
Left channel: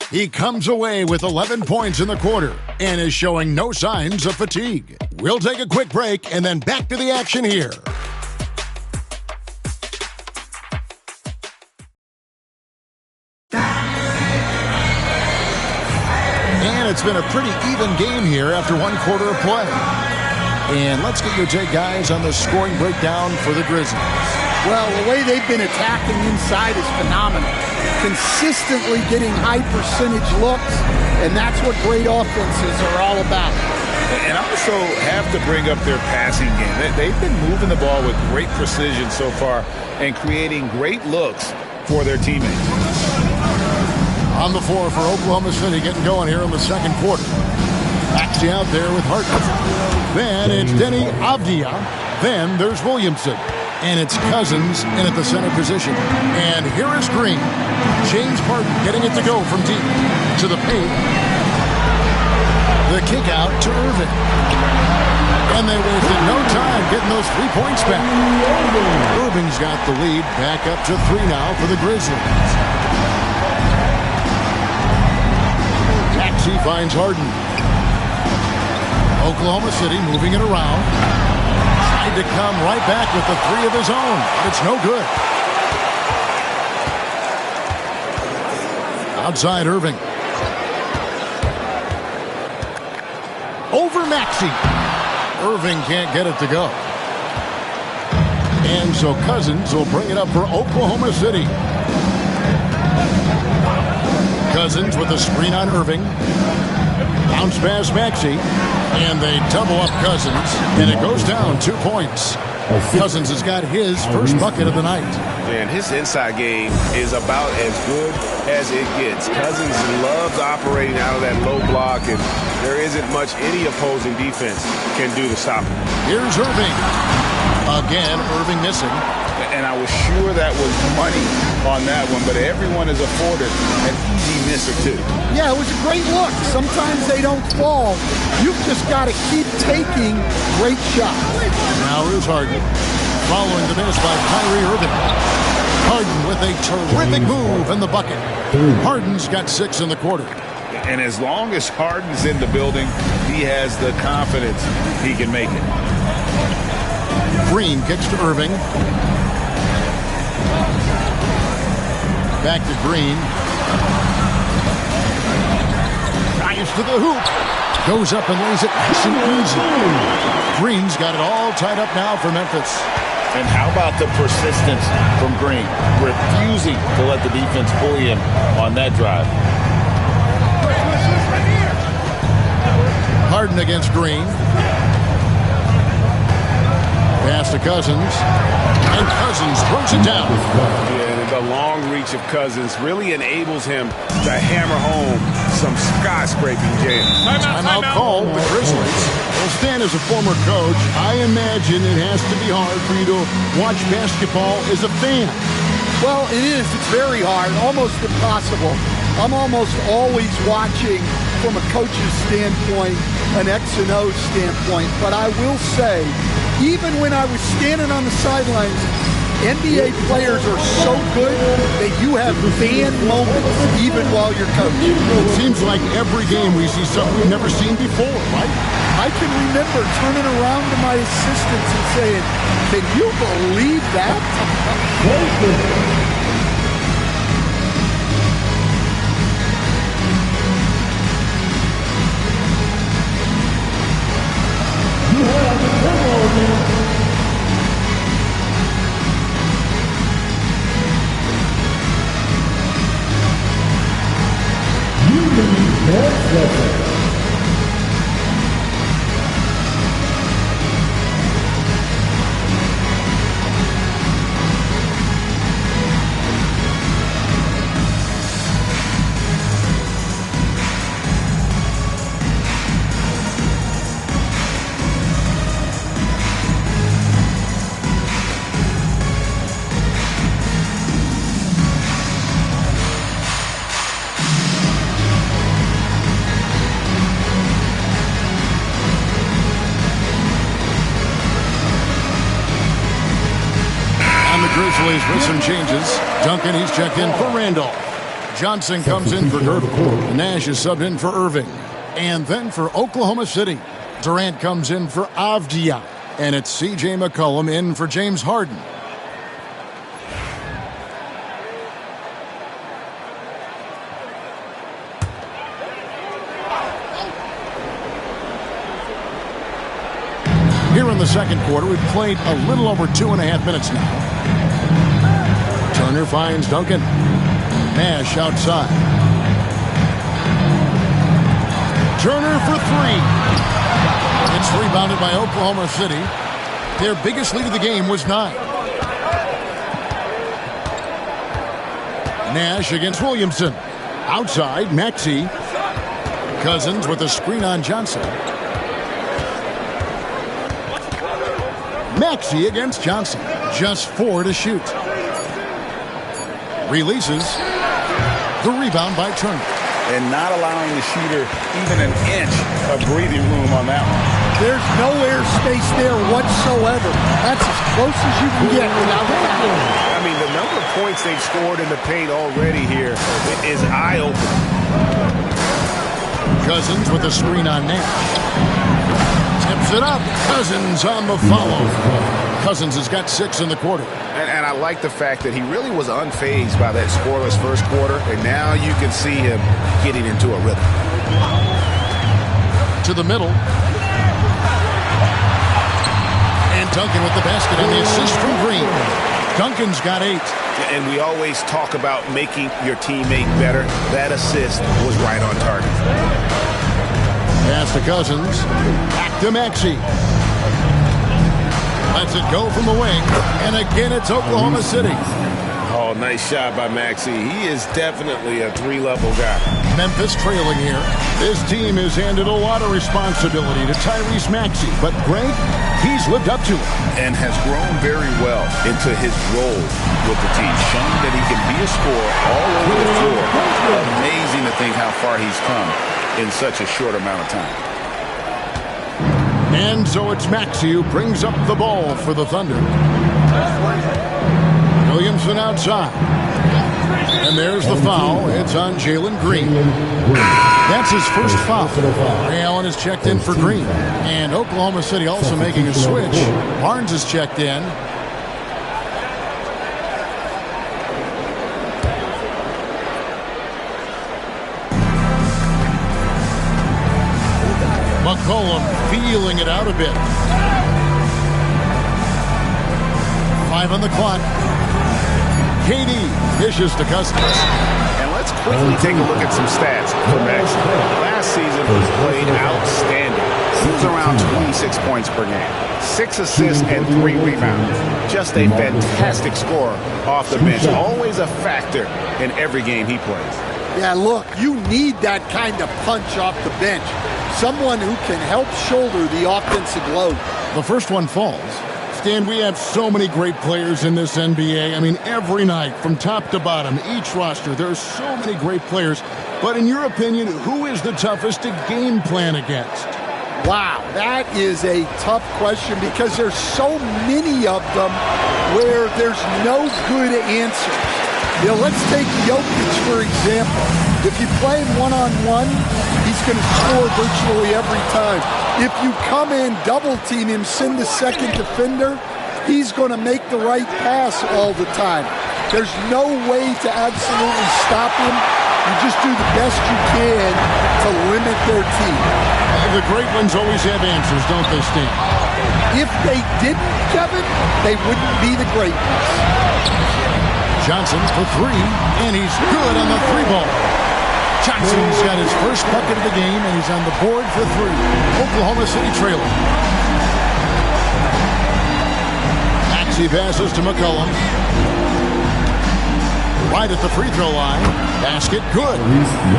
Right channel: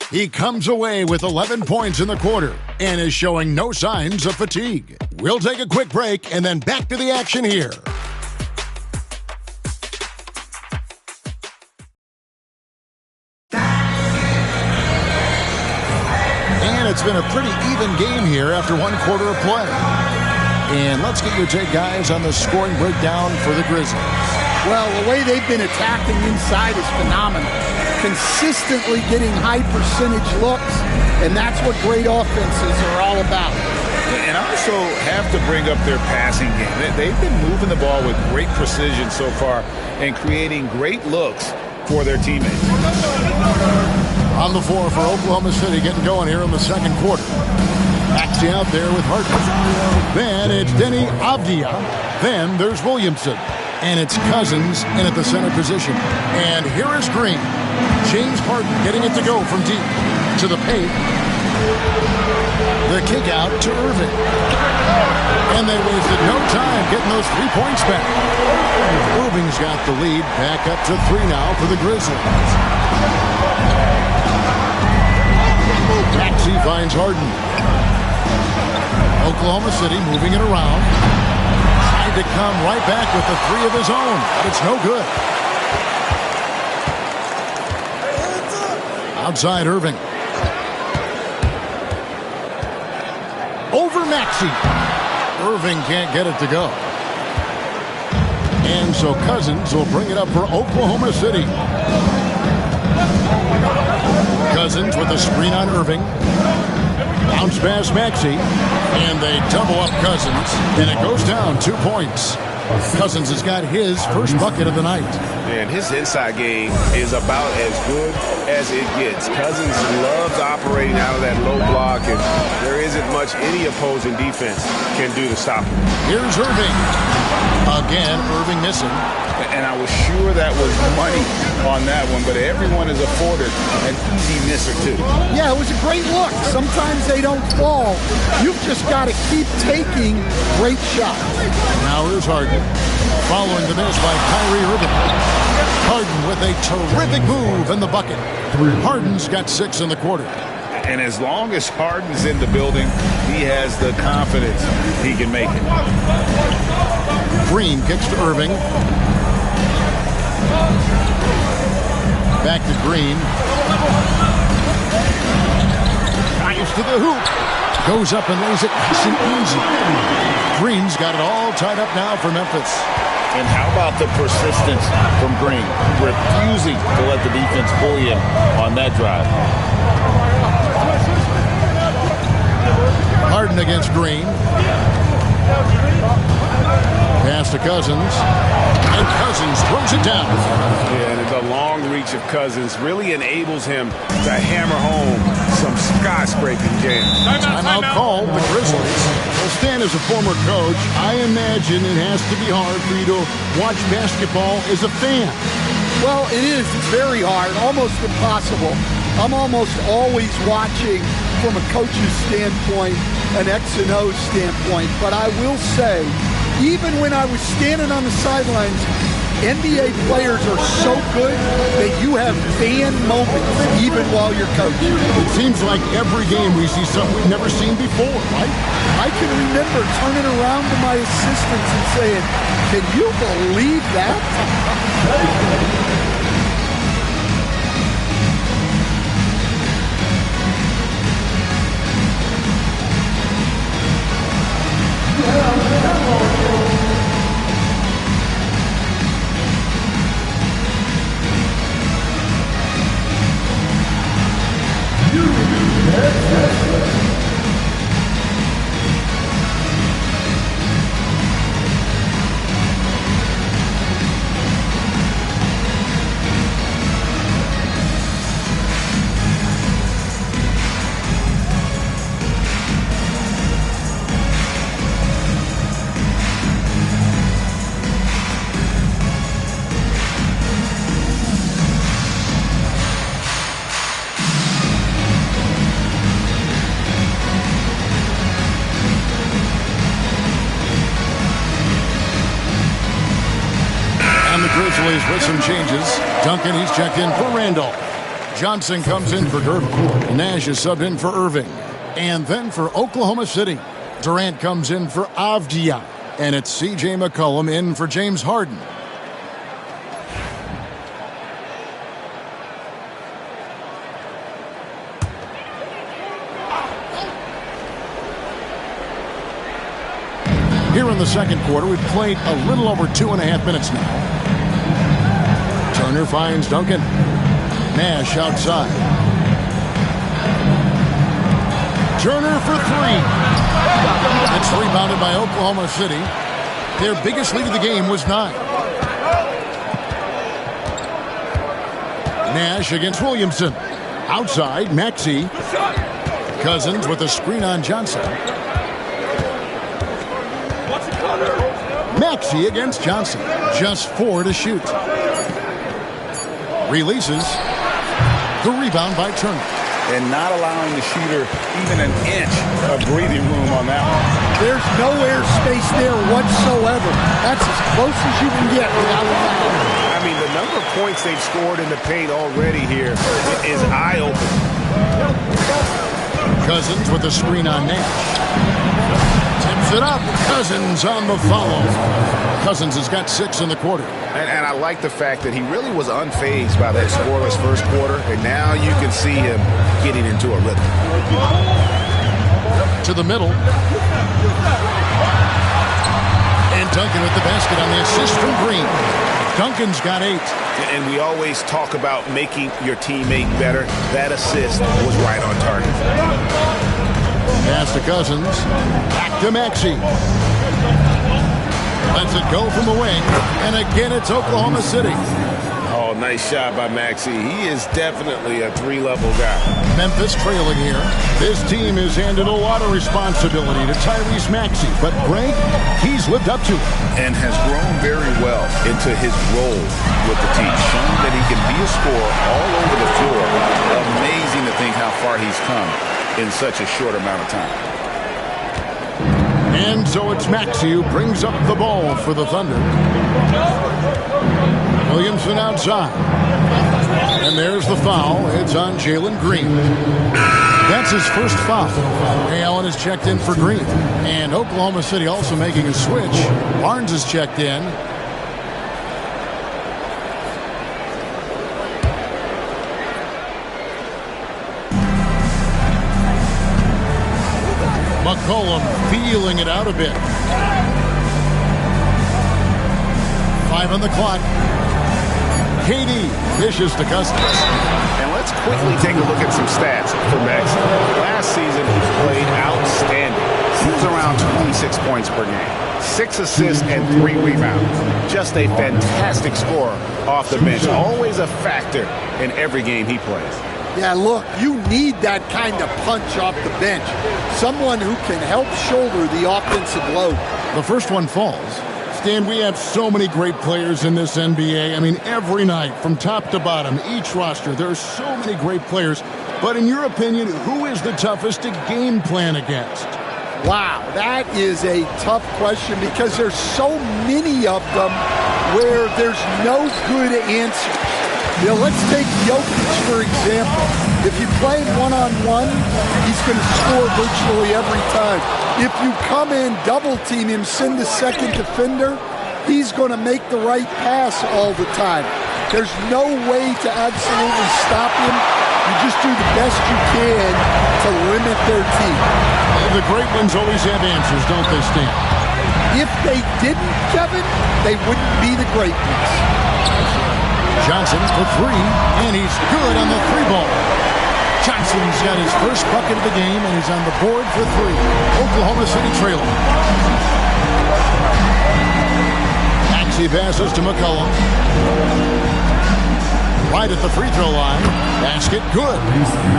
He comes away with 11 points in the quarter and is showing no signs of fatigue. We'll take a quick break and then back to the action here. And it's been a pretty even game here after one quarter of play. And let's get your take, guys, on the scoring breakdown for the Grizzlies. Well, the way they've been attacking inside is phenomenal. Consistently getting high percentage looks, and that's what great offenses are all about. And I also have to bring up their passing game. They've been moving the ball with great precision so far and creating great looks for their teammates. On the floor for Oklahoma City, getting going here in the second quarter. Maxey out there with Harden. Then it's Denny Avdia. Then there's Williamson. And it's Cousins in at the center position. And here is Green. James Harden getting it to go from deep to the paint. The kick out to Irving. And they wasted no time getting those 3 points back. Irving's got the lead back up to 3 now for the Grizzlies. Maxey finds Harden. Oklahoma City moving it around. Tried to come right back with the 3 of his own, but it's no good. Outside Irving. Over Maxey. Irving can't get it to go. And so Cousins will bring it up for Oklahoma City. Cousins with a screen on Irving. Bounce pass Maxey. And they double up Cousins. And it goes down 2 points. Cousins has got his first bucket of the night. And his inside game is about as good as it gets. Cousins loves operating out of that low block, and there isn't much any opposing defense can do to stop him. Here's Irving. Again, Irving missing. And I was sure that was money on that one, but everyone is afforded an easy miss or two. Yeah, it was a great look. Sometimes they don't fall. You've just got to keep taking great shots. Now here's Harden. Following the miss by Kyrie Irving. Harden with a terrific move in the bucket. Harden's got 6 in the quarter. And as long as Harden's in the building, he has the confidence he can make it. Green kicks to Irving. Back to Green. Drives to the hoop. Goes up and lays it nice and easy. Green's got it all tied up now for Memphis. And how about the persistence from Green? Refusing to let the defense bully him on that drive. Harden against Green. Pass to Cousins. And Cousins throws it down. Yeah, and the long reach of Cousins really enables him to hammer home some skyscraping jams. Timeout called the Grizzlies. Well, Stan, as a former coach, I imagine it has to be hard for you to watch basketball as a fan. Well, it is. It's very hard, almost impossible. I'm almost always watching from a coach's standpoint, an X and O standpoint. But I will say, even when I was standing on the sidelines, NBA players are so good that you have fan moments even while you're coaching. It seems like every game we see something we've never seen before, right? I can remember turning around to my assistants and saying, "Can you believe that?" the Grizzlies with some changes. Duncan, he's checked in for Randolph. Johnson comes in for Gerber. Nash is subbed in for Irving. And then for Oklahoma City, Durant comes in for Avdija. And it's C.J. McCollum in for James Harden. Here in the second quarter, we've played a little over 2.5 minutes now. Turner finds Duncan. Nash outside. Turner for three. It's rebounded by Oklahoma City. Their biggest lead of the game was 9. Nash against Williamson. Outside, Maxey. Cousins with a screen on Johnson. Maxey against Johnson. Just 4 to shoot. Releases. The rebound by Turner. And not allowing the shooter even an inch of breathing room on that one. There's no air space there whatsoever. That's as close as you can get without a foul. I mean, the number of points they've scored in the paint already here is eye-opening. Cousins with a screen on Nash. Tips it up. Cousins on the follow. Cousins has got 6 in the quarter. And I like the fact that he really was unfazed by that scoreless first quarter, and now you can see him getting into a rhythm. To the middle. And Duncan with the basket on the assist from Green. Duncan's got 8. And we always talk about making your teammate better. That assist was right on target. Pass to Cousins. Back to Maxey. Lets it go from the wing. And again, it's Oklahoma City. Oh, nice shot by Maxey. He is definitely a 3-level guy. Memphis trailing here. This team has handed a lot of responsibility to Tyrese Maxey. But Greg, he's lived up to it. And has grown very well into his role with the team. Shown that he can be a scorer all over the floor. Amazing to think how far he's come in such a short amount of time. And so it's Maxey who brings up the ball for the Thunder. Williamson outside. And there's the foul. It's on Jalen Green. That's his first foul. Ray Allen is checked in for Green. And Oklahoma City also making a switch. Barnes is checked in. McCollum feeling it out a bit. 5 on the clock. KD dishes to Cousins. And let's quickly take a look at some stats for Maxey. Last season, he played outstanding. He was around 26 points per game. 6 assists and 3 rebounds. Just a fantastic scorer off the bench. Always a factor in every game he plays. Yeah, look, you need that kind of punch off the bench. Someone who can help shoulder the offensive load. The first one falls. Stan, we have so many great players in this NBA. I mean, every night, from top to bottom, each roster, there are so many great players. But in your opinion, who is the toughest to game plan against? Wow, that is a tough question because there's so many of them where there's no good answers. You know, let's take Jokic, for example. If you play him one-on-one, he's going to score virtually every time. If you come in, double-team him, send the second defender, he's going to make the right pass all the time. There's no way to absolutely stop him. You just do the best you can to limit their team. The great ones always have answers, don't they, Stan? If they didn't, Kevin, they wouldn't be the great ones. Johnson for 3, and he's good on the 3-ball. Johnson's got his first bucket of the game, and he's on the board for 3. Oklahoma City trailing. Maxey passes to McCollum. Right at the free throw line. Basket good.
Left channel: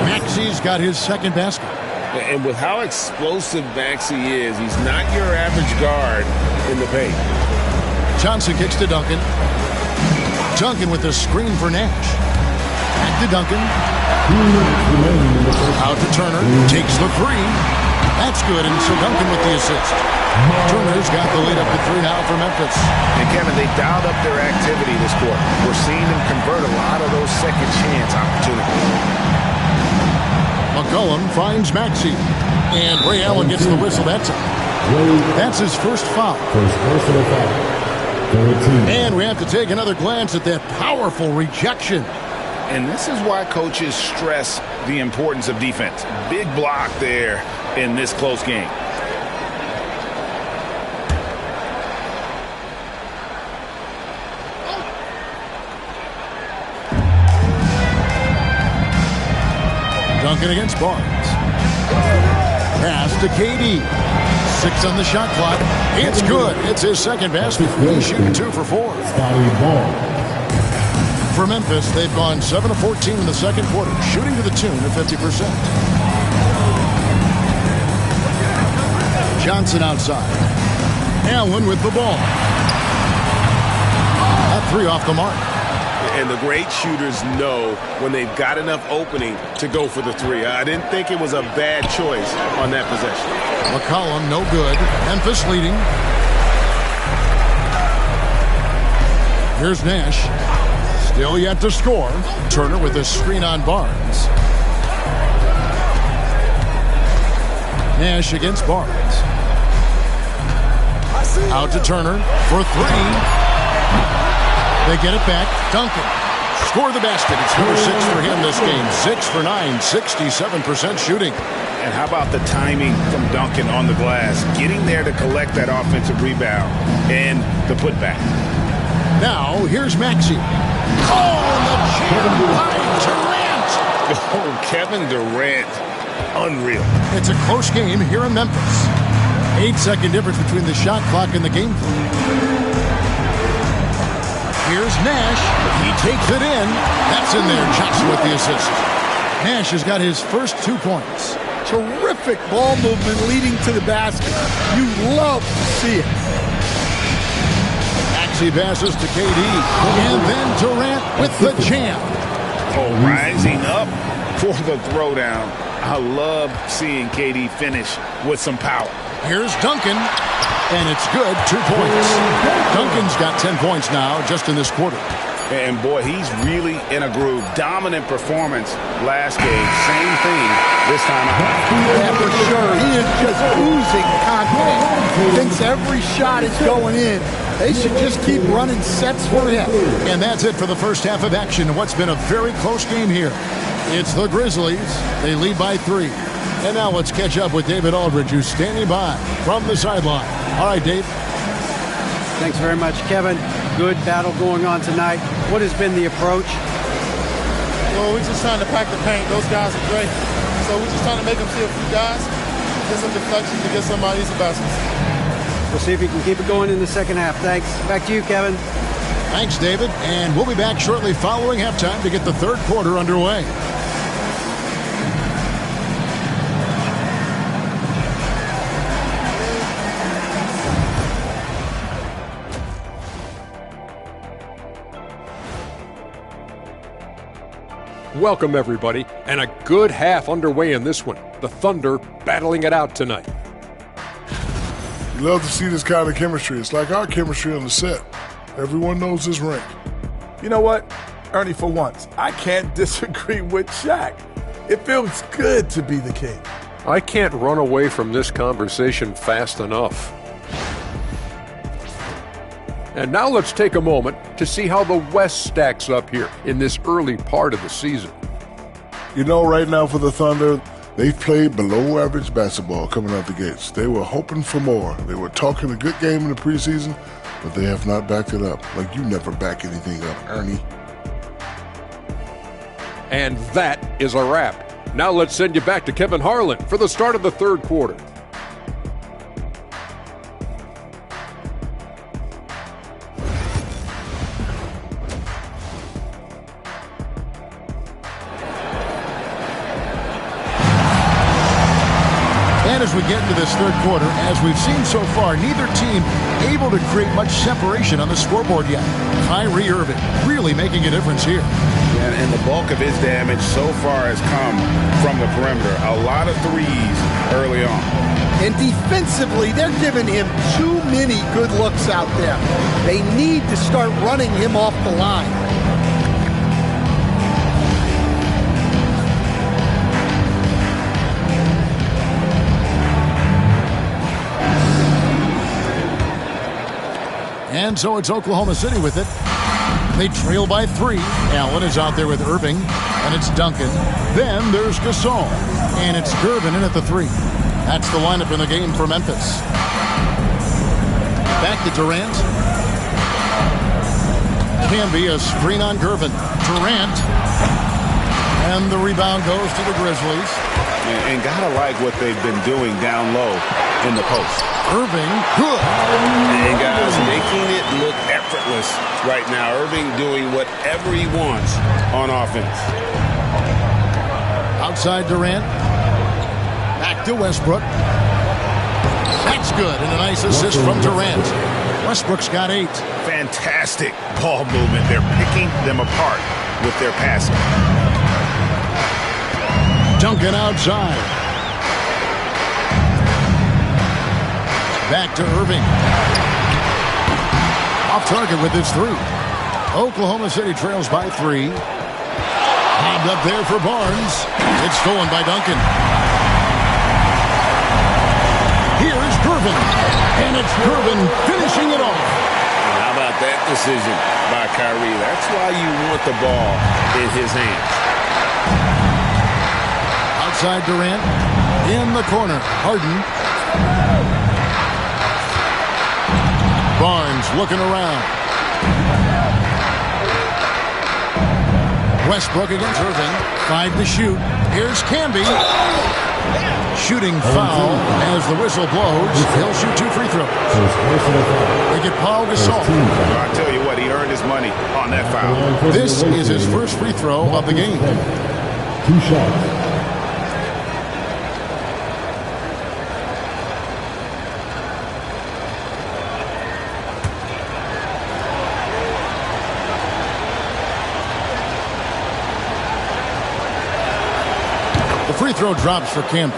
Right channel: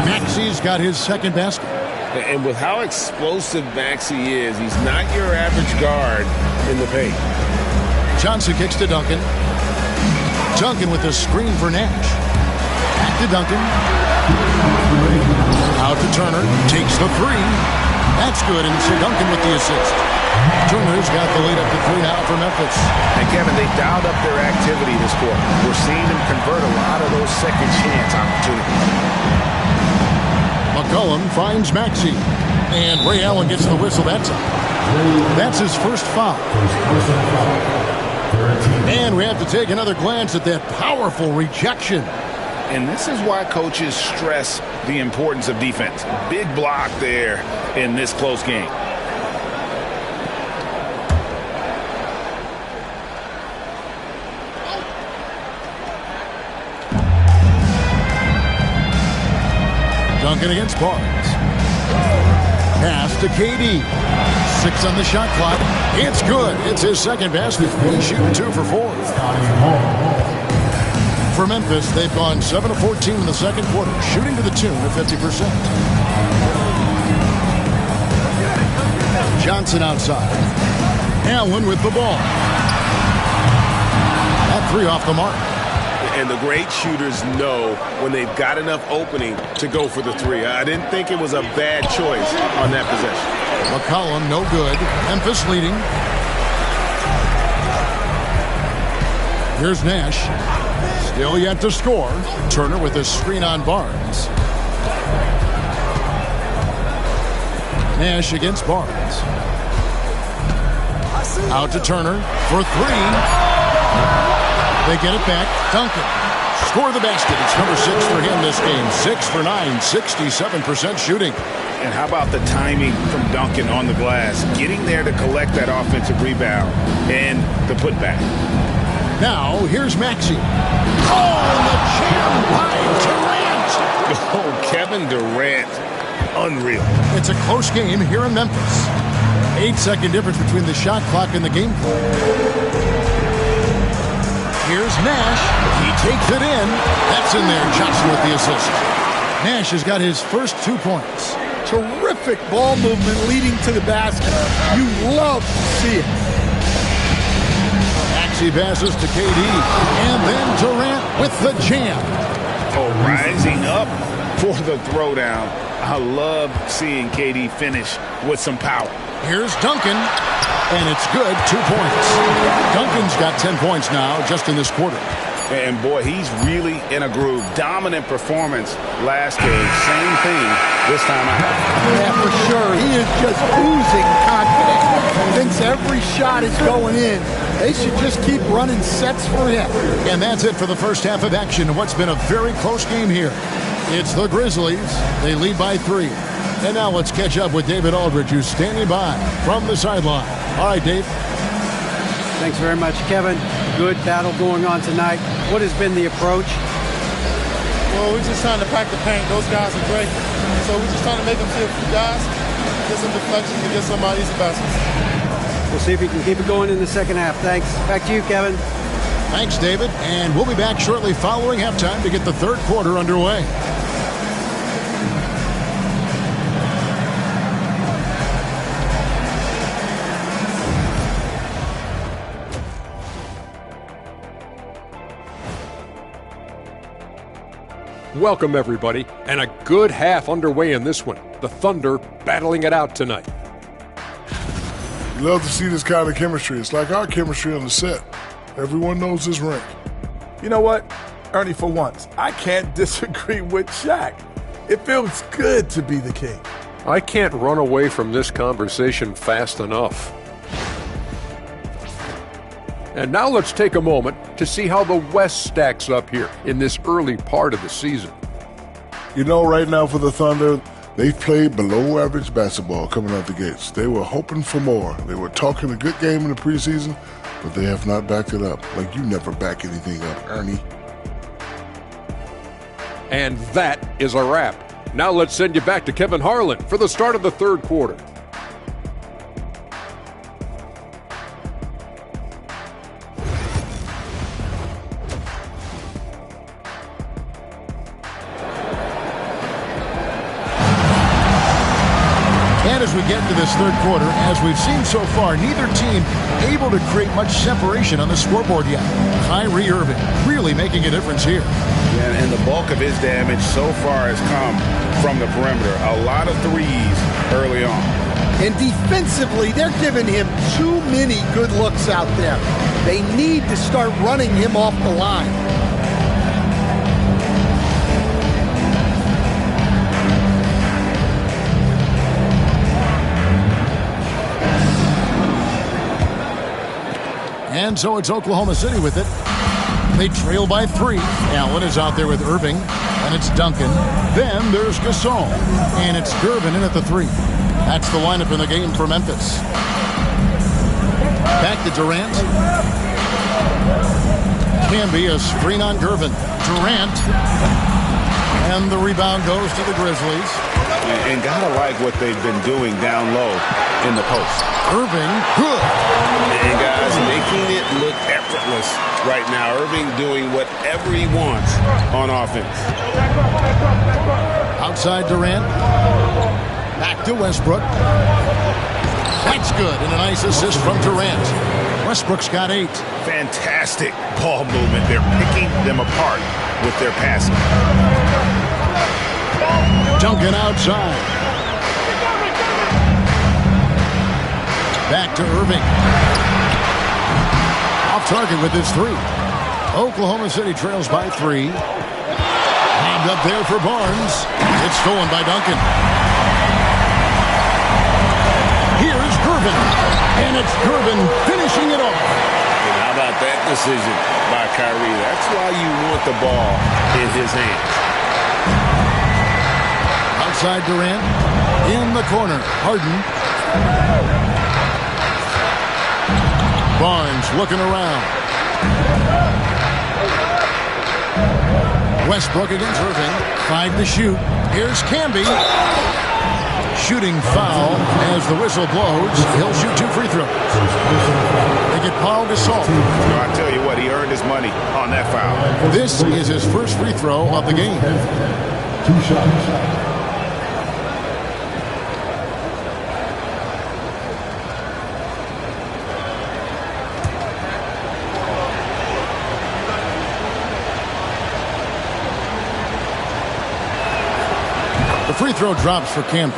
Maxey's got his second basket. And with how explosive Maxey is, he's not your average guard in the paint. Johnson kicks to Duncan. Duncan with the screen for Nash. Back to Duncan. Out to Turner. Takes the 3. That's good, and so Duncan with the assist. Turner's got the lead up to 3 now for Memphis. And Kevin, they dialed up their activity this quarter. We're seeing them convert a lot of those second chance opportunities. McCollum finds Maxey. And Ray Allen gets the whistle that time. That's his first foul. First personal foul. 13. And we have to take another glance at that powerful rejection. And this is why coaches stress the importance of defense. Big block there in this close game. Duncan against Barnes. Pass to KD. 6 on the shot clock. It's good. It's his second basket. He's shooting 2 for 4. For Memphis, they've gone 7 of 14 in the second quarter, shooting to the tune of 50%. Johnson outside. Allen with the ball. That 3 off the mark. And the great shooters know when they've got enough opening to go for the 3. I didn't think it was a bad choice on that possession. McCollum, no good. Memphis leading. Here's Nash. Still yet to score. Turner with a screen on Barnes. Nash against Barnes. Out to Turner for 3. They get it back. Duncan. Score the basket. It's number 6 for him this game. 6 for 9, 67% shooting. And how about the timing from Duncan on the glass? Getting there to collect that offensive rebound and the putback. Now, here's Maxey. Oh, and the jam by Durant. Oh, Kevin Durant. Unreal. It's a close game here in Memphis. 8-second difference between the shot clock and the game clock. Here's Nash. He takes it in. That's in there. Johnson with the assist. Nash has got his first 2 points. Terrific ball movement leading to the basket. You love to see it. Maxey passes to KD. And then Durant with the jam. Oh, rising up for the throwdown. I love seeing KD finish with some power. Here's Duncan. And it's good. 2 points. Duncan's got 10 points now just in this quarter. And boy, he's really in a groove. Dominant performance last game. Same thing this time out. Yeah, for sure. He is just oozing confidence. Thinks every shot is going in. They should just keep running sets for him. And that's it for the first half of action in what's been a very close game here. It's the Grizzlies. They lead by 3. And now let's catch up with David Aldridge, who's standing by from the sideline. All right, Dave. Thanks very much, Kevin. Good battle going on tonight. What has been the approach? Well, we're just trying to pack the paint. Those guys are great. So we're just trying to make them see a few guys, get some deflections, and get some easy baskets. We'll see if he can keep it going in the second half. Thanks. Back to you, Kevin. Thanks, David. And we'll be back shortly following halftime to get the third quarter underway. Welcome, everybody, and a good half underway in this one. The Thunder battling it out tonight. You love to see this kind of chemistry. It's like our chemistry on the set. Everyone knows this rink. You know what, Ernie, for once, I can't disagree with Shaq. It feels good to be the king. I can't run away from this conversation fast enough. And now let's take a moment to see how the West stacks up here in this early part of the season. You know, right now for the Thunder, they've played below average basketball coming out the gates. They were hoping for more. They were talking a good game in the preseason, but they have not backed it up. Like you never back anything up, Ernie. And that is a wrap. Now let's send you back to Kevin Harlan for the start of the third quarter. And as we get into this third quarter, as we've seen so far, neither team able to create much separation on the scoreboard yet. Kyrie Irving really making a difference here. Yeah, and the bulk of his damage so far has come from the perimeter. A lot of threes early on. And defensively, they're giving him too many good looks out there. They need to start running him off the line. And so it's Oklahoma City with it. They trail by 3. Allen is out there with Irving, and it's Duncan. Then there's Gasol, and it's Gervin in at the 3. That's the lineup in the game for Memphis. Back to Durant. Camby, a screen on Gervin. Durant. And the rebound goes to the Grizzlies. And gotta like what they've been doing down low in the post. Irving, good. And guys, making it look effortless right now. Irving doing whatever he wants on offense. Outside Durant. Back to Westbrook. That's good. And a nice assist from Durant. Westbrook's got 8. Fantastic ball movement. They're picking them apart with their passing. Duncan outside. Back to Irving. Off target with his 3. Oklahoma City trails by 3. Lobbed up there for Barnes. It's stolen by Duncan. Here's Gervin. And it's Gervin finishing it off. And how about that decision by Kyrie? That's why you want the ball in his hands. Outside Durant. In the corner. Harden. Barnes looking around. Westbrook against Irving. 5 to shoot. Here's Camby. Shooting foul as the whistle blows. He'll shoot 2 free throws. They get Paul Gasol. I tell you what, he earned his money on that foul. This is his first free throw of the game. 2 shots. The free throw drops for Camby.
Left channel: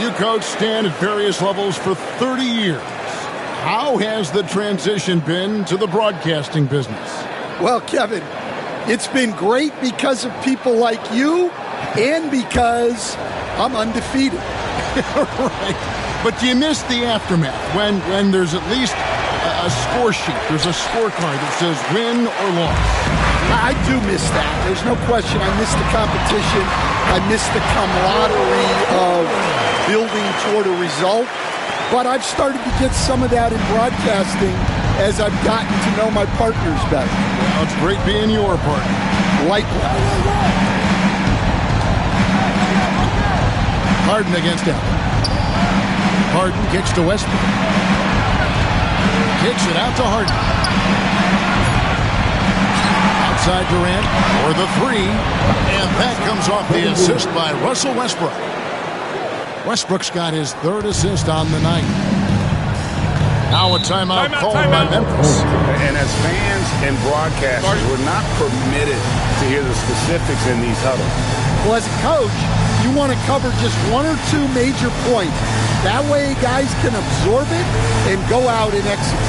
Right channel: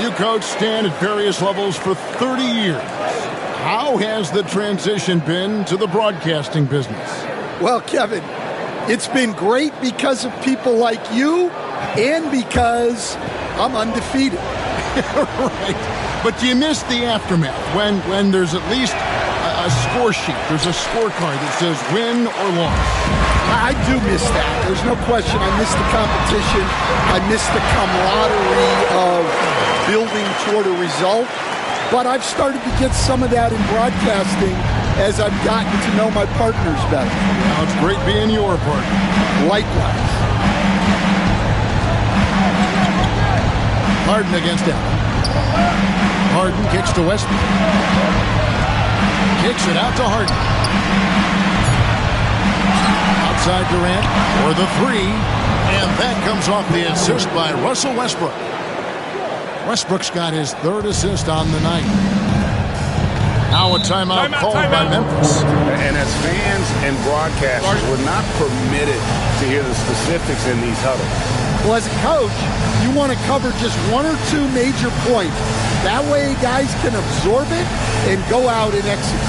You coach Stan at various levels for 30 years. How has the transition been to the broadcasting business? Well, Kevin, it's been great because of people like you and because I'm undefeated. Right. But do you miss the aftermath when there's at least a score sheet? There's a scorecard that says win or loss. I do miss that. There's no question. I miss the competition. I miss the camaraderie of building toward a result. But I've started to get some of that in broadcasting as I've gotten to know my partners better. Well, it's great being your partner. Likewise. Harden against Allen. Harden kicks to Westbrook. Kicks it out to Harden. Outside Durant for the 3. And that comes off the assist by Russell Westbrook. Westbrook's got his 3rd assist on the night. Now a timeout called by Memphis. And as fans and broadcasters, we're not permitted to hear the specifics in these huddles. Well, as a coach, you want to cover just 1 or 2 major points. That way guys can absorb it and go out and execute.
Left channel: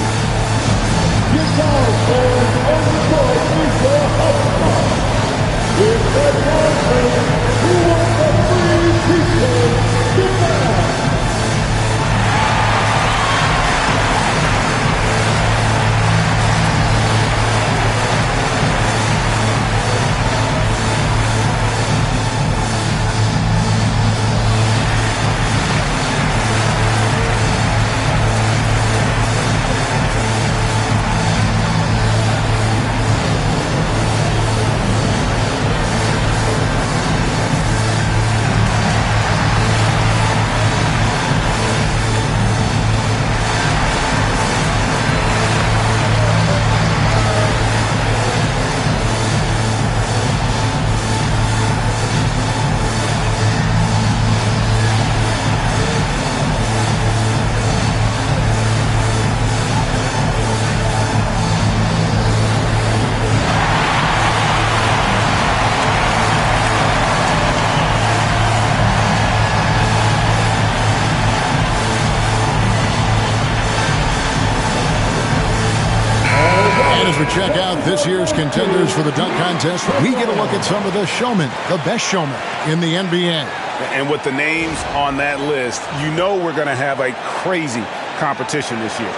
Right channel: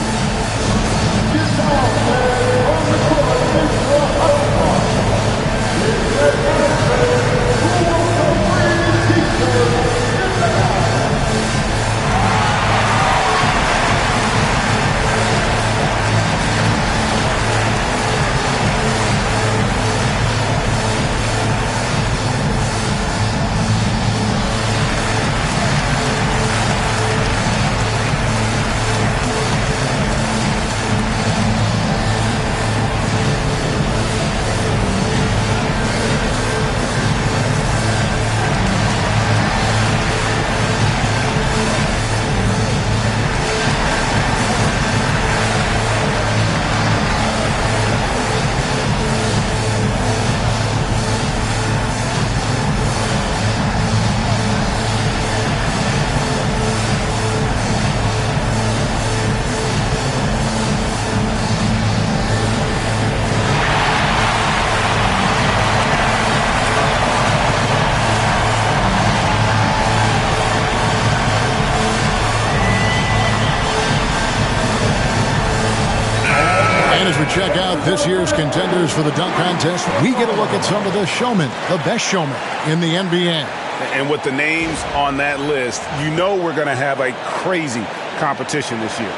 And as we check out this year's contenders for the dunk contest, we get a look at some of the showmen, the best showmen in the NBA. And with the names on that list, you know we're going to have a crazy competition this year.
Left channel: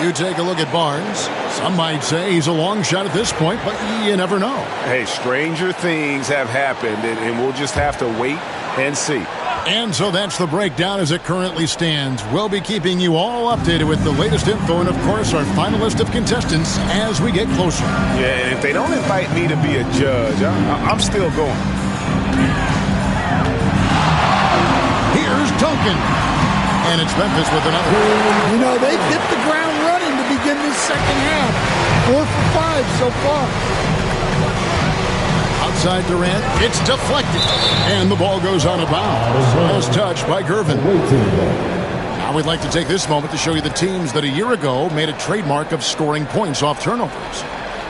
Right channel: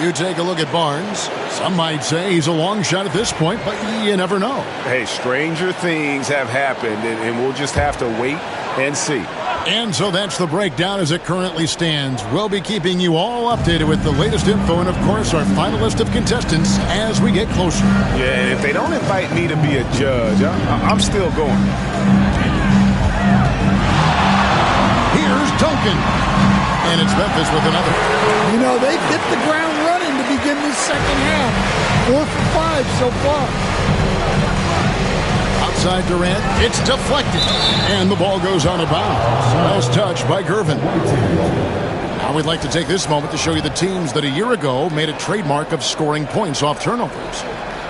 You take a look at Barnes. Some might say he's a long shot at this point, but you never know. Hey, stranger things have happened, and we'll just have to wait and see. And so that's the breakdown as it currently stands. We'll be keeping you all updated with the latest info and, of course, our final list of contestants as we get closer. Yeah, and if they don't invite me to be a judge, I'm still going. Here's Duncan. And it's Memphis with another. You know, they've hit the ground running to begin this second half. 4 for 5 so far. Outside Durant, it's deflected. And the ball goes out of bounds. Last touch by Gervin. Now we'd like to take this moment to show you the teams that a year ago made a trademark of scoring points off turnovers.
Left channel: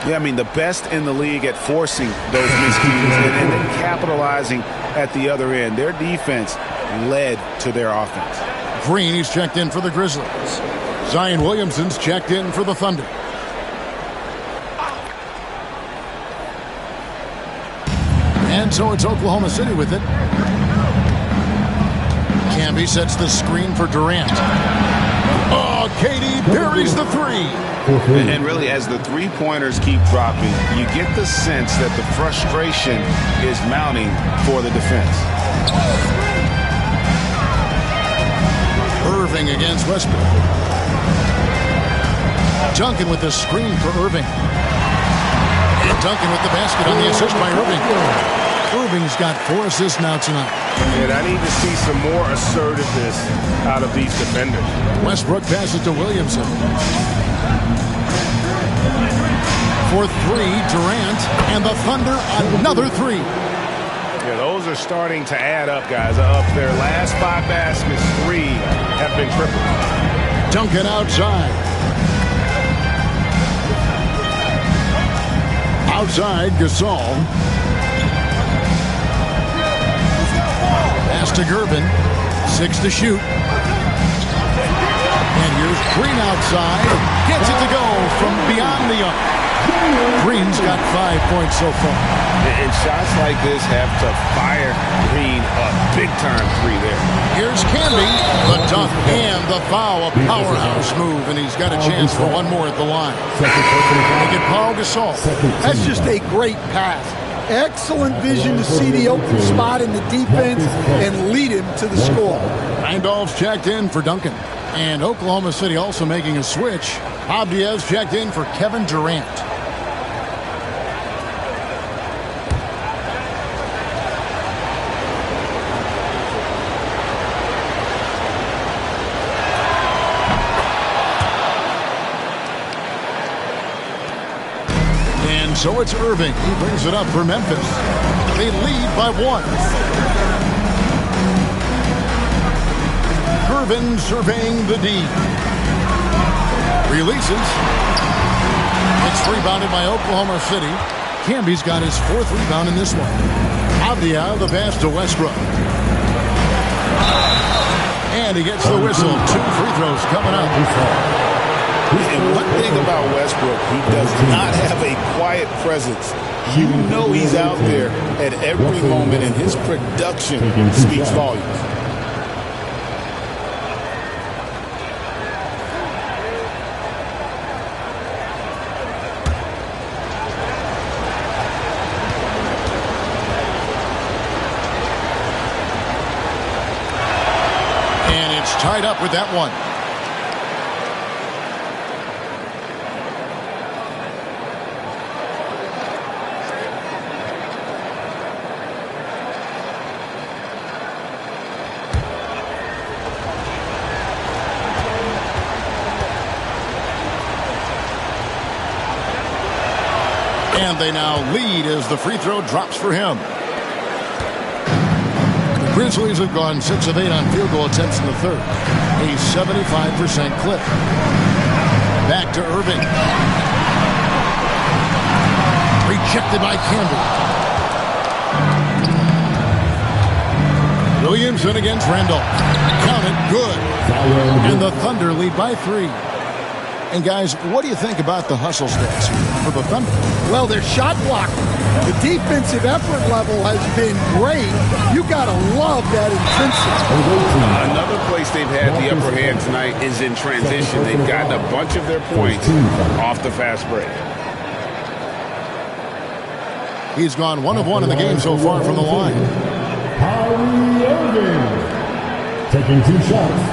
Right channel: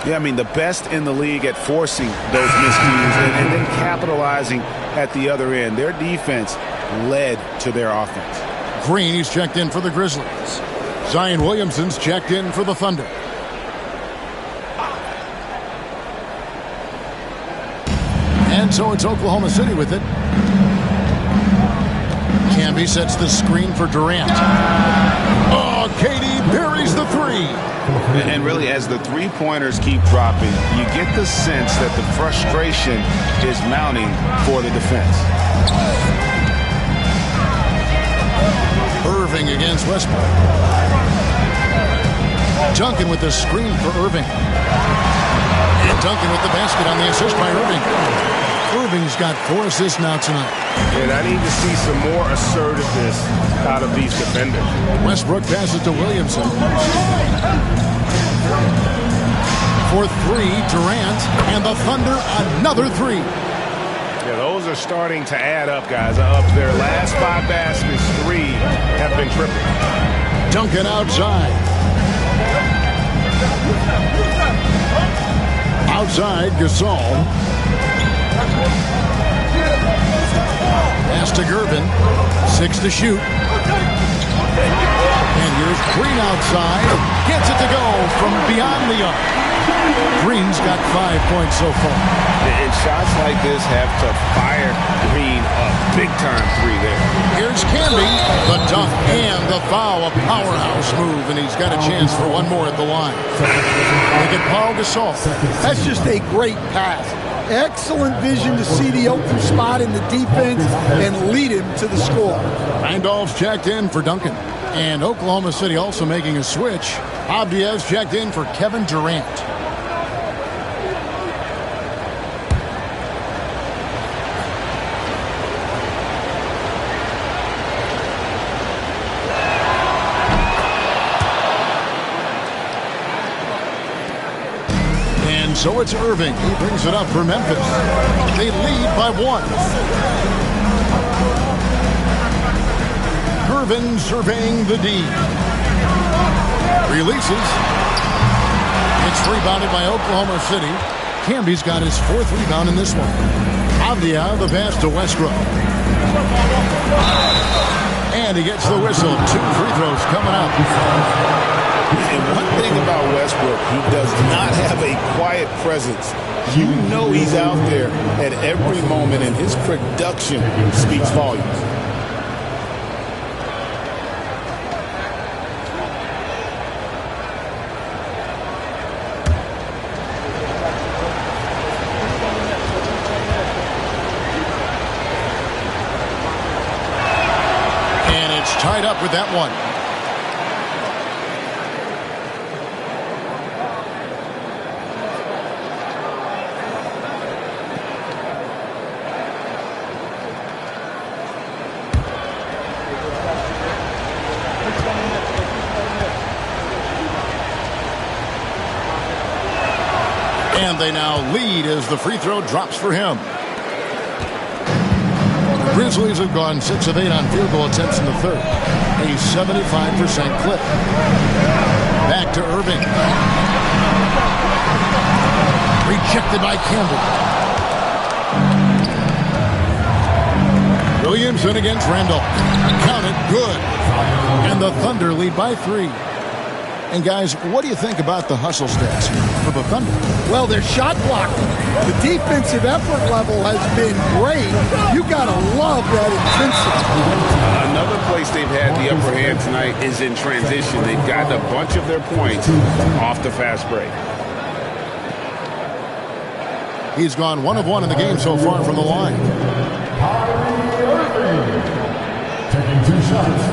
Yeah, I mean, the best in the league at forcing those miscues and then capitalizing at the other end. Their defense led to their offense. Green, he's checked in for the Grizzlies. Zion Williamson's checked in for the Thunder. And so it's Oklahoma City with it. Camby sets the screen for Durant. Oh, KD buries the three. And really, as the three-pointers keep dropping, you get the sense that the frustration is mounting for the defense. Irving against Westbrook. Duncan with the screen for Irving. And Duncan with the basket on the assist by Irving. Irving's got 4 assists now tonight. And I need to see some more assertiveness out of these defenders. Westbrook passes to Williamson. For 3, Durant. And the Thunder, another 3. Yeah, those are starting to add up, guys. Up their last 5 baskets, 3 have been triple. Duncan outside. Outside, Gasol. Pass to Gervin. 6 to shoot. And here's Green outside. Gets it to go from beyond the arc. Green's got 5 points so far. And shots like this have to fire Green a big-time 3 there. Here's Camby, the dunk and the foul, a powerhouse move, and he's got a chance for one more at the line. Look at Paul Gasol. That's just a great pass. Excellent vision to see the open spot in the defense and lead him to the score. Randolph's checked in for Duncan. And Oklahoma City also making a switch. Abdiaz checked in for Kevin Durant. So it's Irving. He brings it up for Memphis. They lead by 1. Gervin surveying the D. Releases. It's rebounded by Oklahoma City. Camby's got his 4th rebound in this one. Avdia, the pass to Westbrook. And he gets the whistle. 2 free throws coming up. And one thing about Westbrook, he does not have a quiet presence. You know he's out there at every moment, and his production speaks volumes. And it's tied up with that one. And they now lead as the free throw drops for him. The Grizzlies have gone 6 of 8 on field goal attempts in the third. A 75% clip. Back to Irving. Rejected by Camby. Williamson against Randolph. Count it, good. And the Thunder lead by 3. And guys, what do you think about the hustle stats here for the Thunder? Well, their shot blocking. The defensive effort level has been great. You got to love that intensity. Another place they've had the upper hand tonight is in transition. They've gotten a bunch of their points off the fast break. He's gone 1 of 1 in the game so far from the line. Kyrie Irving taking 2 shots.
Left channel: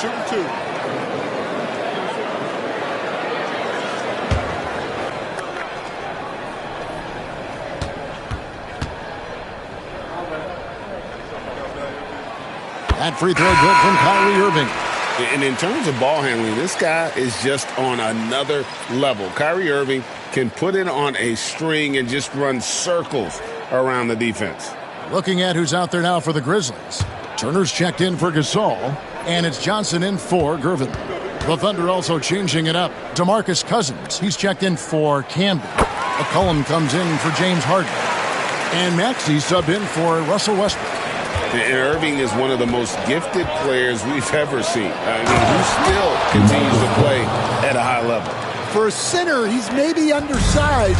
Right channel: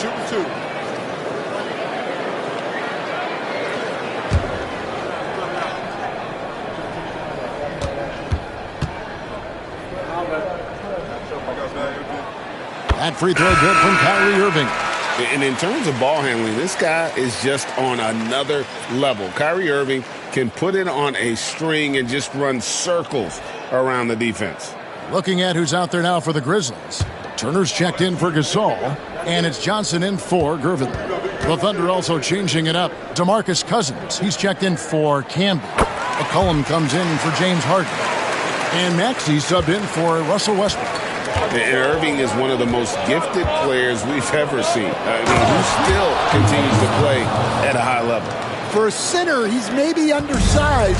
Shooting 2. That free throw good from Kyrie Irving. And in terms of ball handling, this guy is just on another level. Kyrie Irving can put it on a string and just run circles around the defense. Looking at who's out there now for the Grizzlies. Turner's checked in for Gasol, and it's Johnson in for Gervin. The Thunder also changing it up. DeMarcus Cousins, he's checked in for Camby. McCollum comes in for James Harden. And Maxey subbed in for Russell Westbrook. And Irving is one of the most gifted players we've ever seen. I mean, he still continues to play at a high level. For a center, he's maybe undersized,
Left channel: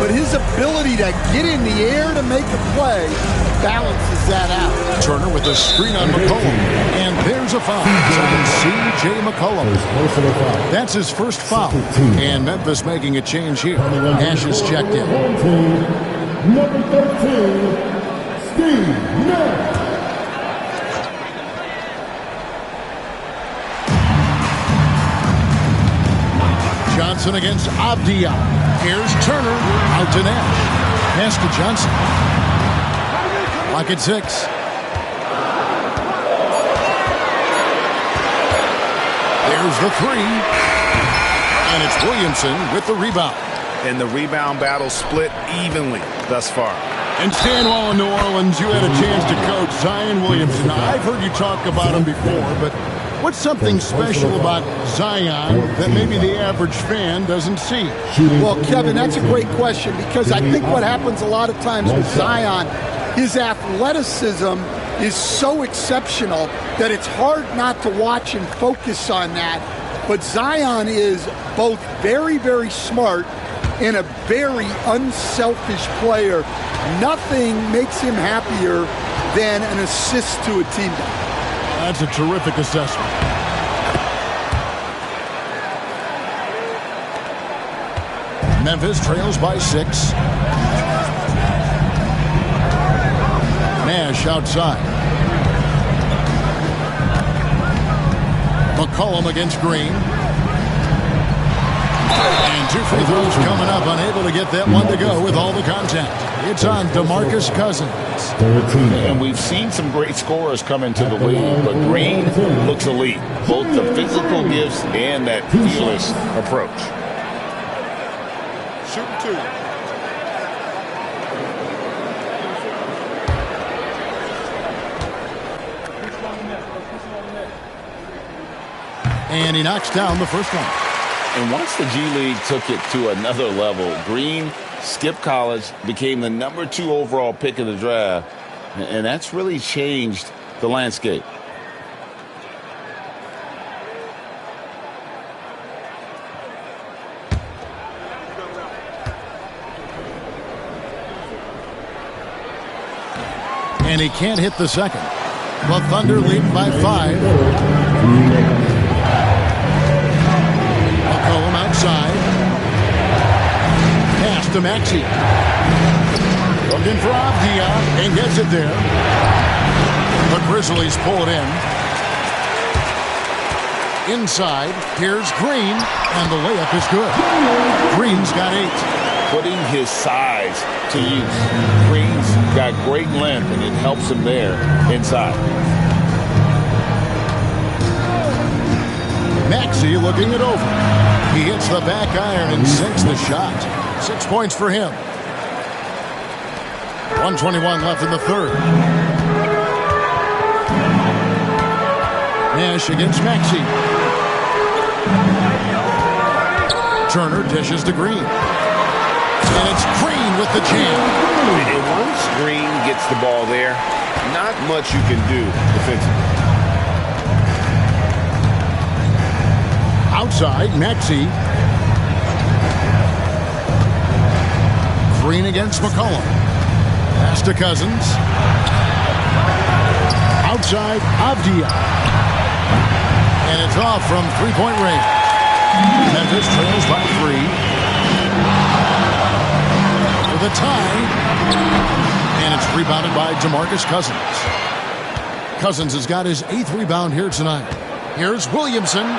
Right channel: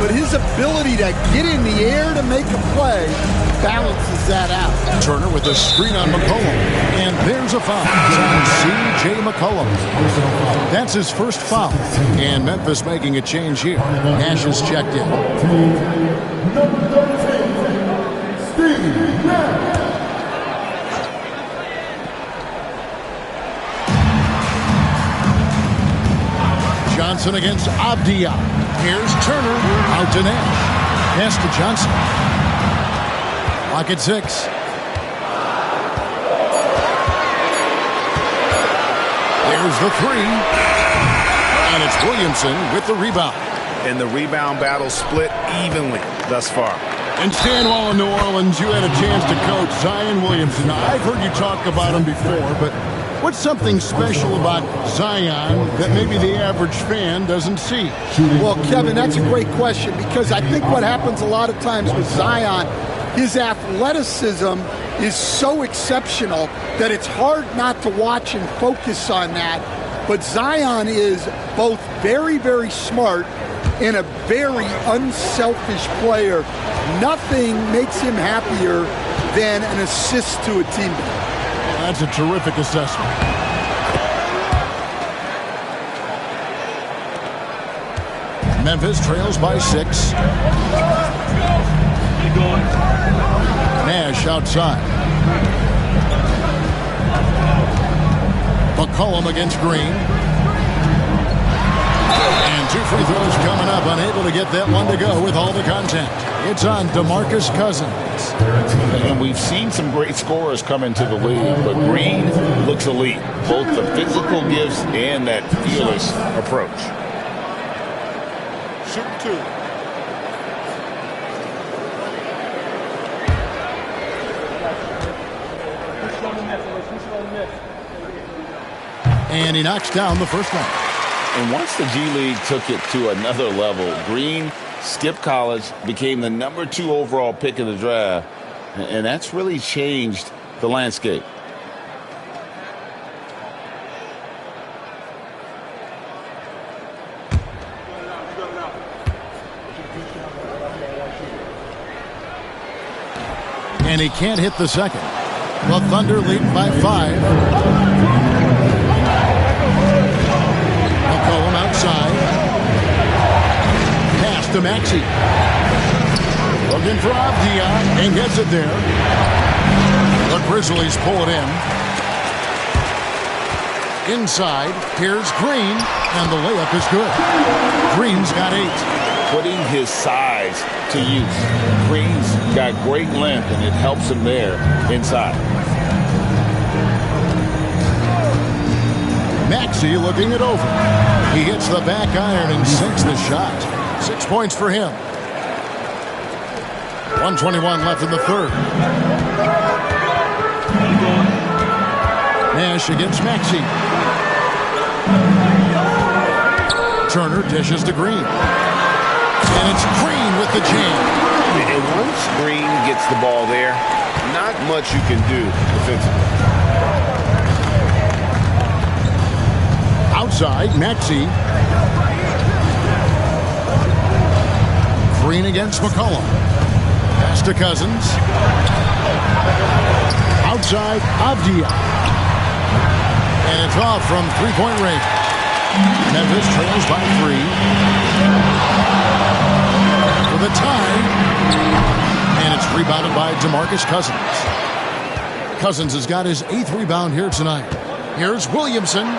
but his ability to get in the air to make a play balances that out. Turner with a screen on McCollum. And there's a foul on C.J. McCollum. That's his first foul. And Memphis making a change here. Nash is checked in. Number 13, Steve Nash. Johnson against Avdia. Here's Turner. Out to Nash. Pass to Johnson. Lock at 6. There's the 3. And it's Williamson with the rebound. And the rebound battle split evenly thus far. And staying while in New Orleans, you had a chance to coach Zion Williamson. Now, I've heard you talk about him before, but what's something special about Zion that maybe the average fan doesn't see? Well, Kevin, that's a great question, because I think what happens a lot of times with Zion, his athleticism is so exceptional that it's hard not to watch and focus on that. But Zion is both very, very smart and a very unselfish player. Nothing makes him happier than an assist to a teammate. That's a terrific assessment. Memphis trails by 6. Nash outside. McCollum against Green. And 2 free throws coming up. Unable to get that one to go with all the contact. It's on DeMarcus Cousins. And we've seen some great scorers come into the league, but Green looks elite. Both the physical gifts and that fearless approach. Shooting 2. And he knocks down the first one. And once the G League took it to another level, Green skipped college, became the number 2 overall pick in the draft, and that's really changed the landscape. And he can't hit the second. The Thunder lead by 5. McCollum outside. Pass to Maxey. Looking for Avdia and gets it there. The Grizzlies pull it in. Inside, here's Green, and the layup is good. Green's got 8. Putting his size to use. Green's got great length, and it helps him there inside. Maxey looking it over. He hits the back iron and sinks the shot. 6 points for him. 1:21 left in the third. Nash against Maxey. Turner dishes to Green. And it's Green with the jam. And once Green gets the ball there, not much you can do defensively. Outside, Maxey. Green against McCollum. Pass to Cousins. Outside, Avdia. And it's off from three-point range. Memphis trails by 3. For the tie. And it's rebounded by DeMarcus Cousins. Cousins has got his 8th rebound here tonight. Here's Williamson.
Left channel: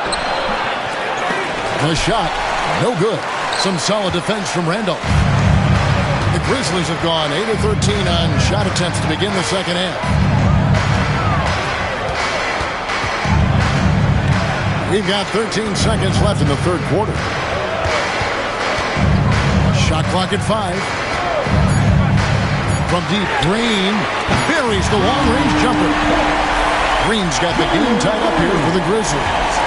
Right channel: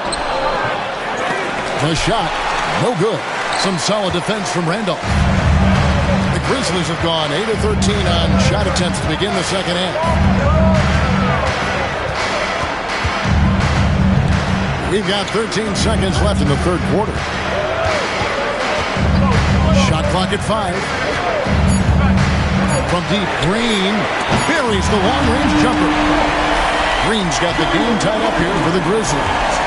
The shot, no good. Some solid defense from Randolph. The Grizzlies have gone 8 of 13 on shot attempts to begin the second half. We've got 13 seconds left in the third quarter. Shot clock at 5. From deep, Green buries the long-range jumper. Green's got the game tied up here for the Grizzlies.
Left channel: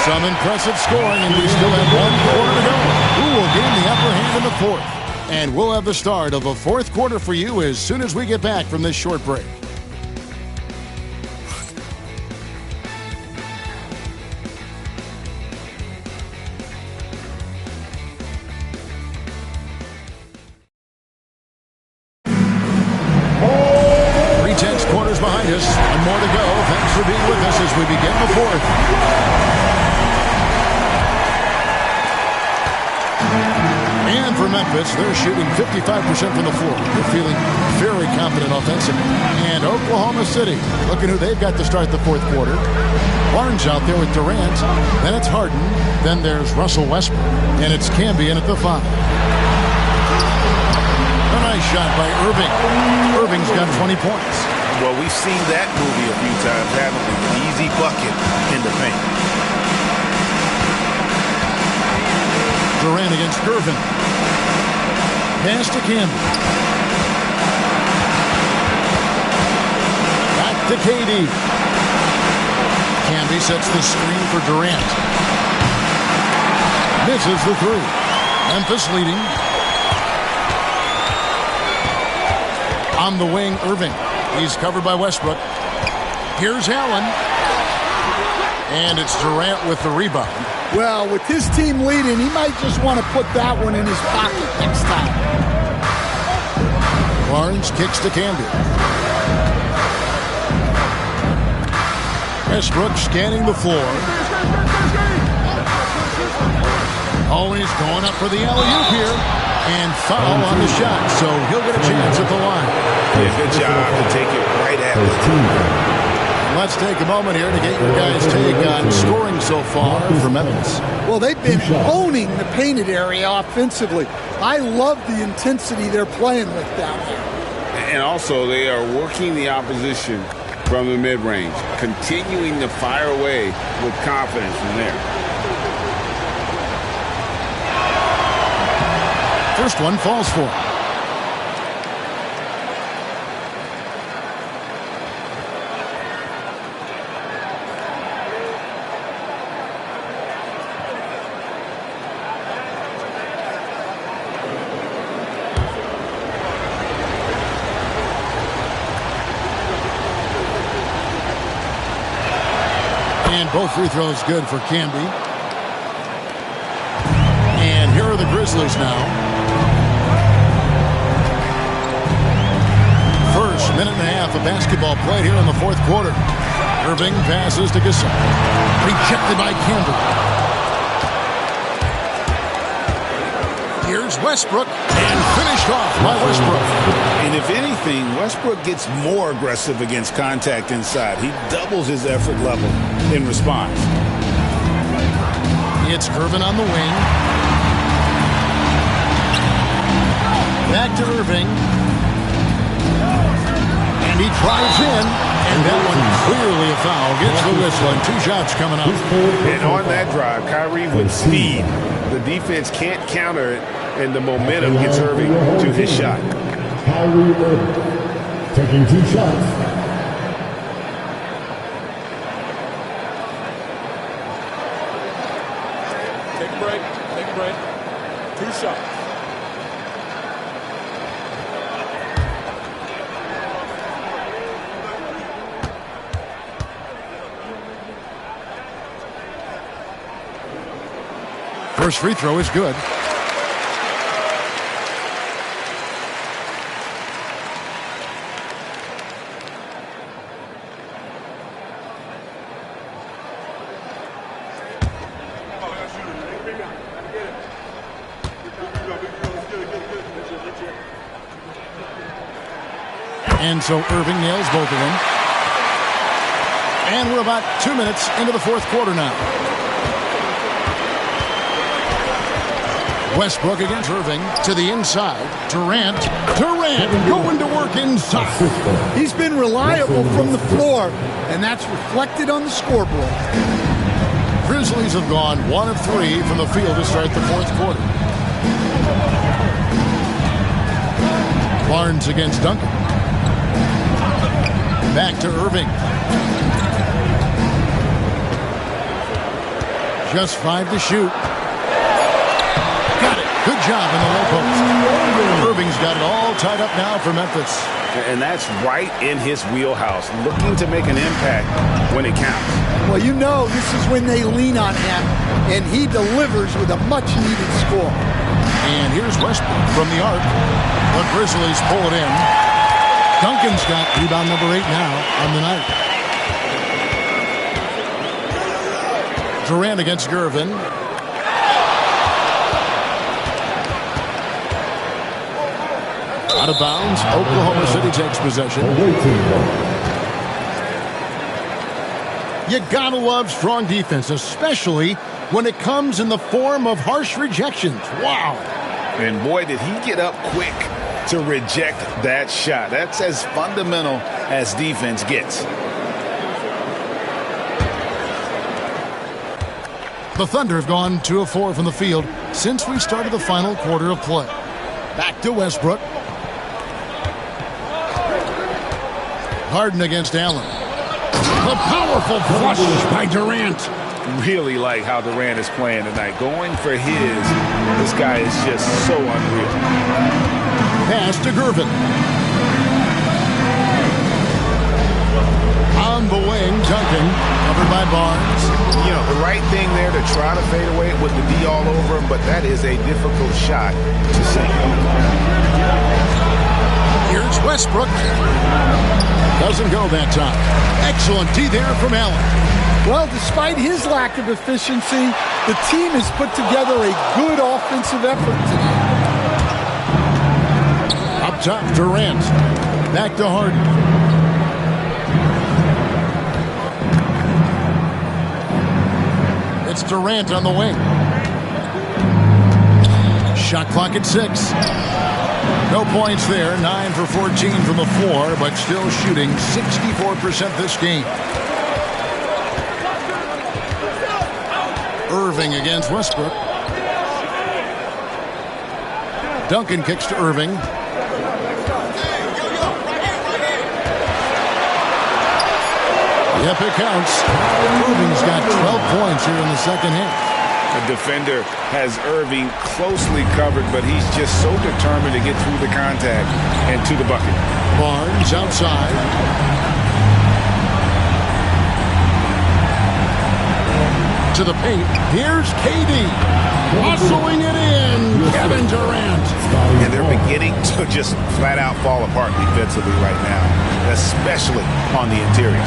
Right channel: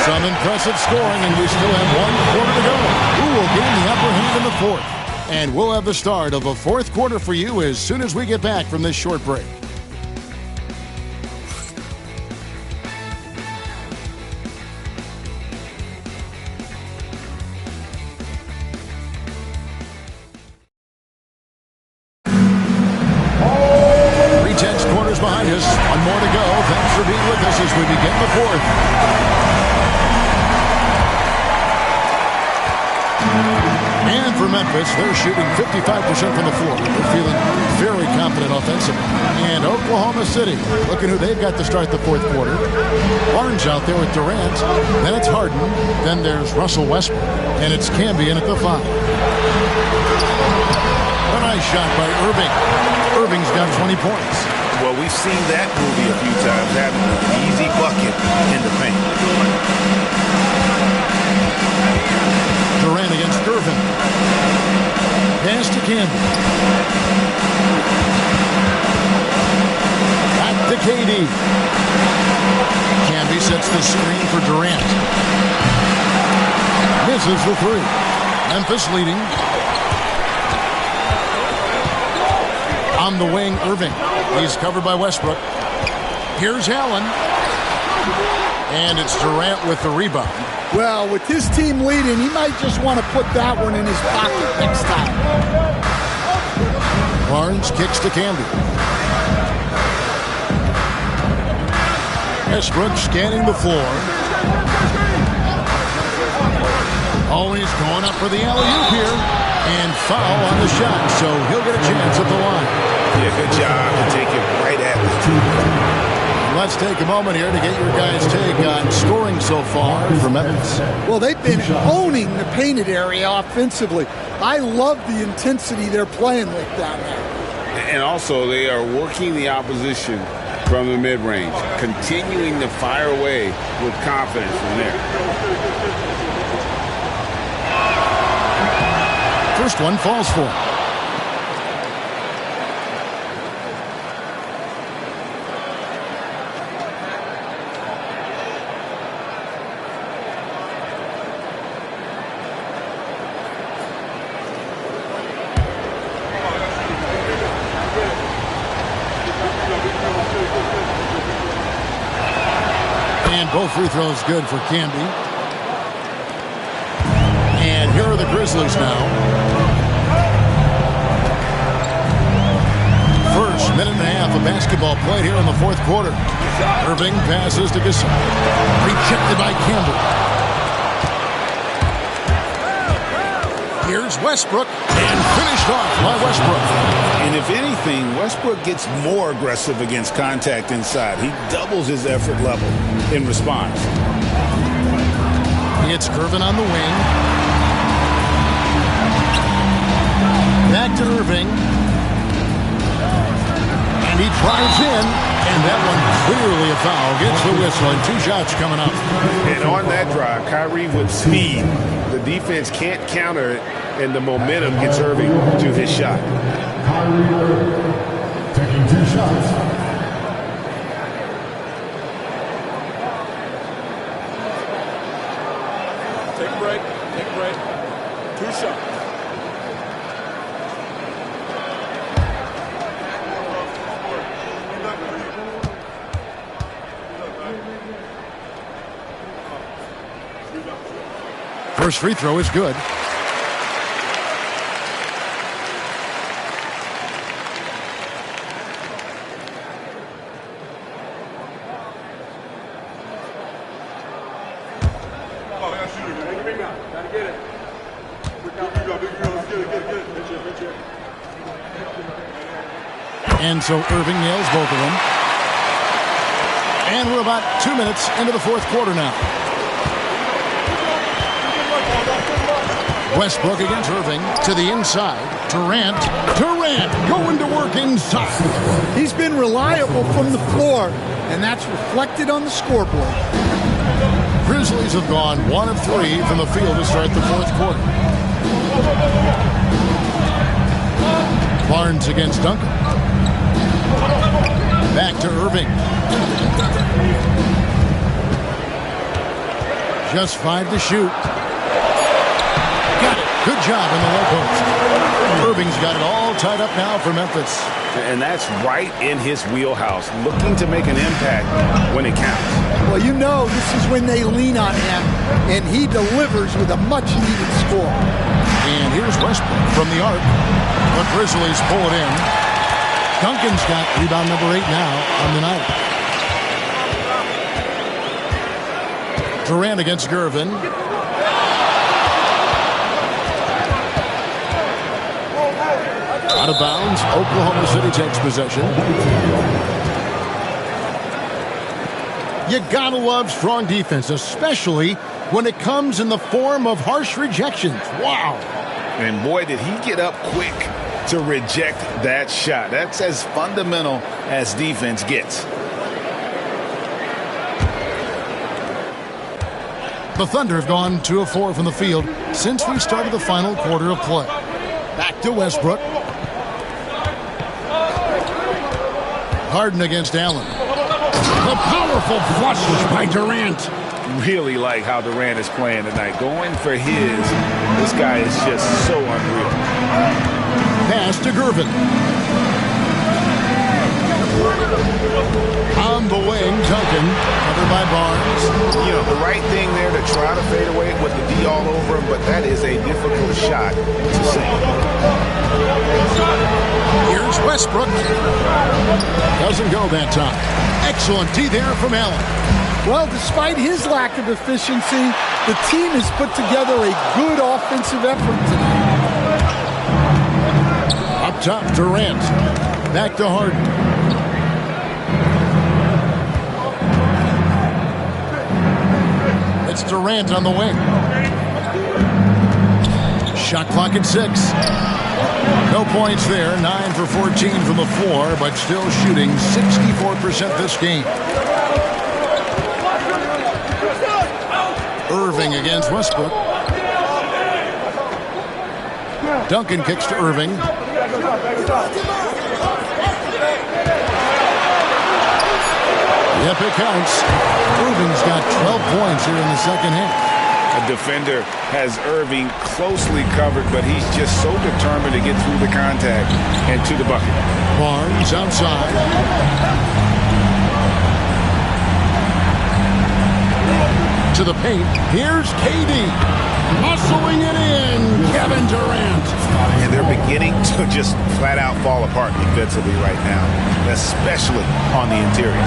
Some impressive scoring, and we still have 1 quarter to go. Who will gain the upper hand in the fourth? And we'll have the start of the fourth quarter for you as soon as we get back from this short break. Quarters behind us. 1 more to go. Thanks for being with us as we begin the fourth. And for Memphis, they're shooting 55% from the floor. They're feeling very confident offensively. And Oklahoma City, looking who they've got to start the fourth quarter. Barnes out there with Durant. Then it's Harden. Then there's Russell Westbrook. And it's Camby in at the 5. A nice shot by Irving. Irving's got 20 points. Well, we've seen that movie a few times, haven't we? An easy bucket in the paint. Durant against Gervin. Pass to Camby. Back to KD. Camby sets the screen for Durant. Misses the 3. Memphis leading. On the wing, Irving. He's covered by Westbrook. Here's Allen. And it's Durant with the rebound. Well, with his team leading, he might just want to put that one in his pocket next time. Barnes kicks to Camby. Westbrook scanning the floor. Always going up for the alley-oop here. And foul on the shot, so he'll get a chance at the line. Yeah, good job to take it right at the team. Let's take a moment here to get your guys' take on scoring so far for Memphis. Well, they've been owning the painted area offensively. I love the intensity they're playing with down there. And also, they are working the opposition from the mid-range, continuing to fire away with confidence from there. First one falls for him. And both free throws good for Camby. And here are the Grizzlies now. First minute and a half of basketball played here in the fourth quarter. Irving passes to Gasol. Rejected by Camby. Here's Westbrook. And finished off by Westbrook. And if anything, Westbrook gets more aggressive against contact inside. He doubles his effort level in response. It's Gervin on the wing. Back to Irving. And he drives in. And that one clearly a foul. Gets the whistle and 2 shots coming up. And on that drive, Kyrie with speed. The defense can't counter it. And the momentum gets Irving to his shot. Kyrie Irving taking 2 shots. Take a break. Take a break. 2 shots. First free throw is good. And so Irving nails both of them. And we're about 2 minutes into the fourth quarter now. Westbrook against Irving to the inside. Durant going to work inside. He's been reliable from the floor, and that's reflected on the scoreboard. Grizzlies have gone 1 of 3 from the field to start the fourth quarter. Barnes against Duncan. Back to Irving. Just 5 to shoot. Got it. Good job in the low post. Irving's got it all tied up now for Memphis. And that's right in his wheelhouse, looking to make an impact when it counts. Well, you know this is when they lean on him, and he delivers with a much-needed score. And here's Westbrook from the arc. The Grizzlies pull it in. Duncan's got rebound number 8 now on the night. Durant against Gervin. Out of bounds. Oklahoma City takes possession. You gotta love strong defense, especially when it comes in the form of harsh rejections. Wow. And boy, did he get up quick to reject that shot. That's as fundamental as defense gets. The Thunder have gone 2 of 4 from the field since we started the final quarter of play. Back to Westbrook. Harden against Allen. The powerful flush by Durant. Really like how Durant is playing tonight. Going for his. This guy is just so unreal. Pass to Gervin. On the wing, Duncan, covered by Barnes. You know, the right thing there to try to fade away with the D all over him, but that is a difficult shot to sink. Here's Westbrook. Doesn't go that time. Excellent D there from Allen. Well, despite his lack of efficiency, the team has put together a good offensive effort tonight. Up top, Durant. Back to Harden. It's Durant on the wing. Shot clock at 6. No points there. 9 for 14 from the floor, but still shooting 64% this game. Irving against Westbrook. Duncan kicks to Irving. Yep, it counts. Irving's got 12 points here in the second half. A defender has Irving closely covered, but he's just so determined to get through the contact and to the bucket. Barnes outside. To the paint. Here's KD. Muscling it in. Kevin Durant. And they're beginning to just flat out fall apart defensively right now, especially on the interior.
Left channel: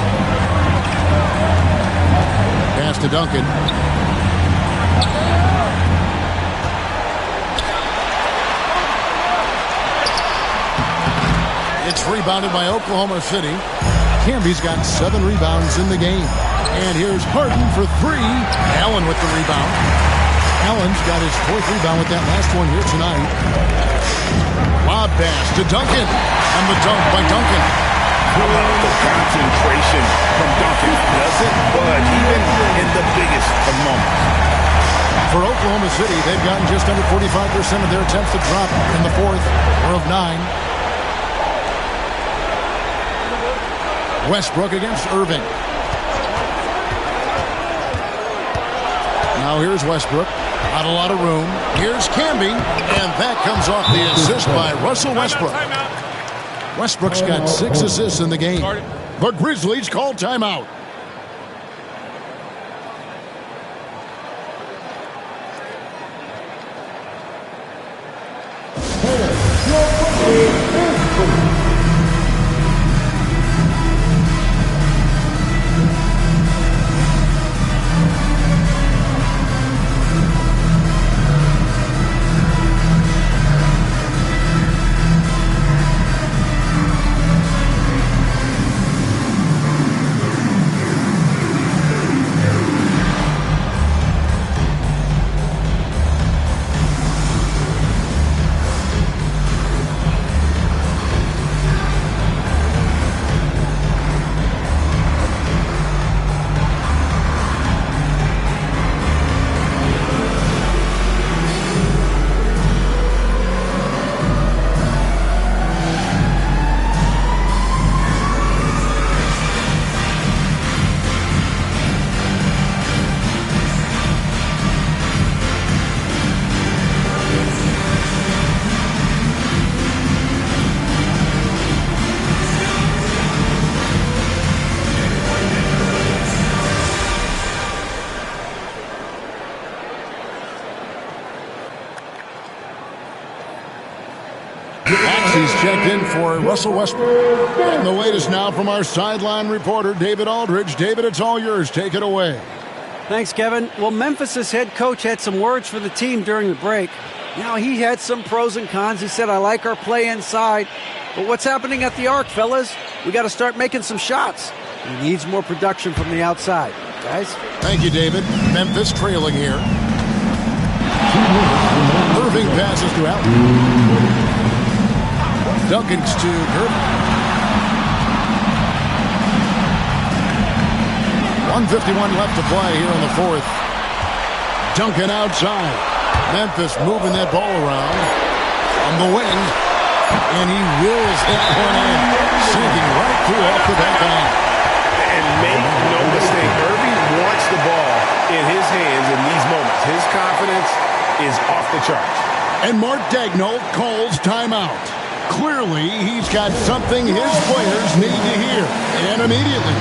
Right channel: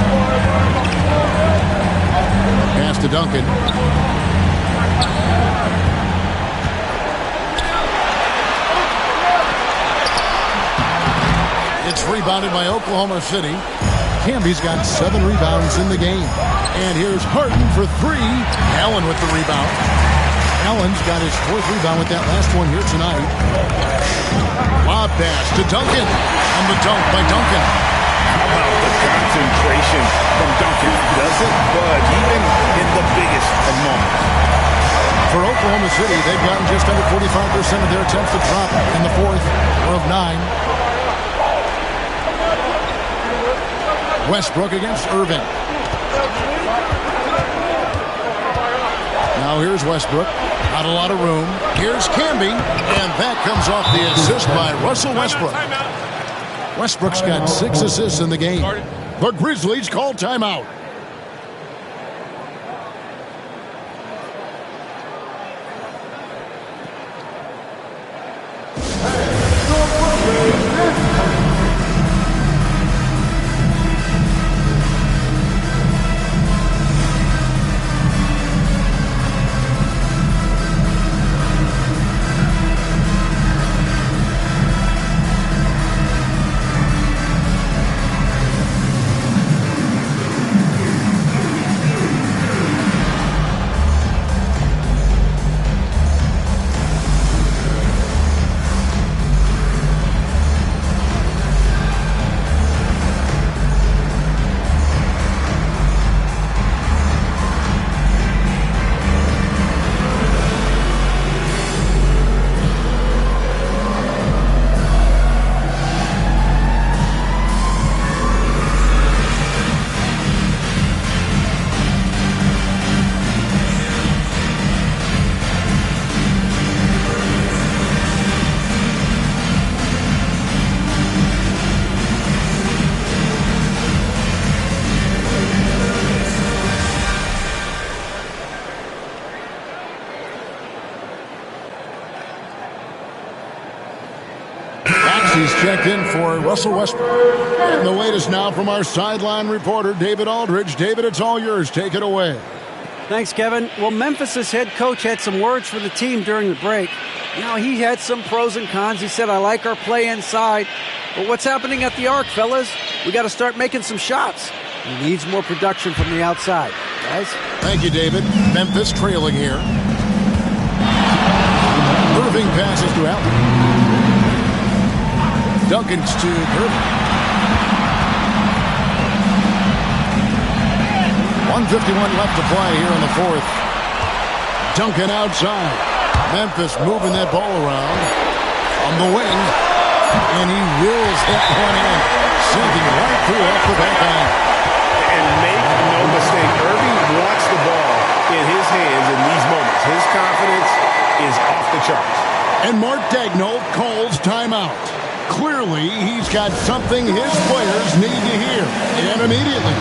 Pass to Duncan. It's rebounded by Oklahoma City. Camby's got 7 rebounds in the game. And here's Harden for 3. Allen with the rebound. Allen's got his 4th rebound with that last one here tonight. Lob pass to Duncan. On the dunk by Duncan. How about the concentration from Duncan? Doesn't budge, even in the biggest of moments. For Oklahoma City, they've gotten just under 45% of their attempts to drop in the 4th. 4 of 9. Westbrook against Irving. Now here's Westbrook. Not a lot of room. Here's Camby. And that comes off the assist by Russell Westbrook. Westbrook's got 6 assists in the game. The Grizzlies call timeout. He's checked in for Russell Westbrook. And the latest now from our sideline reporter, David Aldridge. David, it's all yours. Take it away. Thanks, Kevin. Well, Memphis' head coach had some words for the team during the break. You know, he had some pros and cons. He said, I like our play inside. But what's happening at the arc, fellas? We got to start making some shots. He needs more production from the outside. Guys? Thank you, David. Memphis trailing here. Irving passes to Allen. Duncans to Kirby. 1:51 left to play here in the fourth. Duncan outside. Memphis moving that ball around from the wing. And he wills that one in. Sinking right through off the back iron. And make no mistake, Irving wants the ball in his hands in these moments. His confidence is off the charts. And Mark Daigneault calls timeout. Clearly, he's got something his players need to hear. And immediately.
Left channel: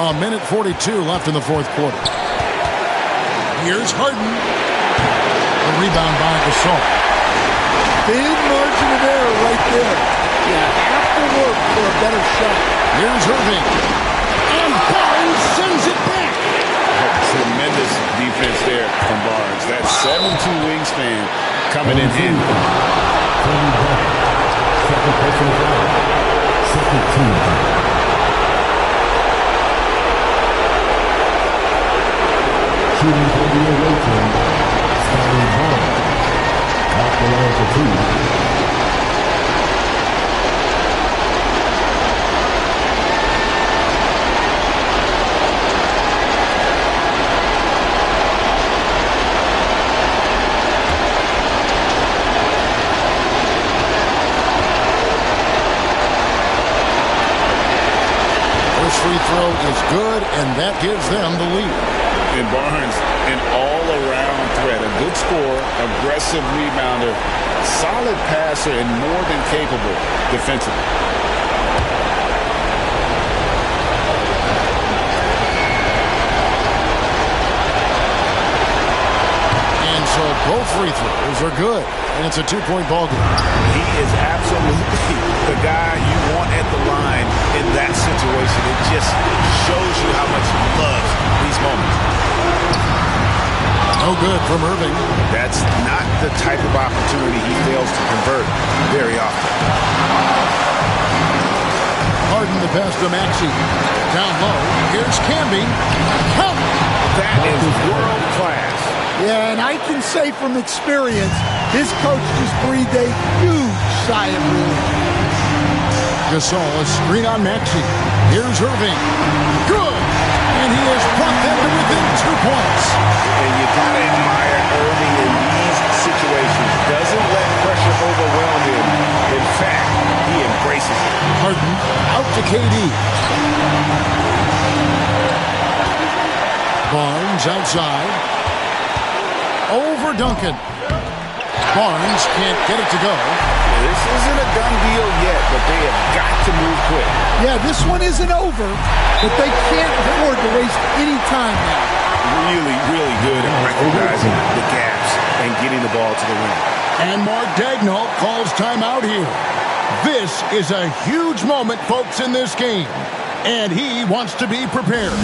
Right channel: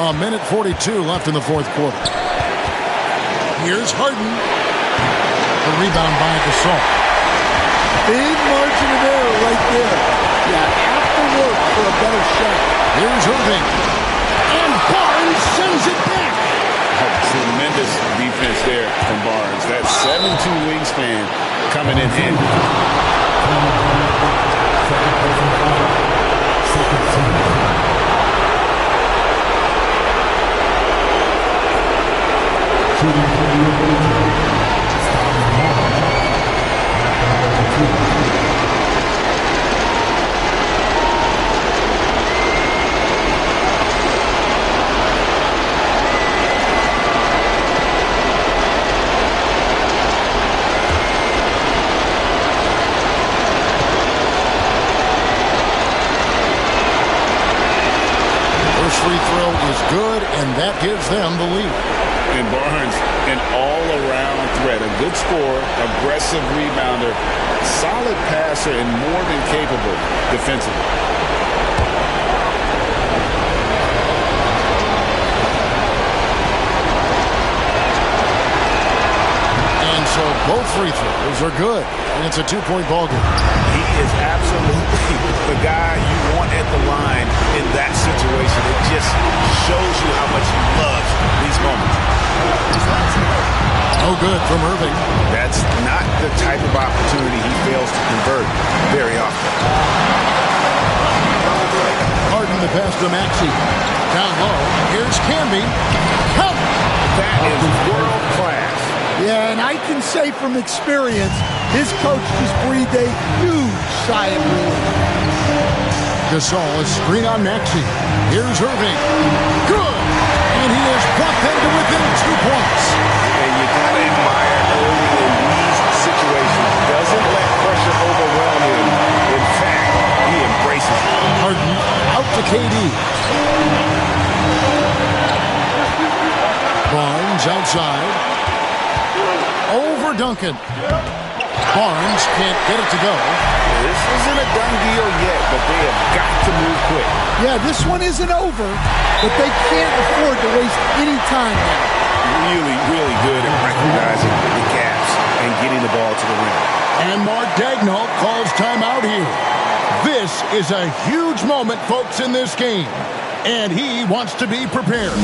A minute 42 left in the fourth quarter. Here's Harden. The rebound by Gasol. Big margin of error right there. Yeah, have to work for a better shot. Here's Irving. And Barnes sends it back. Oh, tremendous defense there from Barnes. That 7'2" wingspan coming in handy. Second person foul. Second team. Shooting for the away team, starting hard. Back to 2. First free throw is good, and that gives them the lead. And Barnes, an all-around threat, a good scorer, aggressive rebounder, solid passer, and more than capable defensively. And so both free throws are good, and it's a 2-point ball game. He is absolutely the guy you want at the line in that situation. It just shows you how much he loves these moments. No good from Irving. That's not the type of opportunity he fails to convert very often. Harden the pass to Maxey. Down low. Here's Camby. Count. That is world class. Yeah, and I can say from experience, his coach just breathed a huge sigh of relief. Gasol, a screen on Maxey. Here's Irving. Good. And he has brought them to within 2 points. And you got to admire Irving in these situations. Doesn't let pressure overwhelm him. In fact, he embraces it. Harden out to KD. Barnes outside. over Duncan. Barnes can't get it to go. Yeah, this isn't a done deal yet, but they have got to move quick. Yeah, this one isn't over, but they can't afford to waste any time now. Really, really good at recognizing the gaps and getting the ball to the rim. And Mark Daigneault calls timeout here. This is a huge moment, folks, in this game. And he wants to be prepared.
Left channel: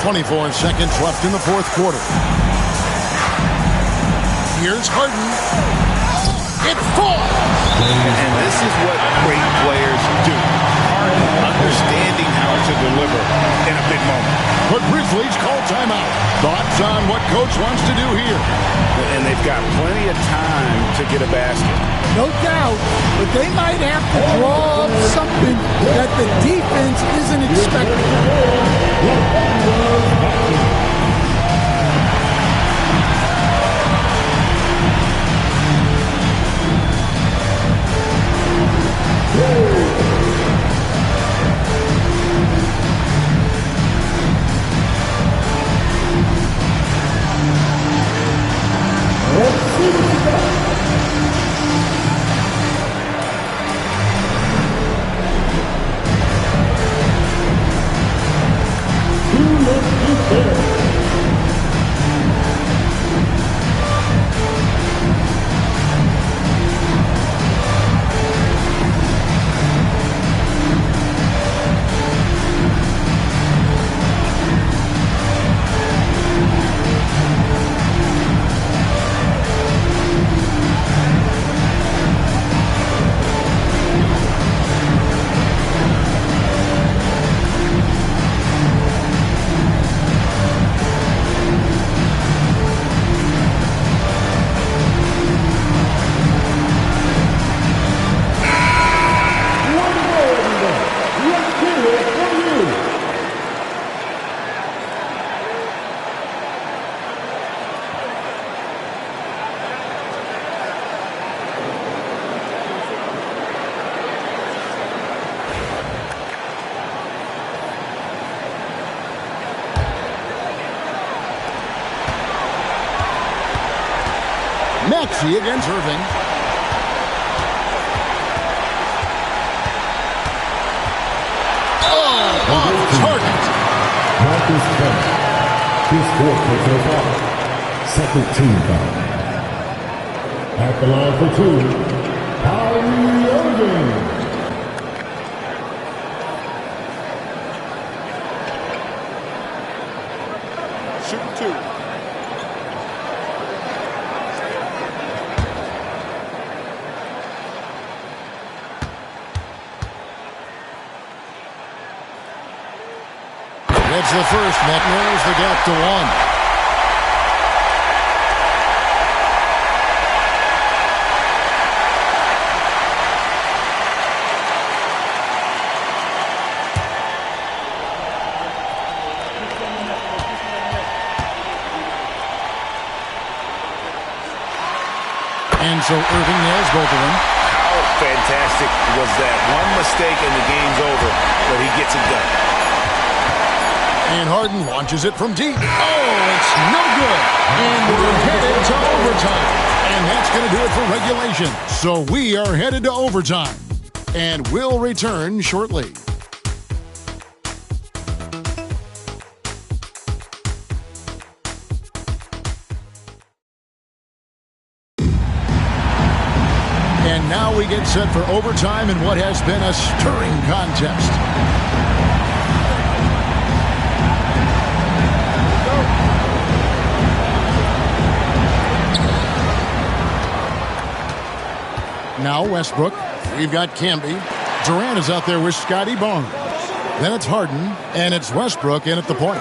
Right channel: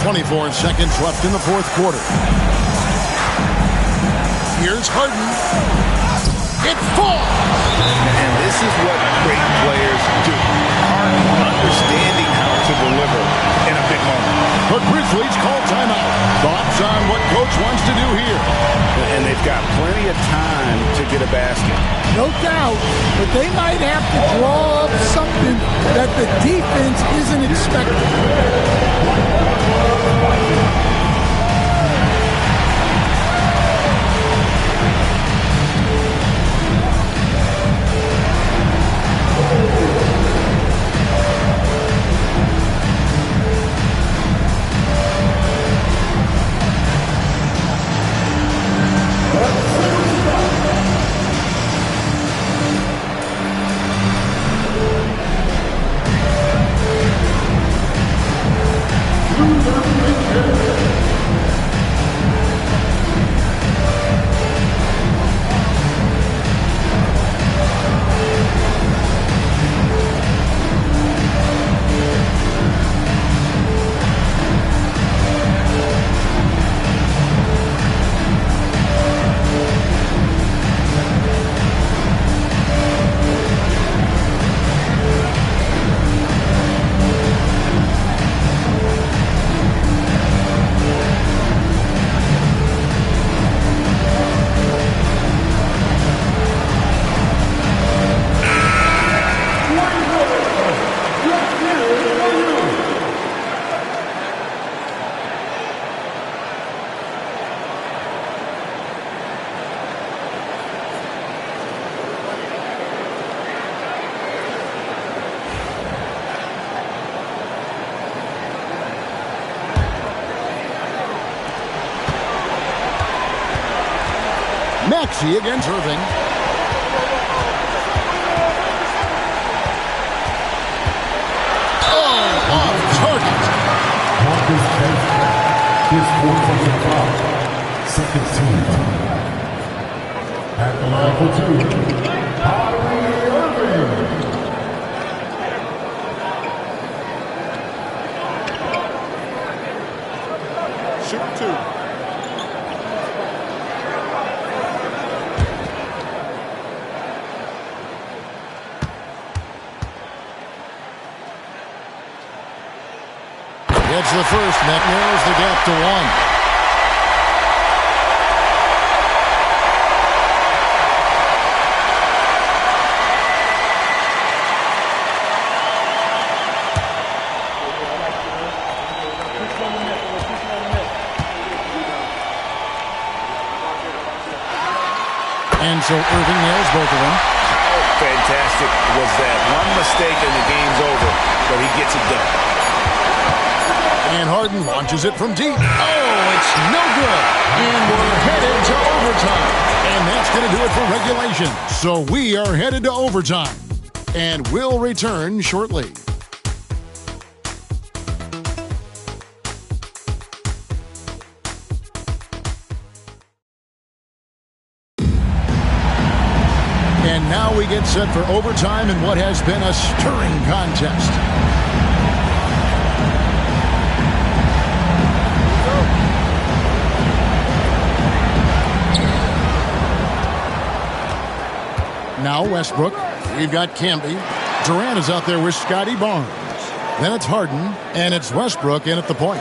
.24 seconds left in the fourth quarter. Here's Harden. It falls! And this is what great players do. Harden understanding how to deliver in a big moment. The Grizzlies call timeout. Thoughts on what Coach wants to do here? And they've got plenty of time to get a basket. No doubt, but they might have to draw up something that the defense isn't expecting. Maxey against Irving. Oh, off target. Marcus Kemp. His fourth personal foul. Second team foul. At the line for two, Kyrie Irving. Shooting two. Gets the first. That narrows the gap to one. And so Irving nails both of them. How fantastic was that? One mistake and the game's over, but he gets it done. And Harden launches it from deep. Oh, it's no good. And we're headed to overtime. And that's going to do it for regulation. So we are headed to overtime. And we'll return shortly. And now we get set for overtime in what has been a stirring contest. Now Westbrook. We've got Camby. Durant is out there with Scotty Barnes. Then it's Harden, and it's Westbrook in at the point.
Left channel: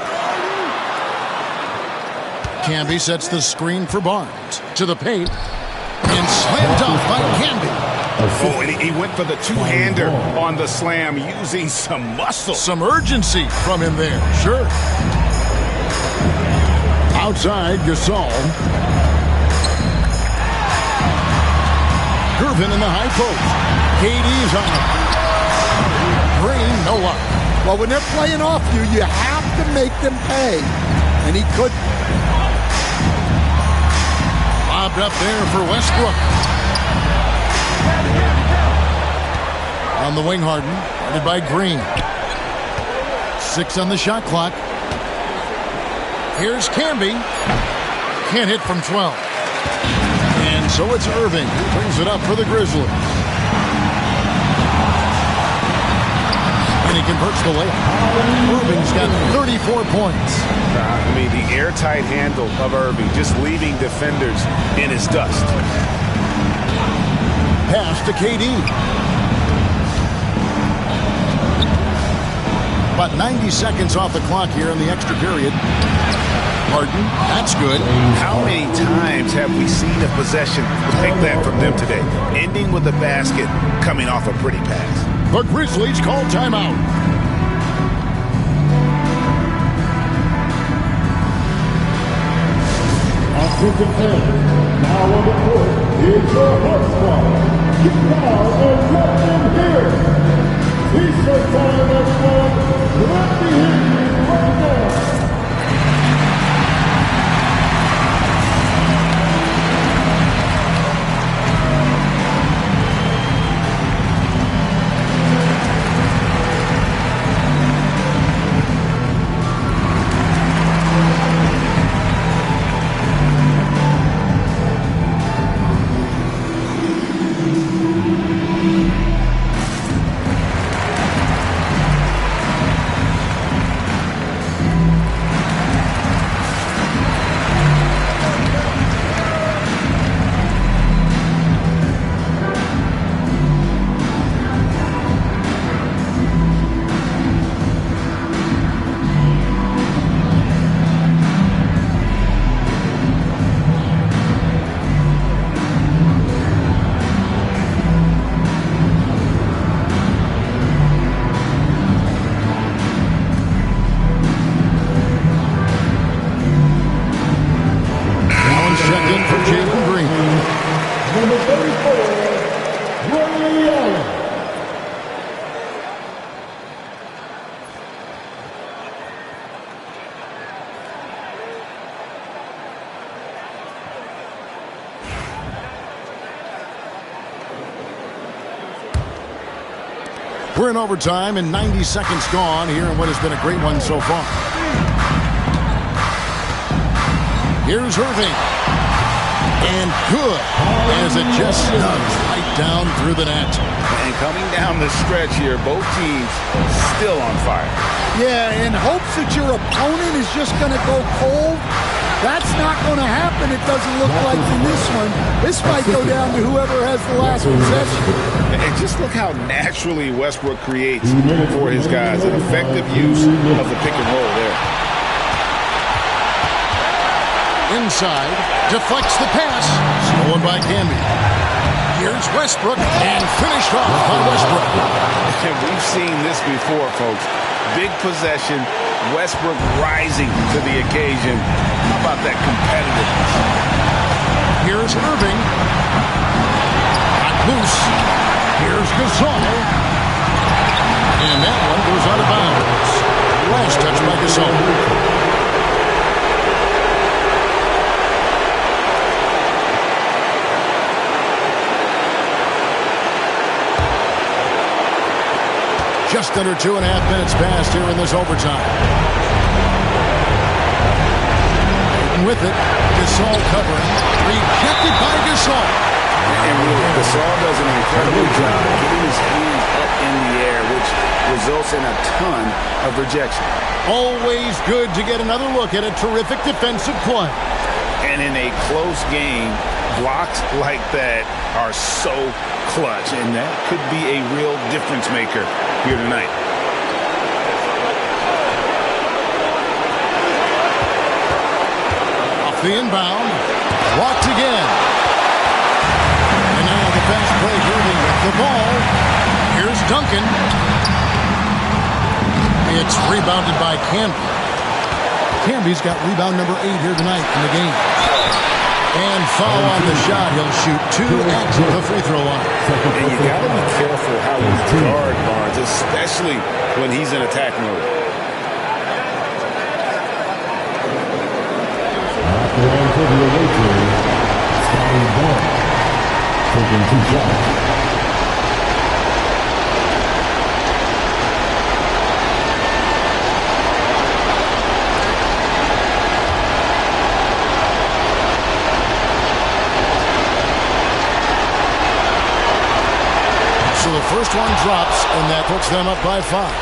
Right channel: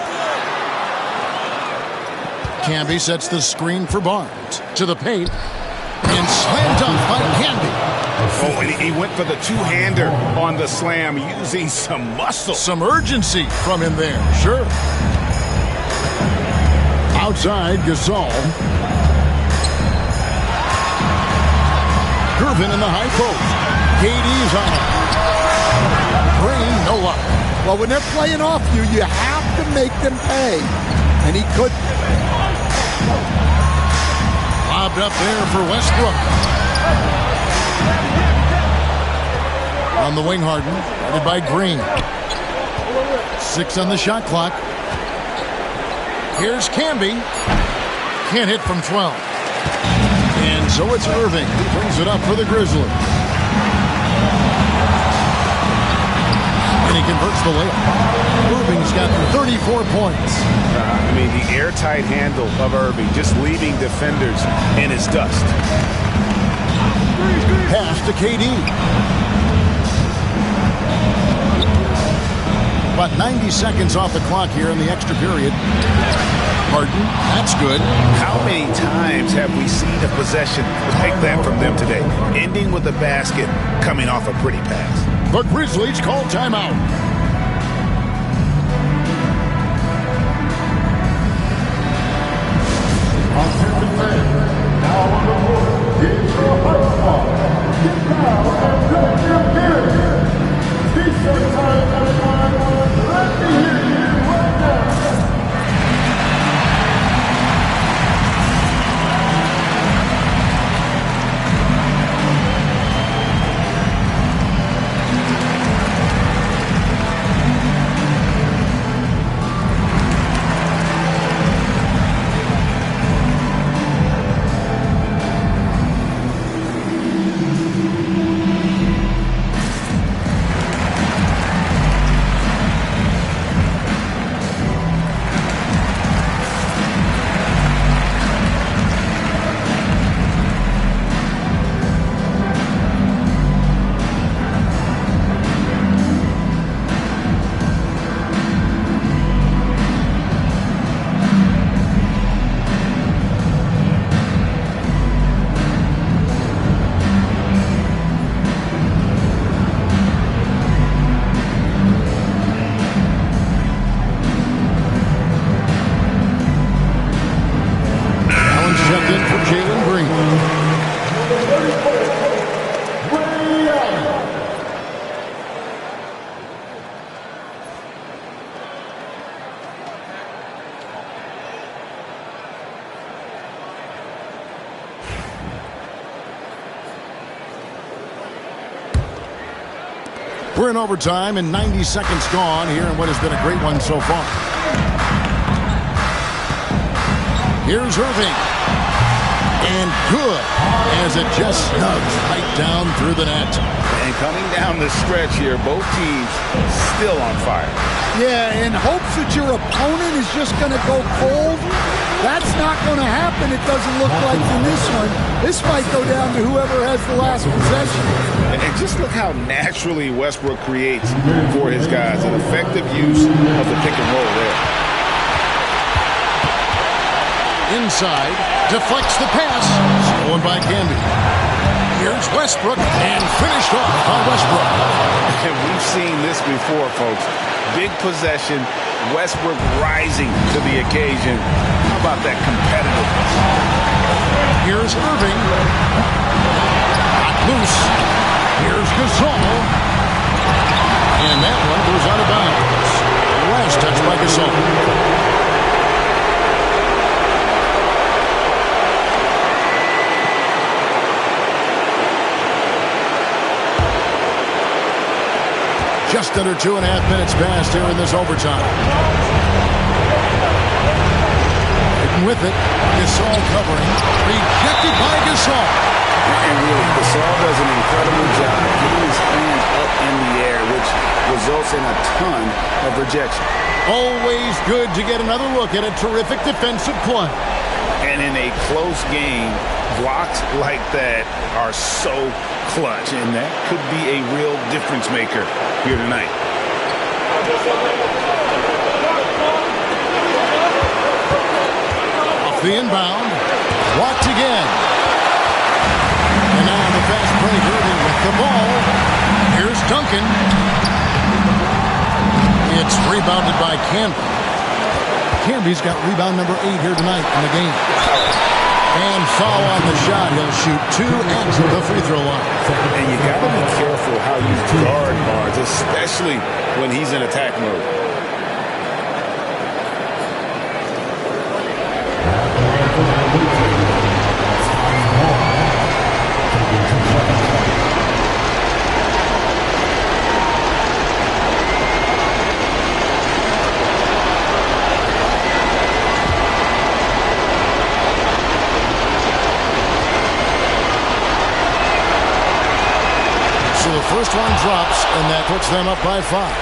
Camby sets the screen for Barnes. To the paint. And slammed up by Camby. Oh, and he went for the two-hander on the slam using some muscle. Some urgency from him there, sure. Outside, Gasol. Gervin in the high post. KD's on him. Green, no luck. Well, when they're playing off you, you have to make them pay. And he couldn't. Lobbed up there for Westbrook. On the wing, Harden. Guarded by Green. 6 on the shot clock. Here's Camby. Can't hit from 12. And so it's Irving who brings it up for the Grizzlies. And he converts the layup. Irving's got 34 points. I mean, the airtight handle of Irving, just leaving defenders in his dust. Pass to KD. About 90 seconds off the clock here in the extra period. Harden, that's good. How many times have we seen a possession like that from them today? Ending with a basket, coming off a pretty pass. The Grizzlies call timeout. Now on the court is your high squad. Get down and let them hear it. T-shirt time, everyone. Let me hear you right now. Checked in for Jalen Green. Number 34, Ray Allen. We're in overtime and 90 seconds gone here in what has been a great one so far. Here's Irving. And good, as it just snugs right down through the net. And coming down the stretch here, both teams still on fire. Yeah, in hopes that your opponent is just going to go cold. That's not going to happen, it doesn't look like in this one. This might go down to whoever has the last possession. And just look how naturally Westbrook creates for his guys. An effective use of the pick and roll there. Inside, deflects the pass. Stolen by Camby. Here's Westbrook, and finished off by Westbrook. And we've seen this before, folks. Big possession, Westbrook rising to the occasion. How about that competitiveness? Here's Irving. Not loose. Here's Gasol. And that one goes out of bounds. Last touch by Gasol. Just under 2.5 minutes passed here in this overtime. Hitting with it. Gasol covering. Rejected by Gasol. And really, Gasol does an incredible job getting his hands up in the air, which results in a ton of rejection. Always good to get another look at a terrific defensive play. And in a close game, blocks like that are so clutch, and that could be a real difference maker here tonight. Off the inbound, blocked again. And now the fast break, Irving with the ball. Here's Duncan. It's rebounded by Camby. Camby's got rebound number 8 here tonight in the game. And foul on the shot. He'll shoot 2 at the free throw line. And you got to be careful how you guard Barnes, especially when he's in attack mode. Taking 2 shots. So the first one drops, and that puts them up by 5.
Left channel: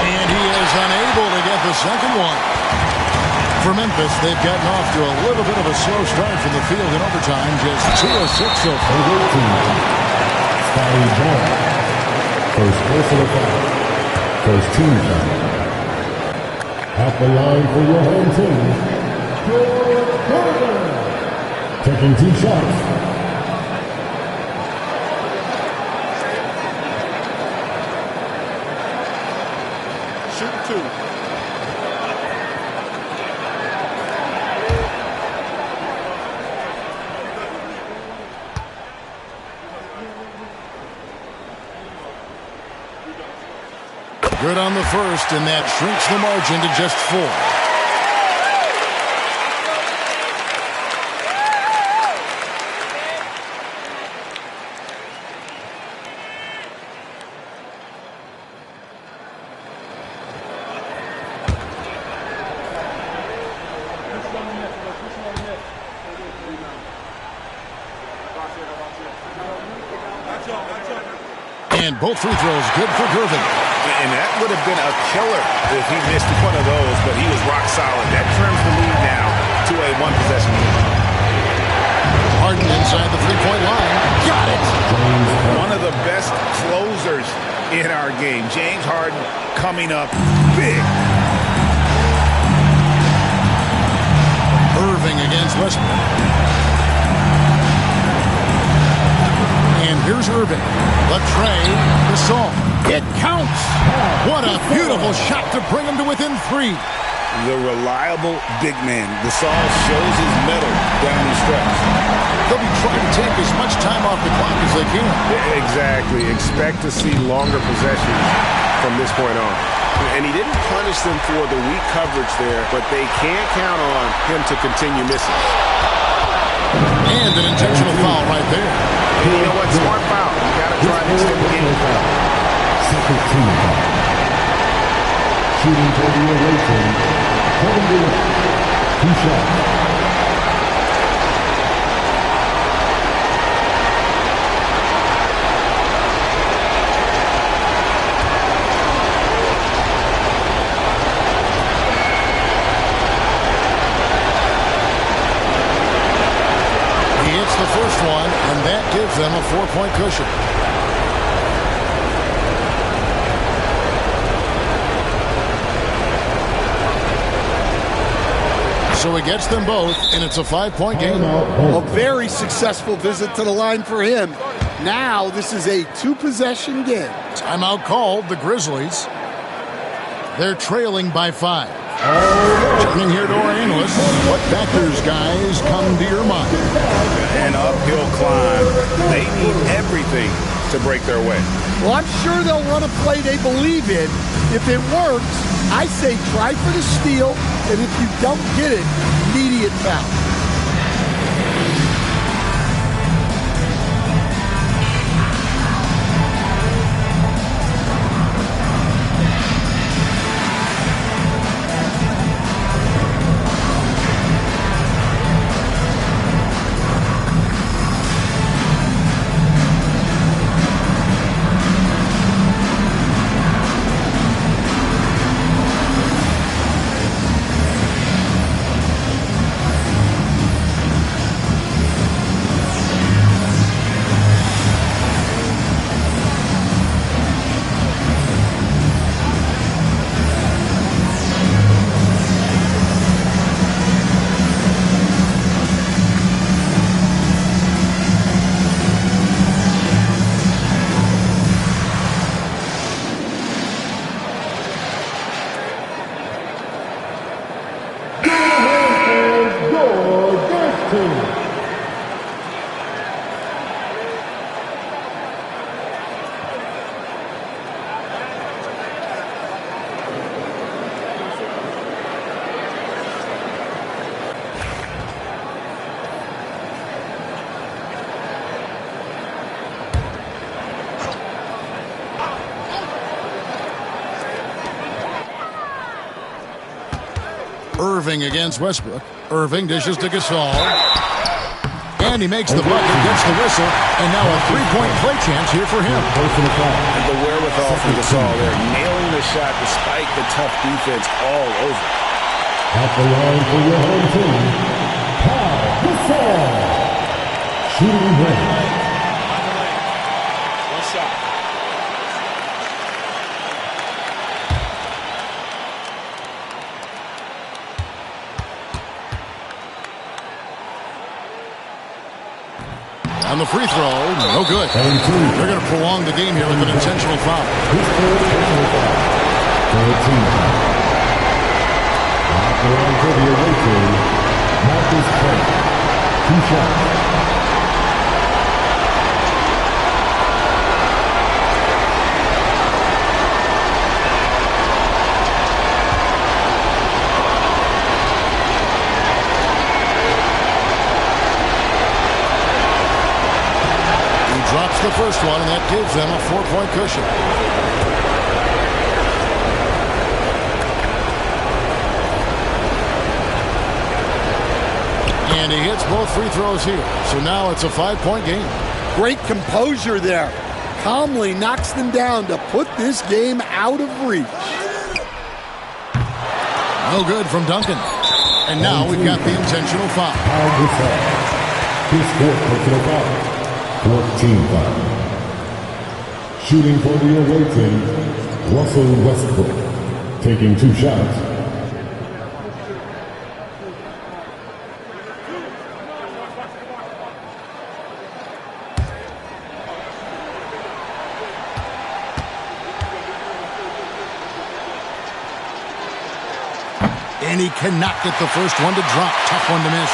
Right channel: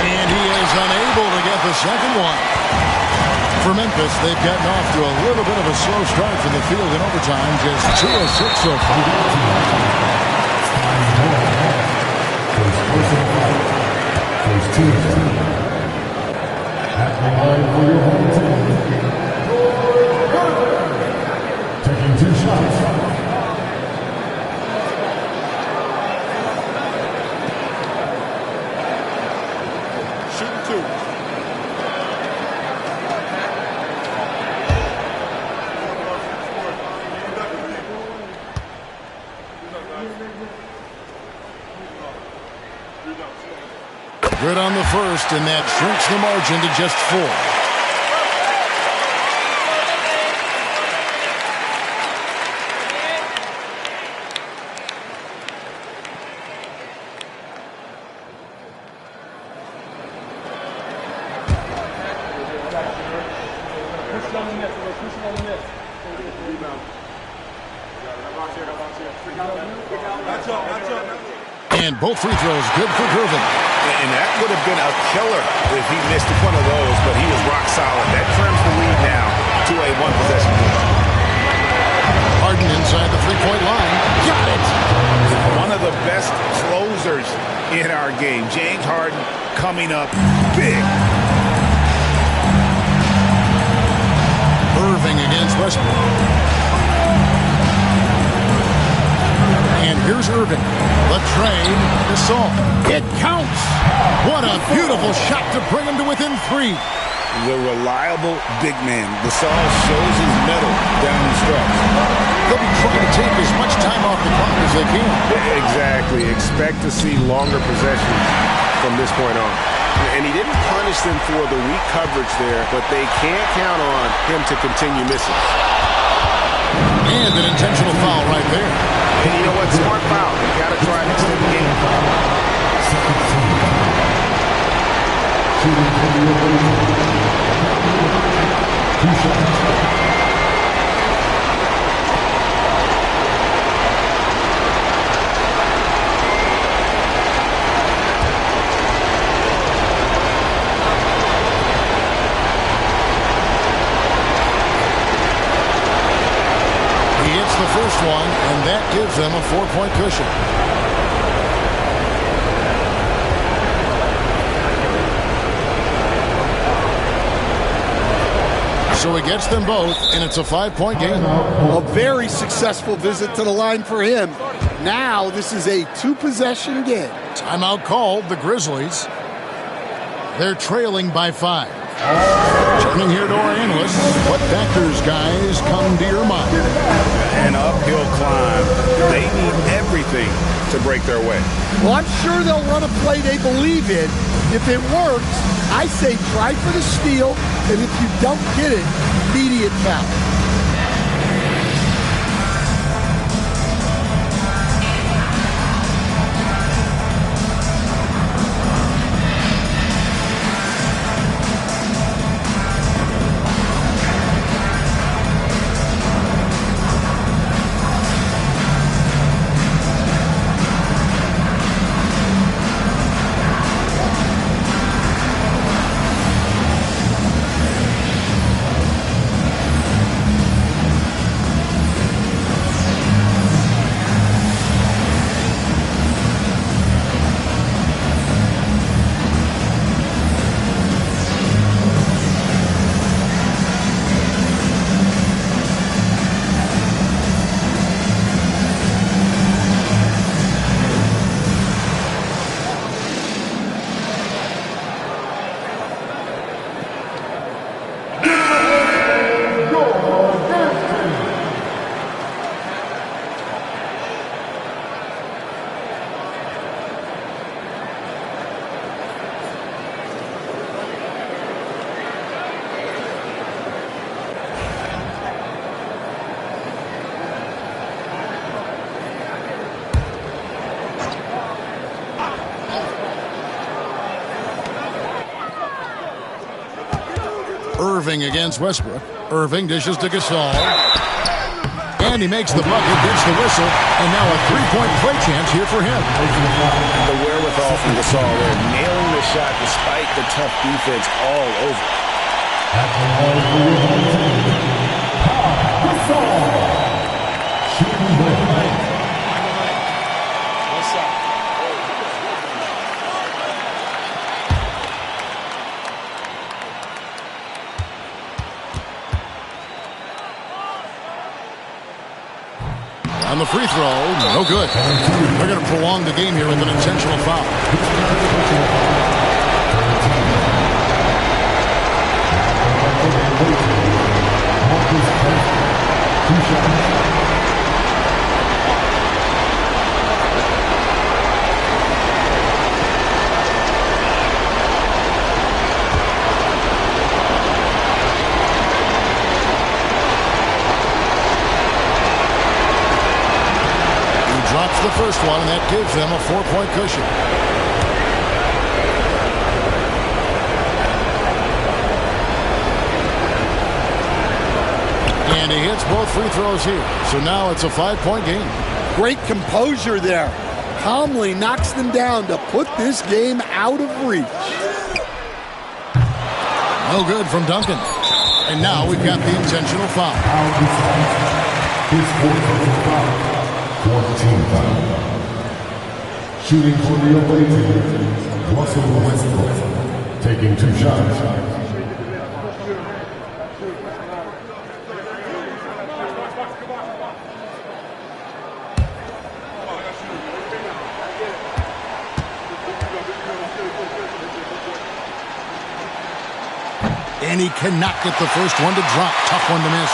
And he is unable to get the second one. For Memphis, they've gotten off to a little bit of a slow start from the field in overtime. Just 2 of 6 so far. First personal foul. First team foul. At the line for your home team. Taking 2 shots. Shooting 2. Good on the first, and that shrinks the margin to just 4. And both free throws good for Gervin. And that would have been a killer if he missed one of those, but he was rock solid. That trims the lead now to a 1-possession game. Harden inside the three-point line. Got it! One of the best closers in our game. James Harden coming up big. Irving against Westbrook. And here's Irving. The tray, Gasol. It counts. What a beautiful shot to bring him to within 3. The reliable big man. Gasol shows his mettle down the stretch. They'll be trying to take as much time off the clock as they can. Exactly. Expect to see longer possessions from this point on. And he didn't punish them for the weak coverage there, but they can't count on him to continue missing. And an intentional foul right there. And you know what? Smart foul. You got to try and extend the game. Second team foul. Shooting for the ovation. 2 shots. He hits the first one, and that gives them a 4-point cushion. So he gets them both, and it's a 5-point game. A very successful visit to the line for him. Now this is a 2-possession game. Timeout called, the Grizzlies. They're trailing by 5. Turning here to our analysts, what factors, guys, come to your mind? An uphill climb. They need everything to break their way. Well, I'm sure they'll run a play they believe in. If it works, I say try for the steal, and if you don't get it, immediate foul. Irving against Westbrook. Irving dishes to Gasol. And he makes the bucket, gets the whistle, and now a 3-point play chance here for him. And the wherewithal from Gasol there, nailing the shot despite the tough defense all over. At the line for your home team, Gasol. Shooting blank. What's up? On the free throw, no good. They're going to prolong the game here with an intentional foul. Drops the first one, and that gives them a 4-point cushion. And he hits both free throws here. So now it's a 5-point game. Great composure there. Calmly knocks them down to put this game out of reach. No good from Duncan. And now we've got the intentional foul. His fourth personal foul. 14 foul. Shooting for the away team, Russell Westbrook, taking 2 shots. And he cannot get the first one to drop. Tough one to miss.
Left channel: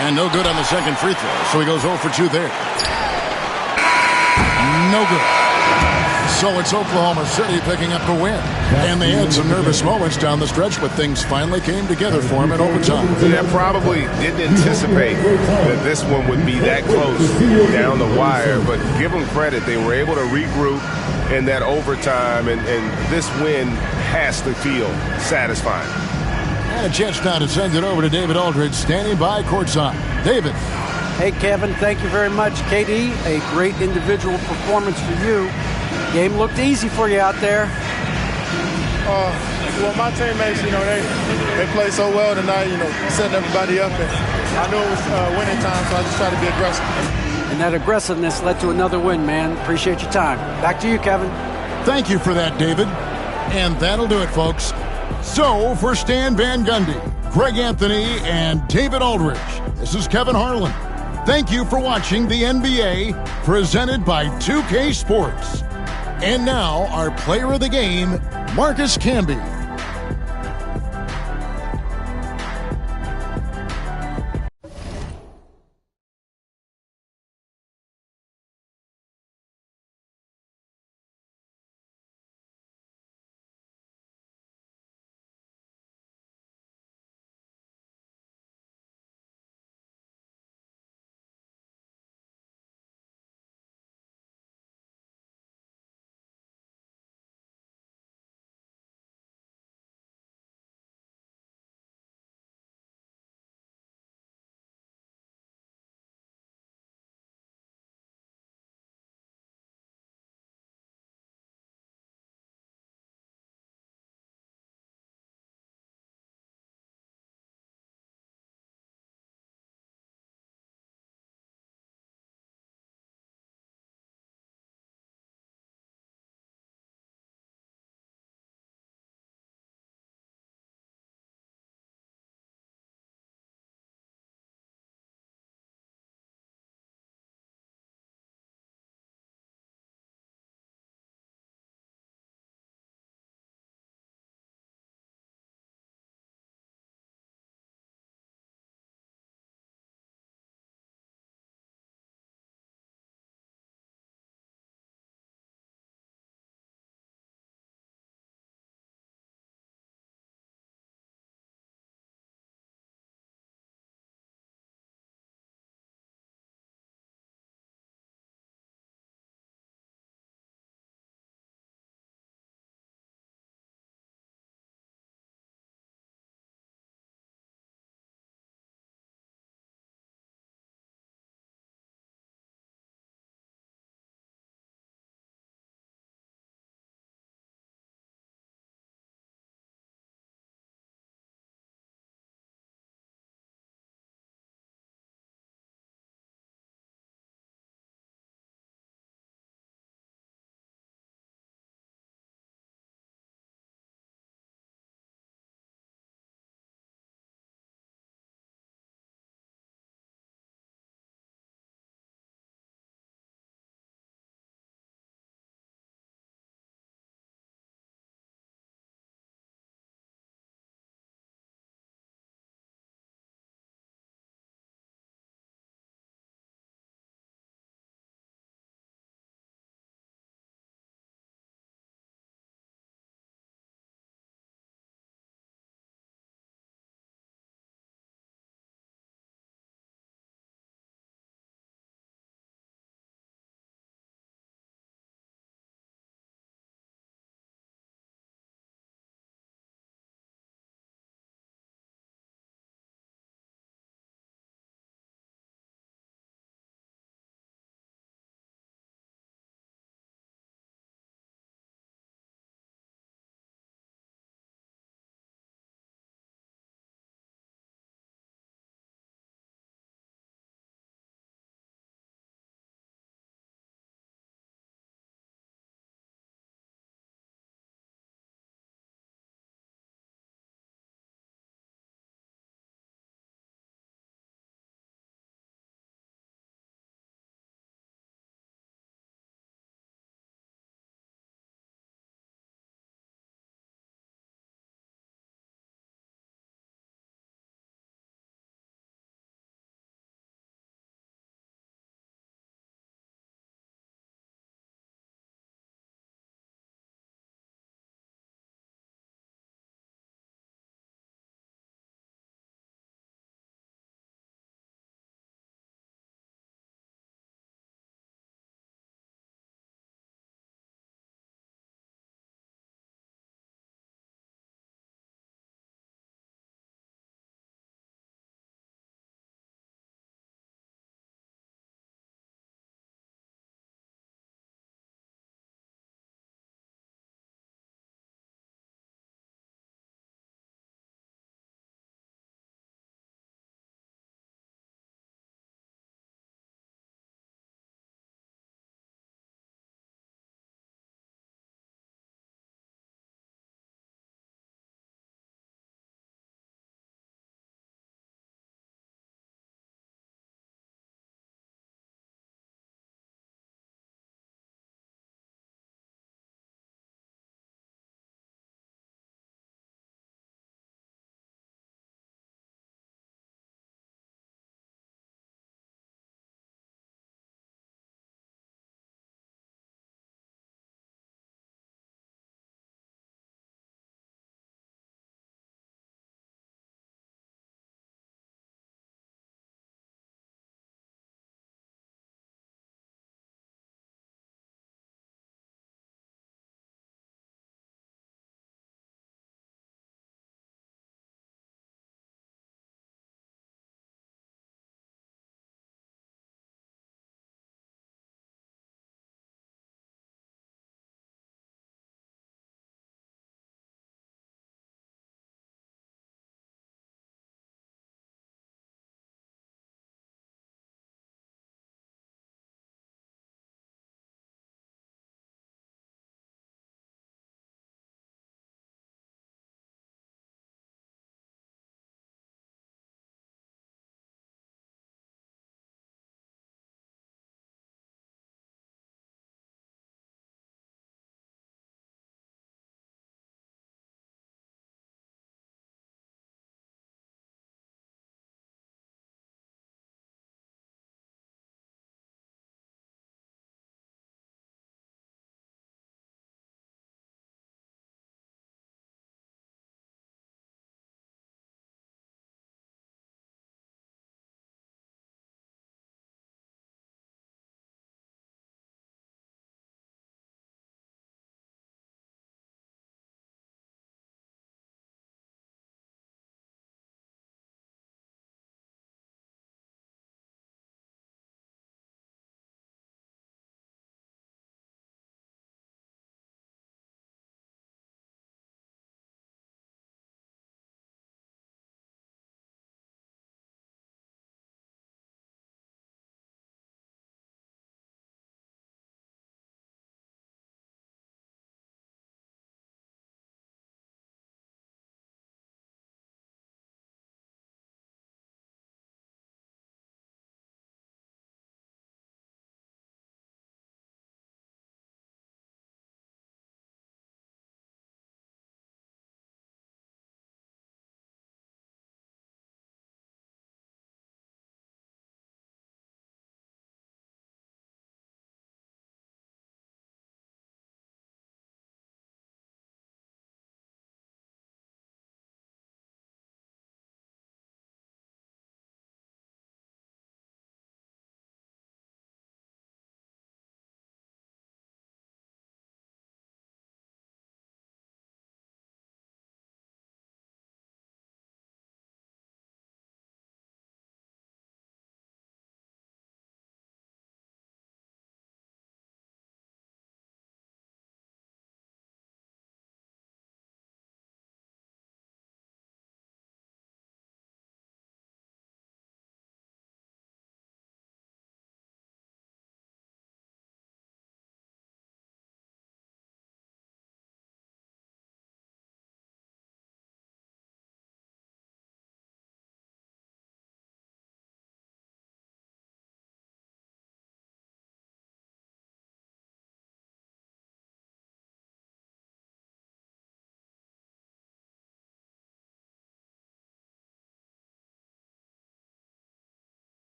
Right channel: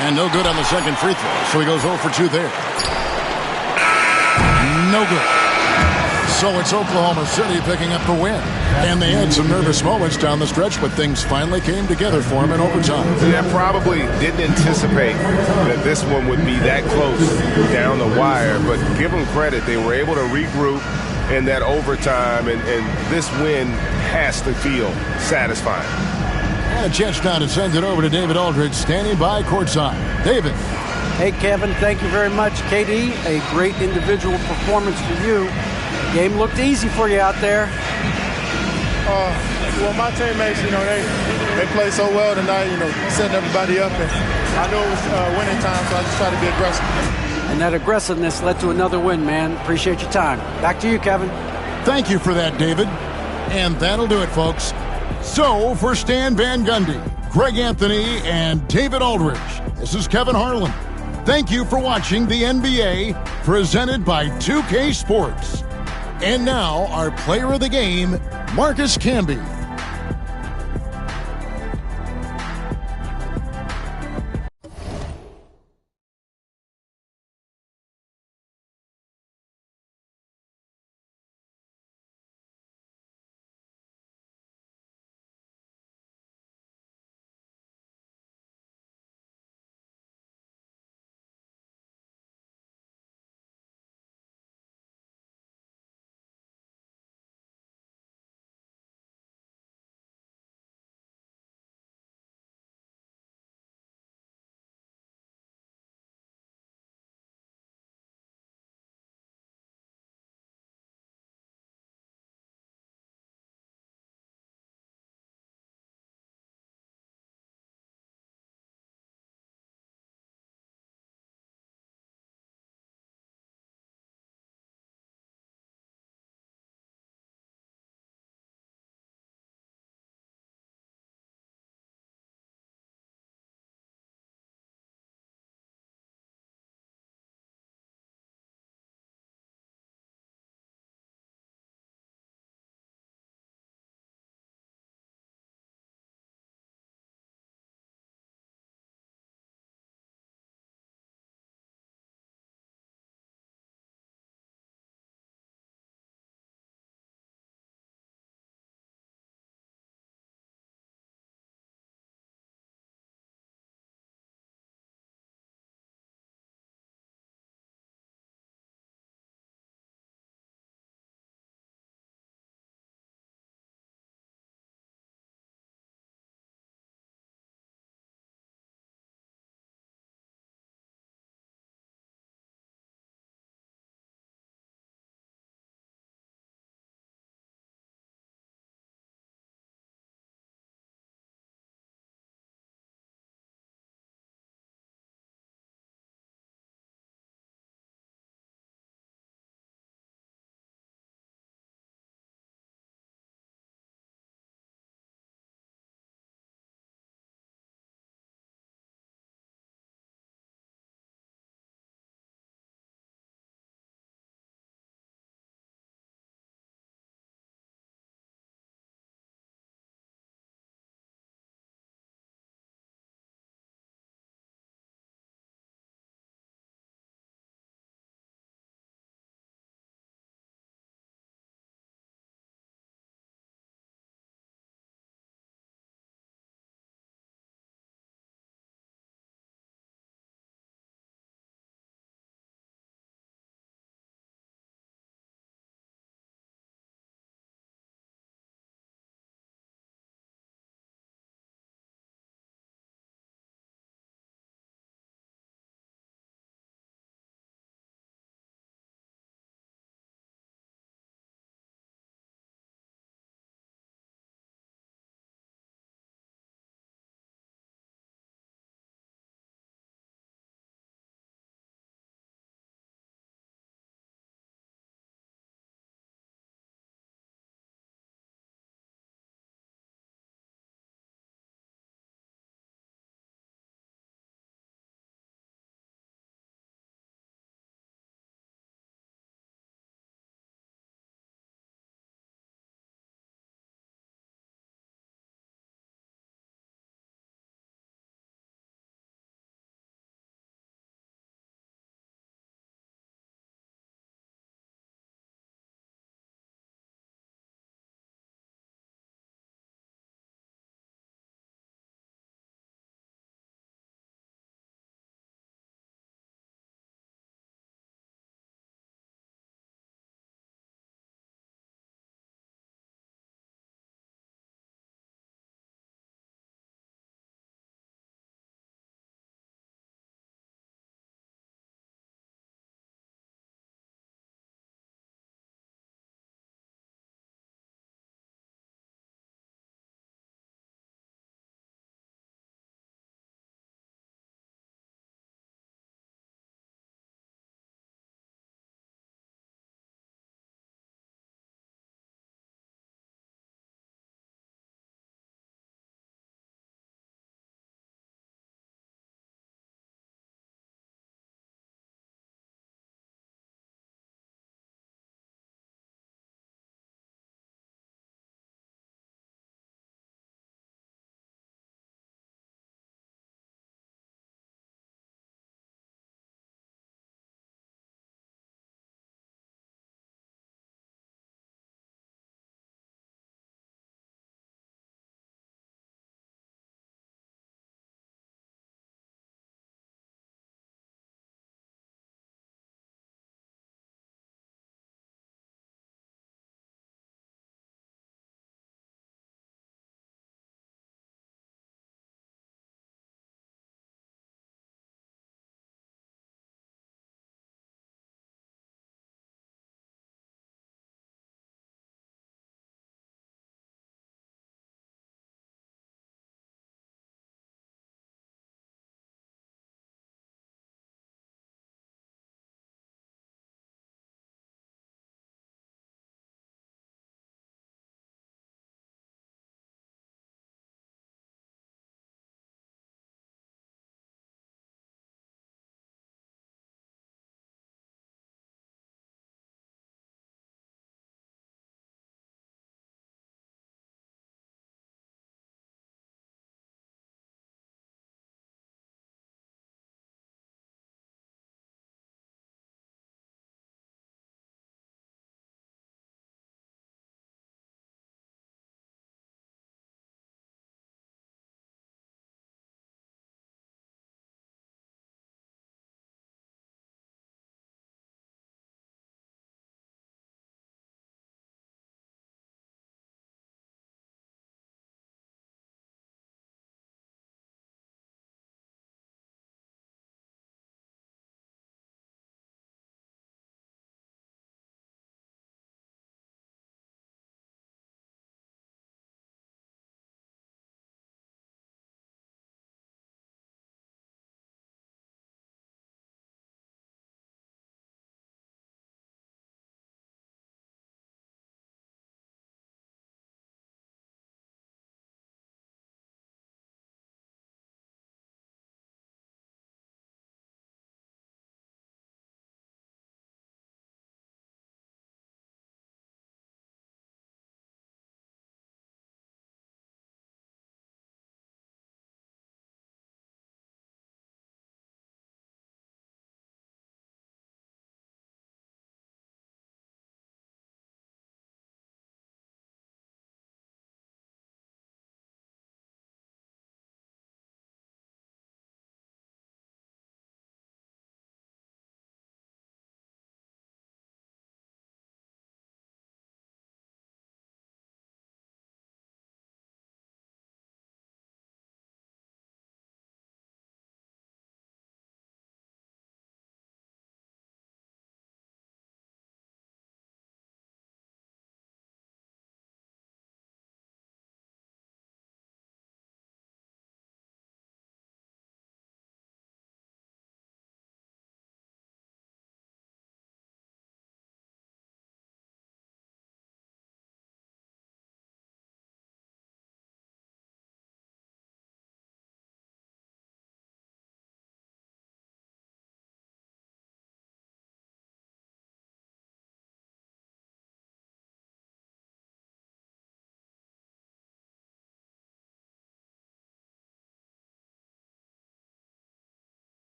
And no good on the second free throw, so he goes 0 for 2 there. No good. So it's Oklahoma City picking up the win. And they had some nervous moments down the stretch, but things finally came together for him in overtime. Yeah, probably didn't anticipate that this one would be that close down the wire, but give them credit. They were able to regroup in that overtime, and this win has to feel satisfying. And a chance now to send it over to David Aldridge, standing by courtside. David. Hey, Kevin, thank you very much. KD, a great individual performance for you. Game looked easy for you out there. Well, my teammates, they played so well tonight, setting everybody up. And I knew it was winning time, so I just tried to be aggressive. And that aggressiveness led to another win, man. Appreciate your time. Back to you, Kevin. Thank you for that, David. And that'll do it, folks. So, for Stan Van Gundy, Greg Anthony, and David Aldridge, this is Kevin Harlan. Thank you for watching the NBA, presented by 2K Sports. And now, our player of the game, Marcus Camby.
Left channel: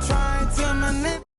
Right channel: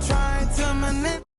trying to manipulate.